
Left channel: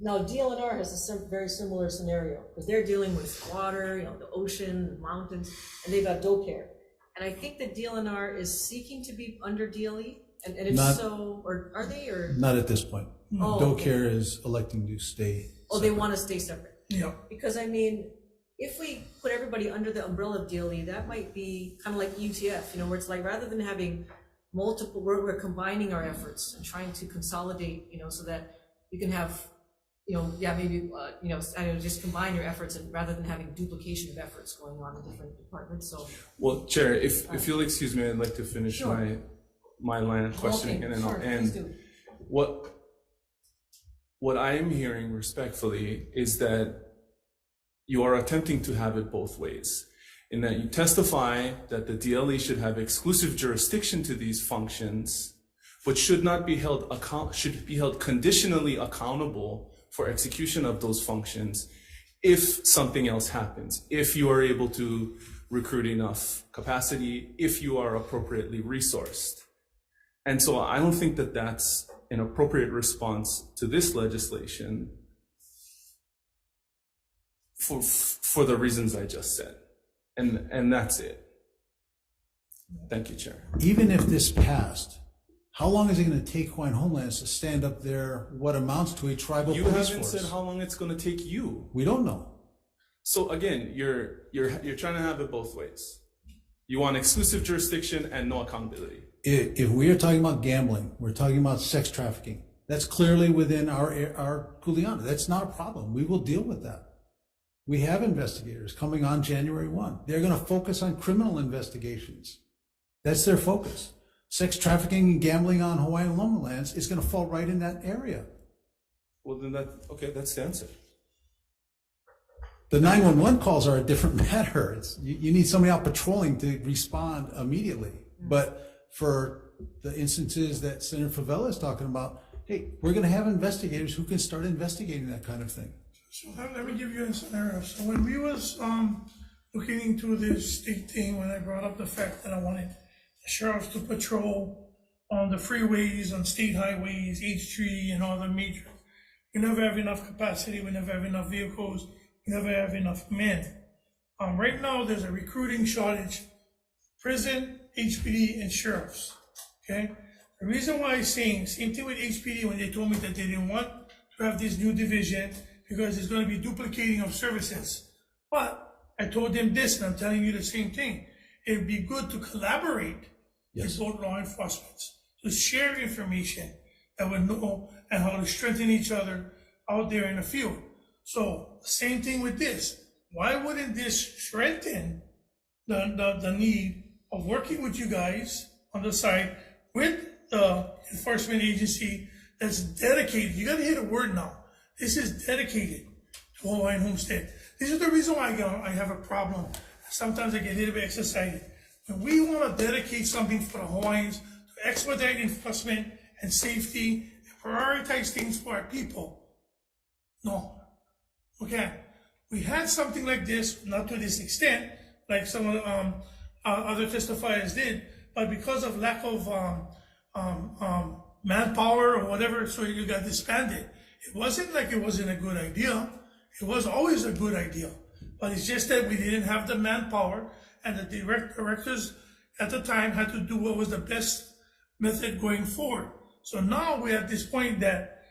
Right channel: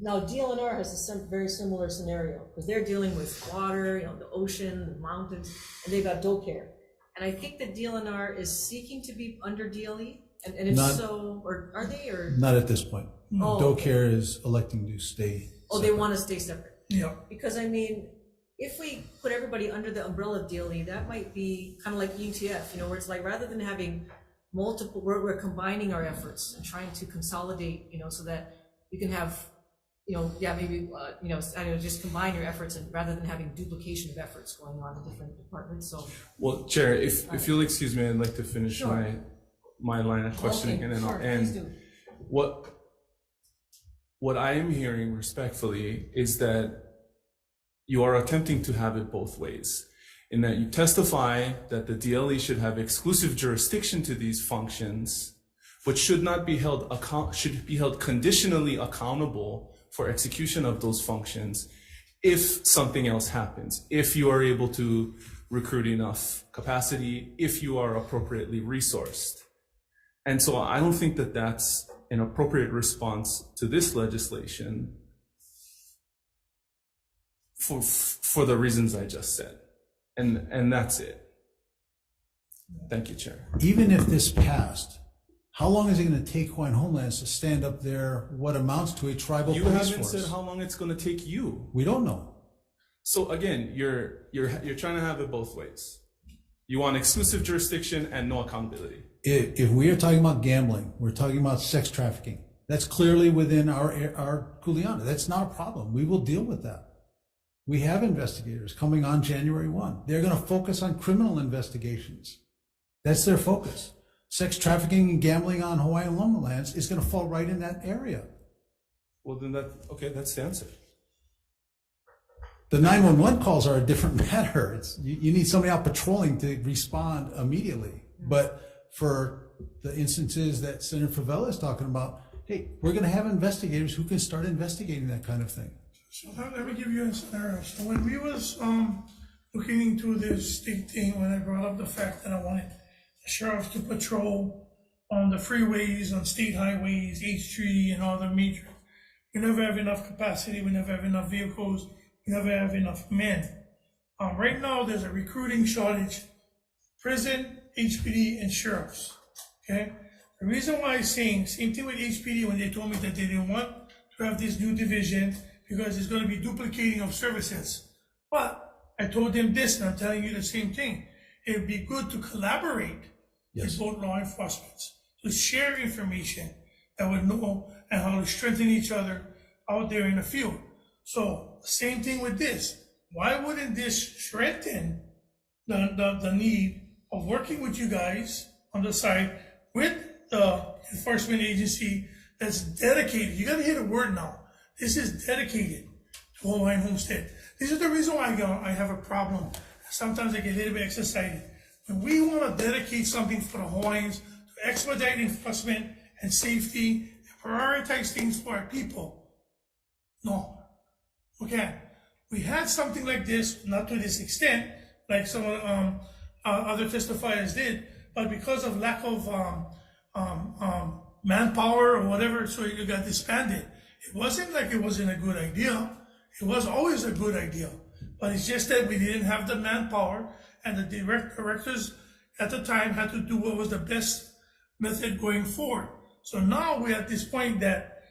now DLNR has a very similar scenario, because they're dealing with water, the ocean, the mountains, and they've got doe care. And I think that DLNR is seeking to be under DLE, and if so, or are they, or? Not at this point. Oh, Doe okay. Care is electing to stay. Oh, they want to stay separate? Yeah. Because I mean, if we put everybody under the umbrella of DLE, that might be kind of like ETF, where it's like, rather than having multiple, we're combining our efforts and trying to consolidate, so that you can have, just combine your efforts, and rather than having duplication of efforts going on in different departments. So, well, Chair, if you'll excuse me, I'd like to finish my line of questioning, and then I'll end. What I am hearing respectfully is that you are attempting to have it both ways, in that you testify that the DLE should have exclusive jurisdiction to these functions, but should be held conditionally accountable for execution of those functions if something else happens, if you are able to recruit enough capacity, if you are appropriately resourced. And so I don't think that that's an appropriate response to this legislation for the reasons I just said. And that's it. Thank you, Chair. Even if this passed, how long is it going to take Hawaiian Homelands to stand up there what amounts to a tribal police force? You haven't said how long it's going to take you. We don't know. So again, you're trying to have it both ways. You want exclusive jurisdiction and no accountability. If we are talking about gambling, we're talking about sex trafficking. That's clearly within our kuleana. That's not a problem. We will deal with that. We have investigators coming on January 1. They're going to focus on criminal investigations. That's their focus. Sex trafficking and gambling on Hawaiian lands is going to fall right in that area. Well, then that's the answer. The 911 calls are a different matter. You need somebody out patrolling to respond immediately. But for the instances that Senator Favela is talking about, hey, we're going to have investigators who can start investigating that kind of thing. So let me give you a scenario. So when we was looking into this state thing, when I brought up the fact that I wanted the sheriffs to patrol on the freeways, on state highways, H3 and all the major, we never have enough capacity, we never have enough vehicles, we never have enough men. Right now there's a recruiting shortage, prison, HPD, and sheriffs, okay? The reason why I'm saying, same thing with HPD when they told me that they didn't want to have this new division because it's going to be duplicating of services. But I told them this, and I'm telling you the same thing. It would be good to collaborate with both law enforcement, to share information that would know and how to strengthen each other out there in the field. So same thing with this. Why wouldn't this strengthen the need of working with you guys on the side with the enforcement agency that's dedicated? You got to hear the word now. This is dedicated to Hawaiian homestead. This is the reason why I have a problem. Sometimes I get a little bit excited. When we want to dedicate something for the Hawaiians to expedite enforcement and safety and prioritize things for our people, no. Okay. We had something like this, not to this extent, like some of other testifiers did, but because of lack of manpower or whatever, so it got disbanded. It wasn't like it wasn't a good idea. It was always a good idea, but it's just that we didn't have the manpower, and the directors at the time had to do what was the best method going forward. So now we're at this point that,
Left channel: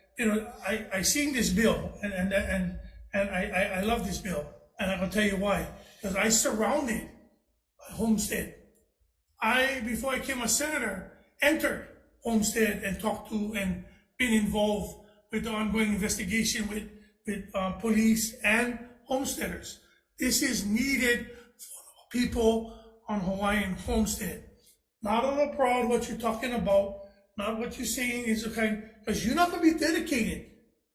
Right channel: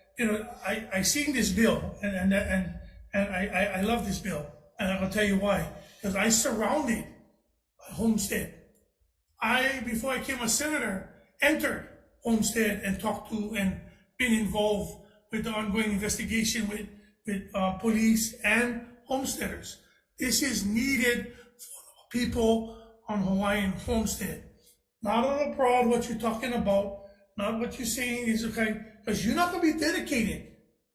I seen this bill, and I love this bill, and I'm gonna tell you why. Because I surrounded Homestead. Before I became a senator, entered Homestead and talked to and been involved with the ongoing investigation with police and homesteaders. This is needed for people on Hawaiian homestead. Not on the proud what you're talking about, not what you're saying is okay, because you're not going to be dedicated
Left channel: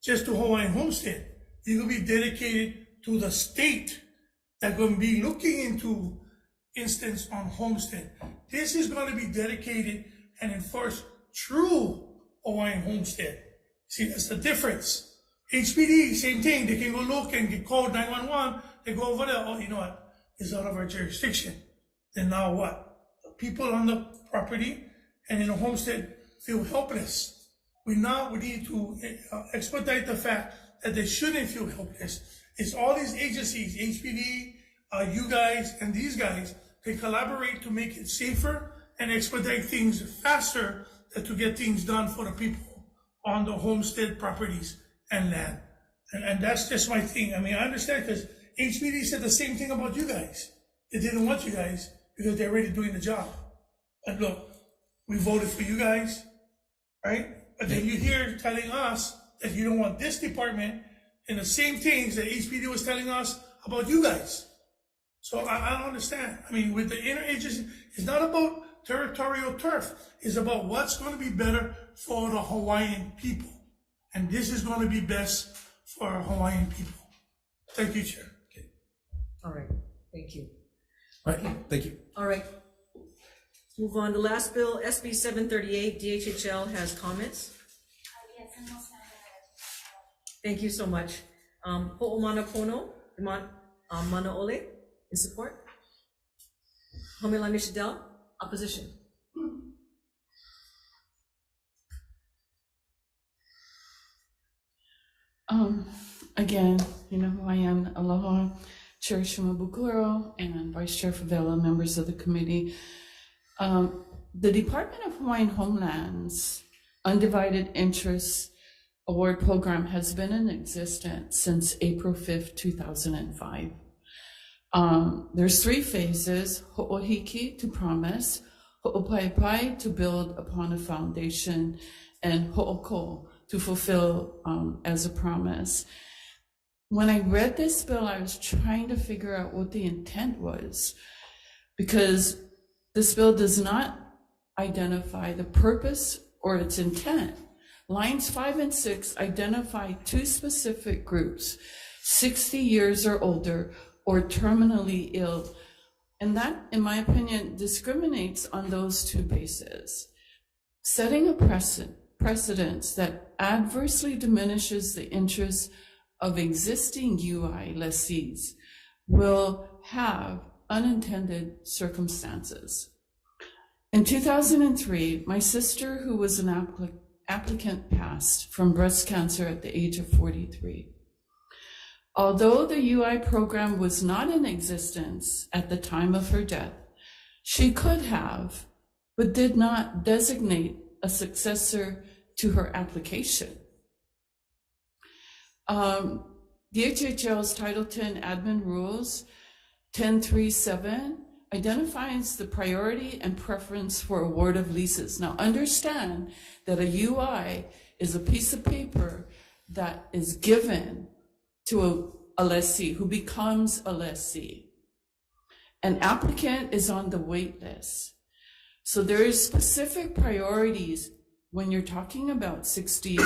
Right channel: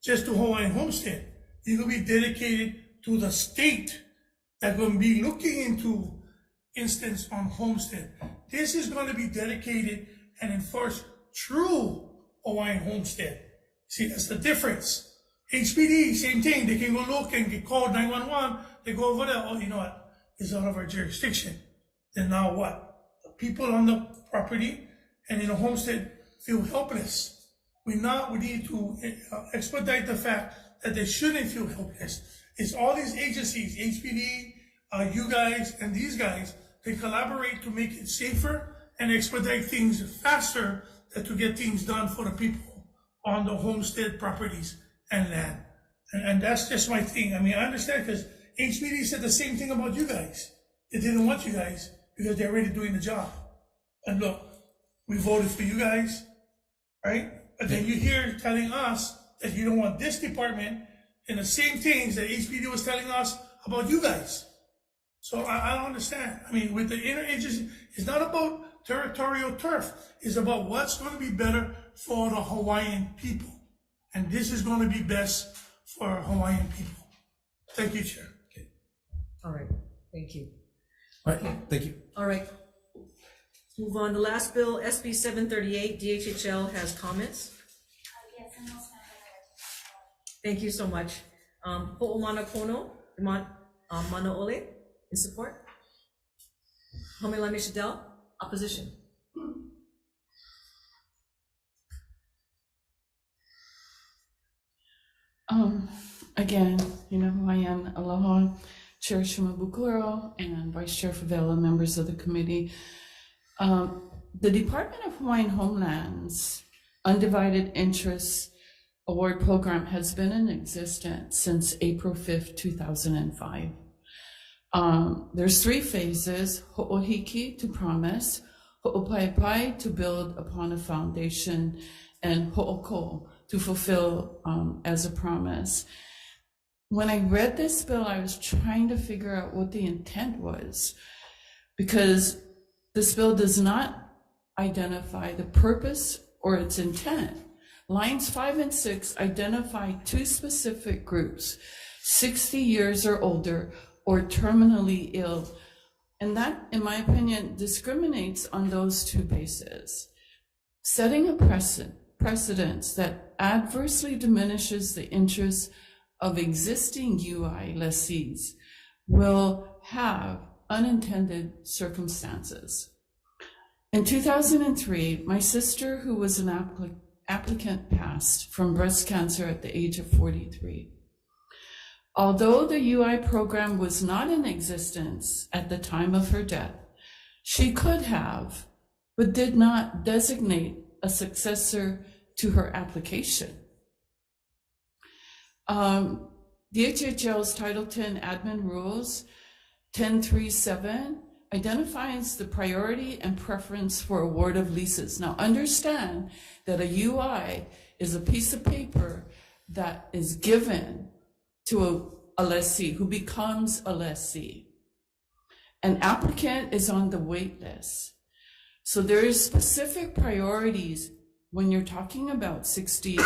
just to Hawaiian homestead. You're going to be dedicated to the state that's going to be looking into instance on homestead. This is going to be dedicated and enforce true Hawaiian homestead. See, that's the difference. HPD, same thing. They can go look and get called 911. They go over there. Oh, you know what? It's out of our jurisdiction. Then now what? The people on the property and in the homestead feel helpless. We need to expedite the fact that they shouldn't feel helpless. It's all these agencies, HPD, you guys, and these guys, they collaborate to make it safer and expedite things faster to get things done for the people on the homestead properties and land. And that's just my thing. I mean, I understand because HPD said the same thing about you guys. They didn't want you guys because they're already doing the job. And look, we voted for you guys, right? But then you're here telling us that you don't want this department and the same things that HPD was telling us about you guys. So I don't understand. I mean, with the interagency, it's not about territorial turf. It's about what's going to be better for the Hawaiian people. And this is going to be best for Hawaiian people. Thank you, Chair. Okay. All right, thank you. All right, thank you. All right. Let's move on. The last bill, SB 738, DHHL has comments. Thank you so much. Ho'omana Kono, Mana Ole, in support. Homelani Shadel, opposition. Again, you know who I am. Aloha, Chair Shimabukuro and Vice Chair Favela, members of the committee. The Department of Hawaiian Homeland's Undivided Interest Award Program has been in existence since April 5th, 2005. There's 3 phases: ho'ohiki, to promise; ho'opaipai, to build upon a foundation; and ho'oko, to fulfill as a promise. When I read this bill, I was trying to figure out what the intent was, because this bill does not identify the purpose or its intent. Lines 5 and 6 identify 2 specific groups: 60 years or older or terminally ill. And that, in my opinion, discriminates on those 2 bases, setting a precedence that adversely diminishes the interests of existing UI lessees will have unintended circumstances. In 2003, my sister, who was an applicant, passed from breast cancer at the age of 43. Although the UI program was not in existence at the time of her death, she could have, but did not designate a successor to her application. DHHL's Title 10 Admin Rules 1037 identifies the priority and preference for award of leases. Now understand that a UI is a piece of paper that is given to a lessee who becomes a lessee. An applicant is on the wait list. So there is specific priorities when you're talking about 60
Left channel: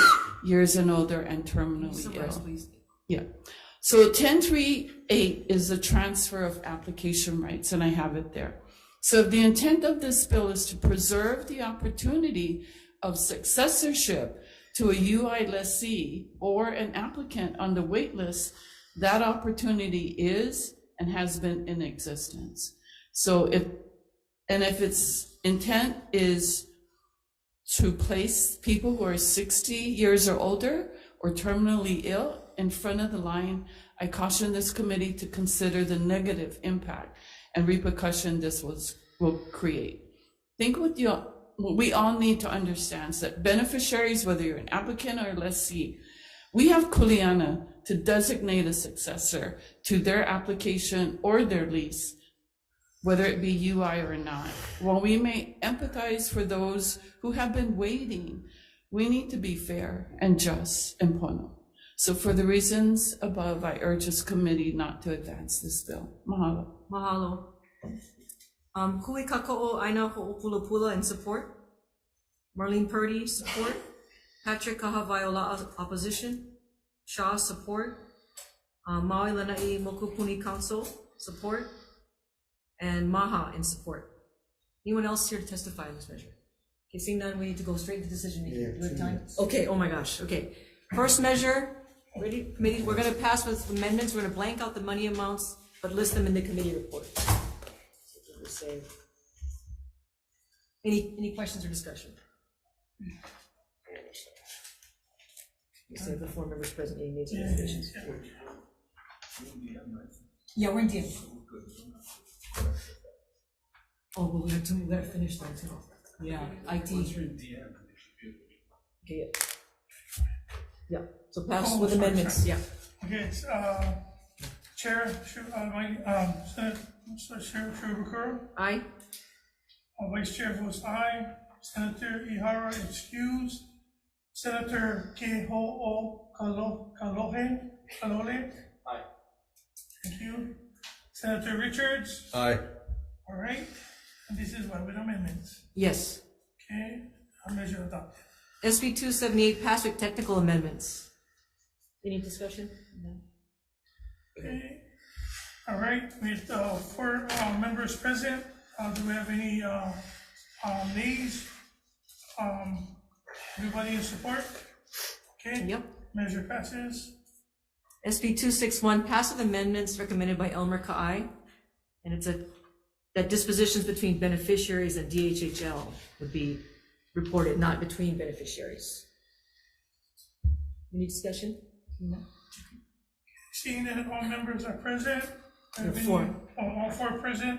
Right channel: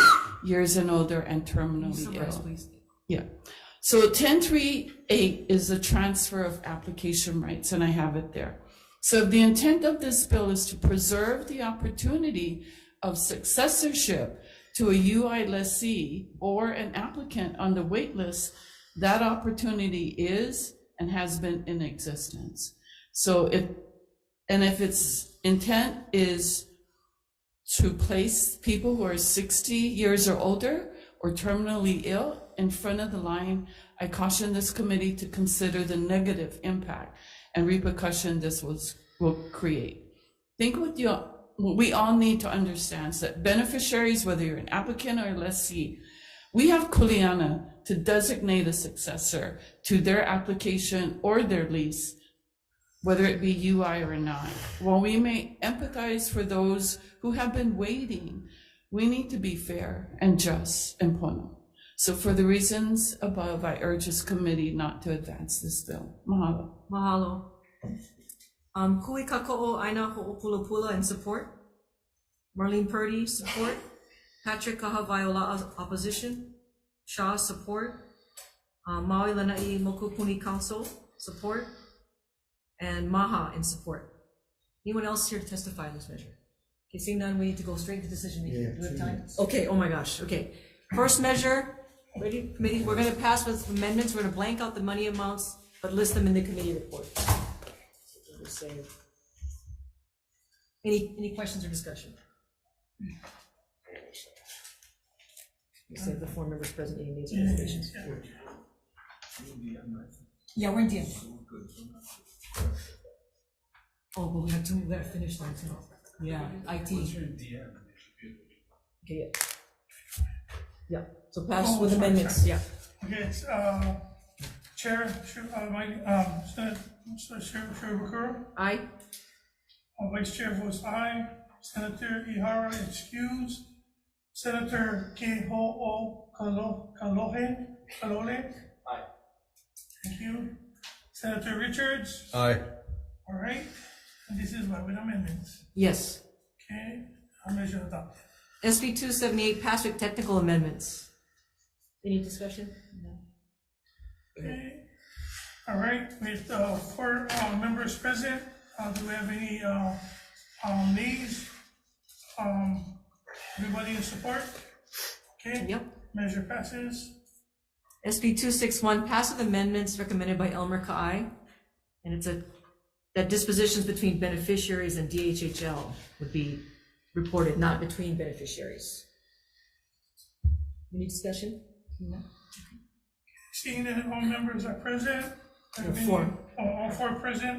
years and older and terminally ill. Please. Yeah. So 1038 is the transfer of application rights, and I have it there. So the intent of this bill is to preserve the opportunity of successorship to a UI lessee or an applicant on the wait list. That opportunity is and has been in existence. So if its intent is to place people who are 60 years or older or terminally ill in front of the line, I caution this committee to consider the negative impact and repercussion this will create. Think what we all need to understand is that beneficiaries, whether you're an applicant or a lessee, we have kuleana to designate a successor to their application or their lease, whether it be UI or not. While we may empathize for those who have been waiting, we need to be fair and just and pono. So for the reasons above, I urge this committee not to advance this bill. Mahalo. Mahalo. Kui Kako'o Aina Ho'opulapula in support. Marlene Purdy, support. Patrick Kahaviola, opposition. Shaw, support. Maui Lanai Mokupuni Council, support. And Maha in support. Anyone else here to testify on this measure? Okay, seeing none, we need to go straight to decision making. Do we have time? Okay, oh my gosh, okay. First measure, Ready, committee, we're gonna pass with amendments, we're gonna blank out the money amounts, but list them in the committee report. Any questions or discussion? You said the 4 members present, any names or reservations? Yeah, we're in DM. Oh, but we gotta finish that too. Yeah, IT. Okay, yeah. Yeah, so pass with amendments, yeah. Okay, Chair, Chair Bakura? Aye. Vice Chair votes aye. Senator Ihara excused. Senator Keho'o Kalole? Aye. Thank you. Senator Richards? Aye. All right, and this is with amendments. Yes. Okay, measure adopted. SB 278 passed with technical amendments. Any discussion? No. Okay, all right, with 4 members present, do we have any nays? Everybody in support? Okay. Yep. Measure passes. SB 261 passive amendments recommended by Elmer Ka'ai, and it's that dispositions between beneficiaries and DHHL would be reported, not between beneficiaries. Any discussion? No. Seeing that all members are present, There are 4. All 4 present.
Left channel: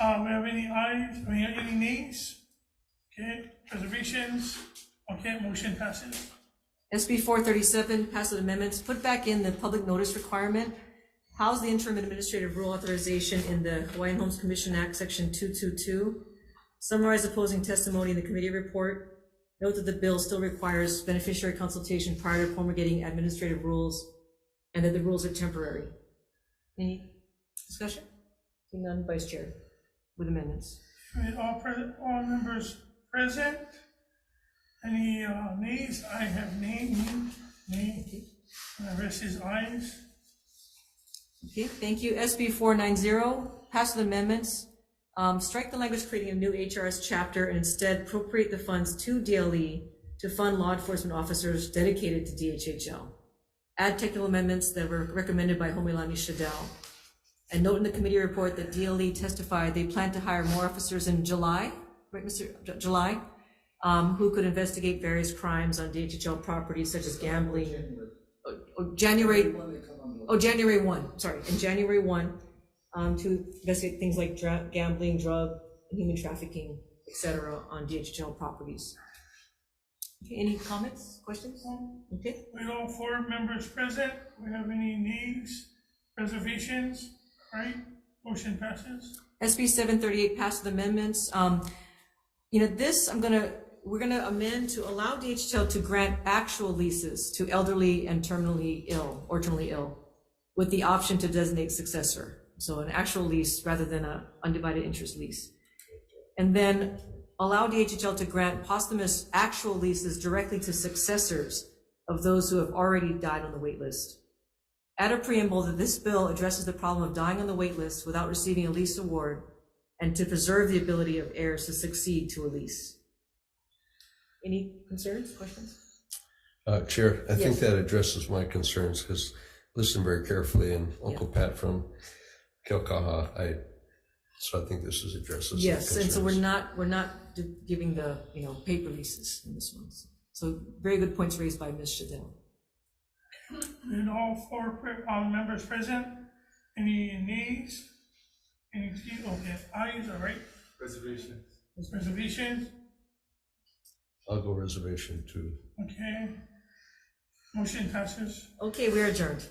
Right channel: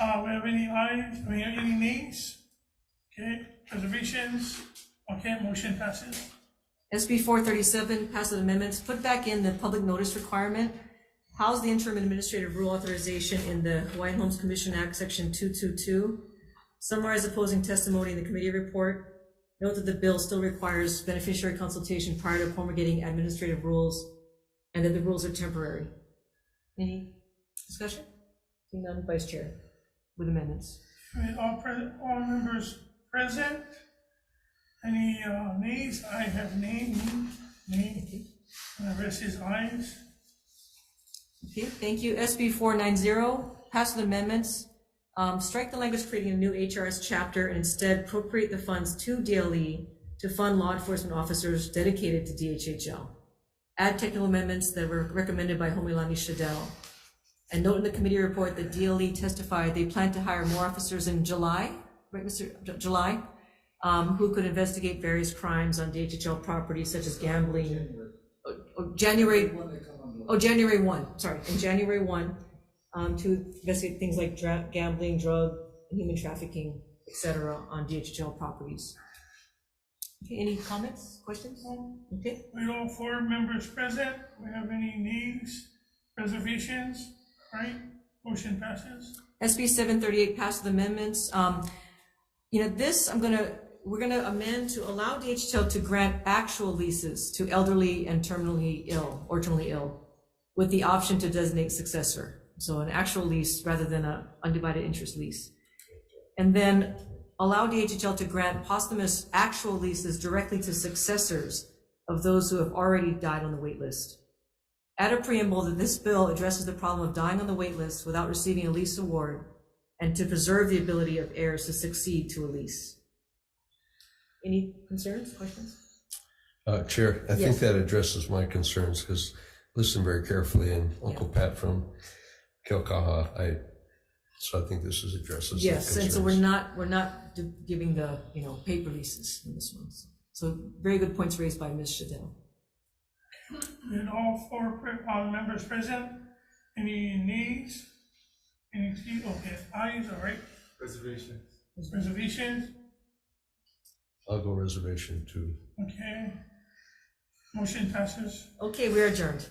We have any ayes? Any nays? Okay. Reservations? Okay. Motion passes. SB 437 passive amendments put back in the public notice requirement. House the interim administrative rule authorization in the Hawaiian Homes Commission Act, Section 222. Summarize opposing testimony in the committee report. Note that the bill still requires beneficiary consultation prior to promulgating administrative rules, and that the rules are temporary. Any discussion? Seeing none, Vice Chair, with amendments. With all members present. Any nays? I have nay. And the rest is ayes. Okay, thank you. SB 490, pass with amendments. Strike the language creating a new HRS chapter and instead appropriate the funds to DLE to fund law enforcement officers dedicated to DHHL. Add technical amendments that were recommended by Homeilani Shadell. And note in the committee report that DLE testified they plan to hire more officers in July, right, Mr. July, who could investigate various crimes on DHHL properties such as gambling. January 1, sorry, in January 1, to investigate things like gambling, drug, and human trafficking, etc. on DHHL properties. Okay, any comments, questions? Okay. With all 4 members present, we have any nays, reservations? Right, motion passes. SB 738 passed with amendments. This we're gonna amend to allow DHHL to grant actual leases to elderly and terminally ill with the option to designate successor. So an actual lease rather than an undivided interest lease. And then allow DHHL to grant posthumous actual leases directly to successors of those who have already died on the wait list. Add a preamble that this bill addresses the problem of dying on the wait list without receiving a lease award and to preserve the ability of heirs to succeed to a lease. Any concerns, questions? Chair, I think Yes. that addresses my concerns because listen very carefully, and Uncle Pat from Keaukaha, so I think this addresses. Yes, and so we're not giving the paper leases in this one. So very good points raised by Ms. Shadell. With all 4 members present, any nays? Any ayes? All right. Reservations. Reservations? I'll go reservation too. Okay. Motion passes. Okay, we're adjourned.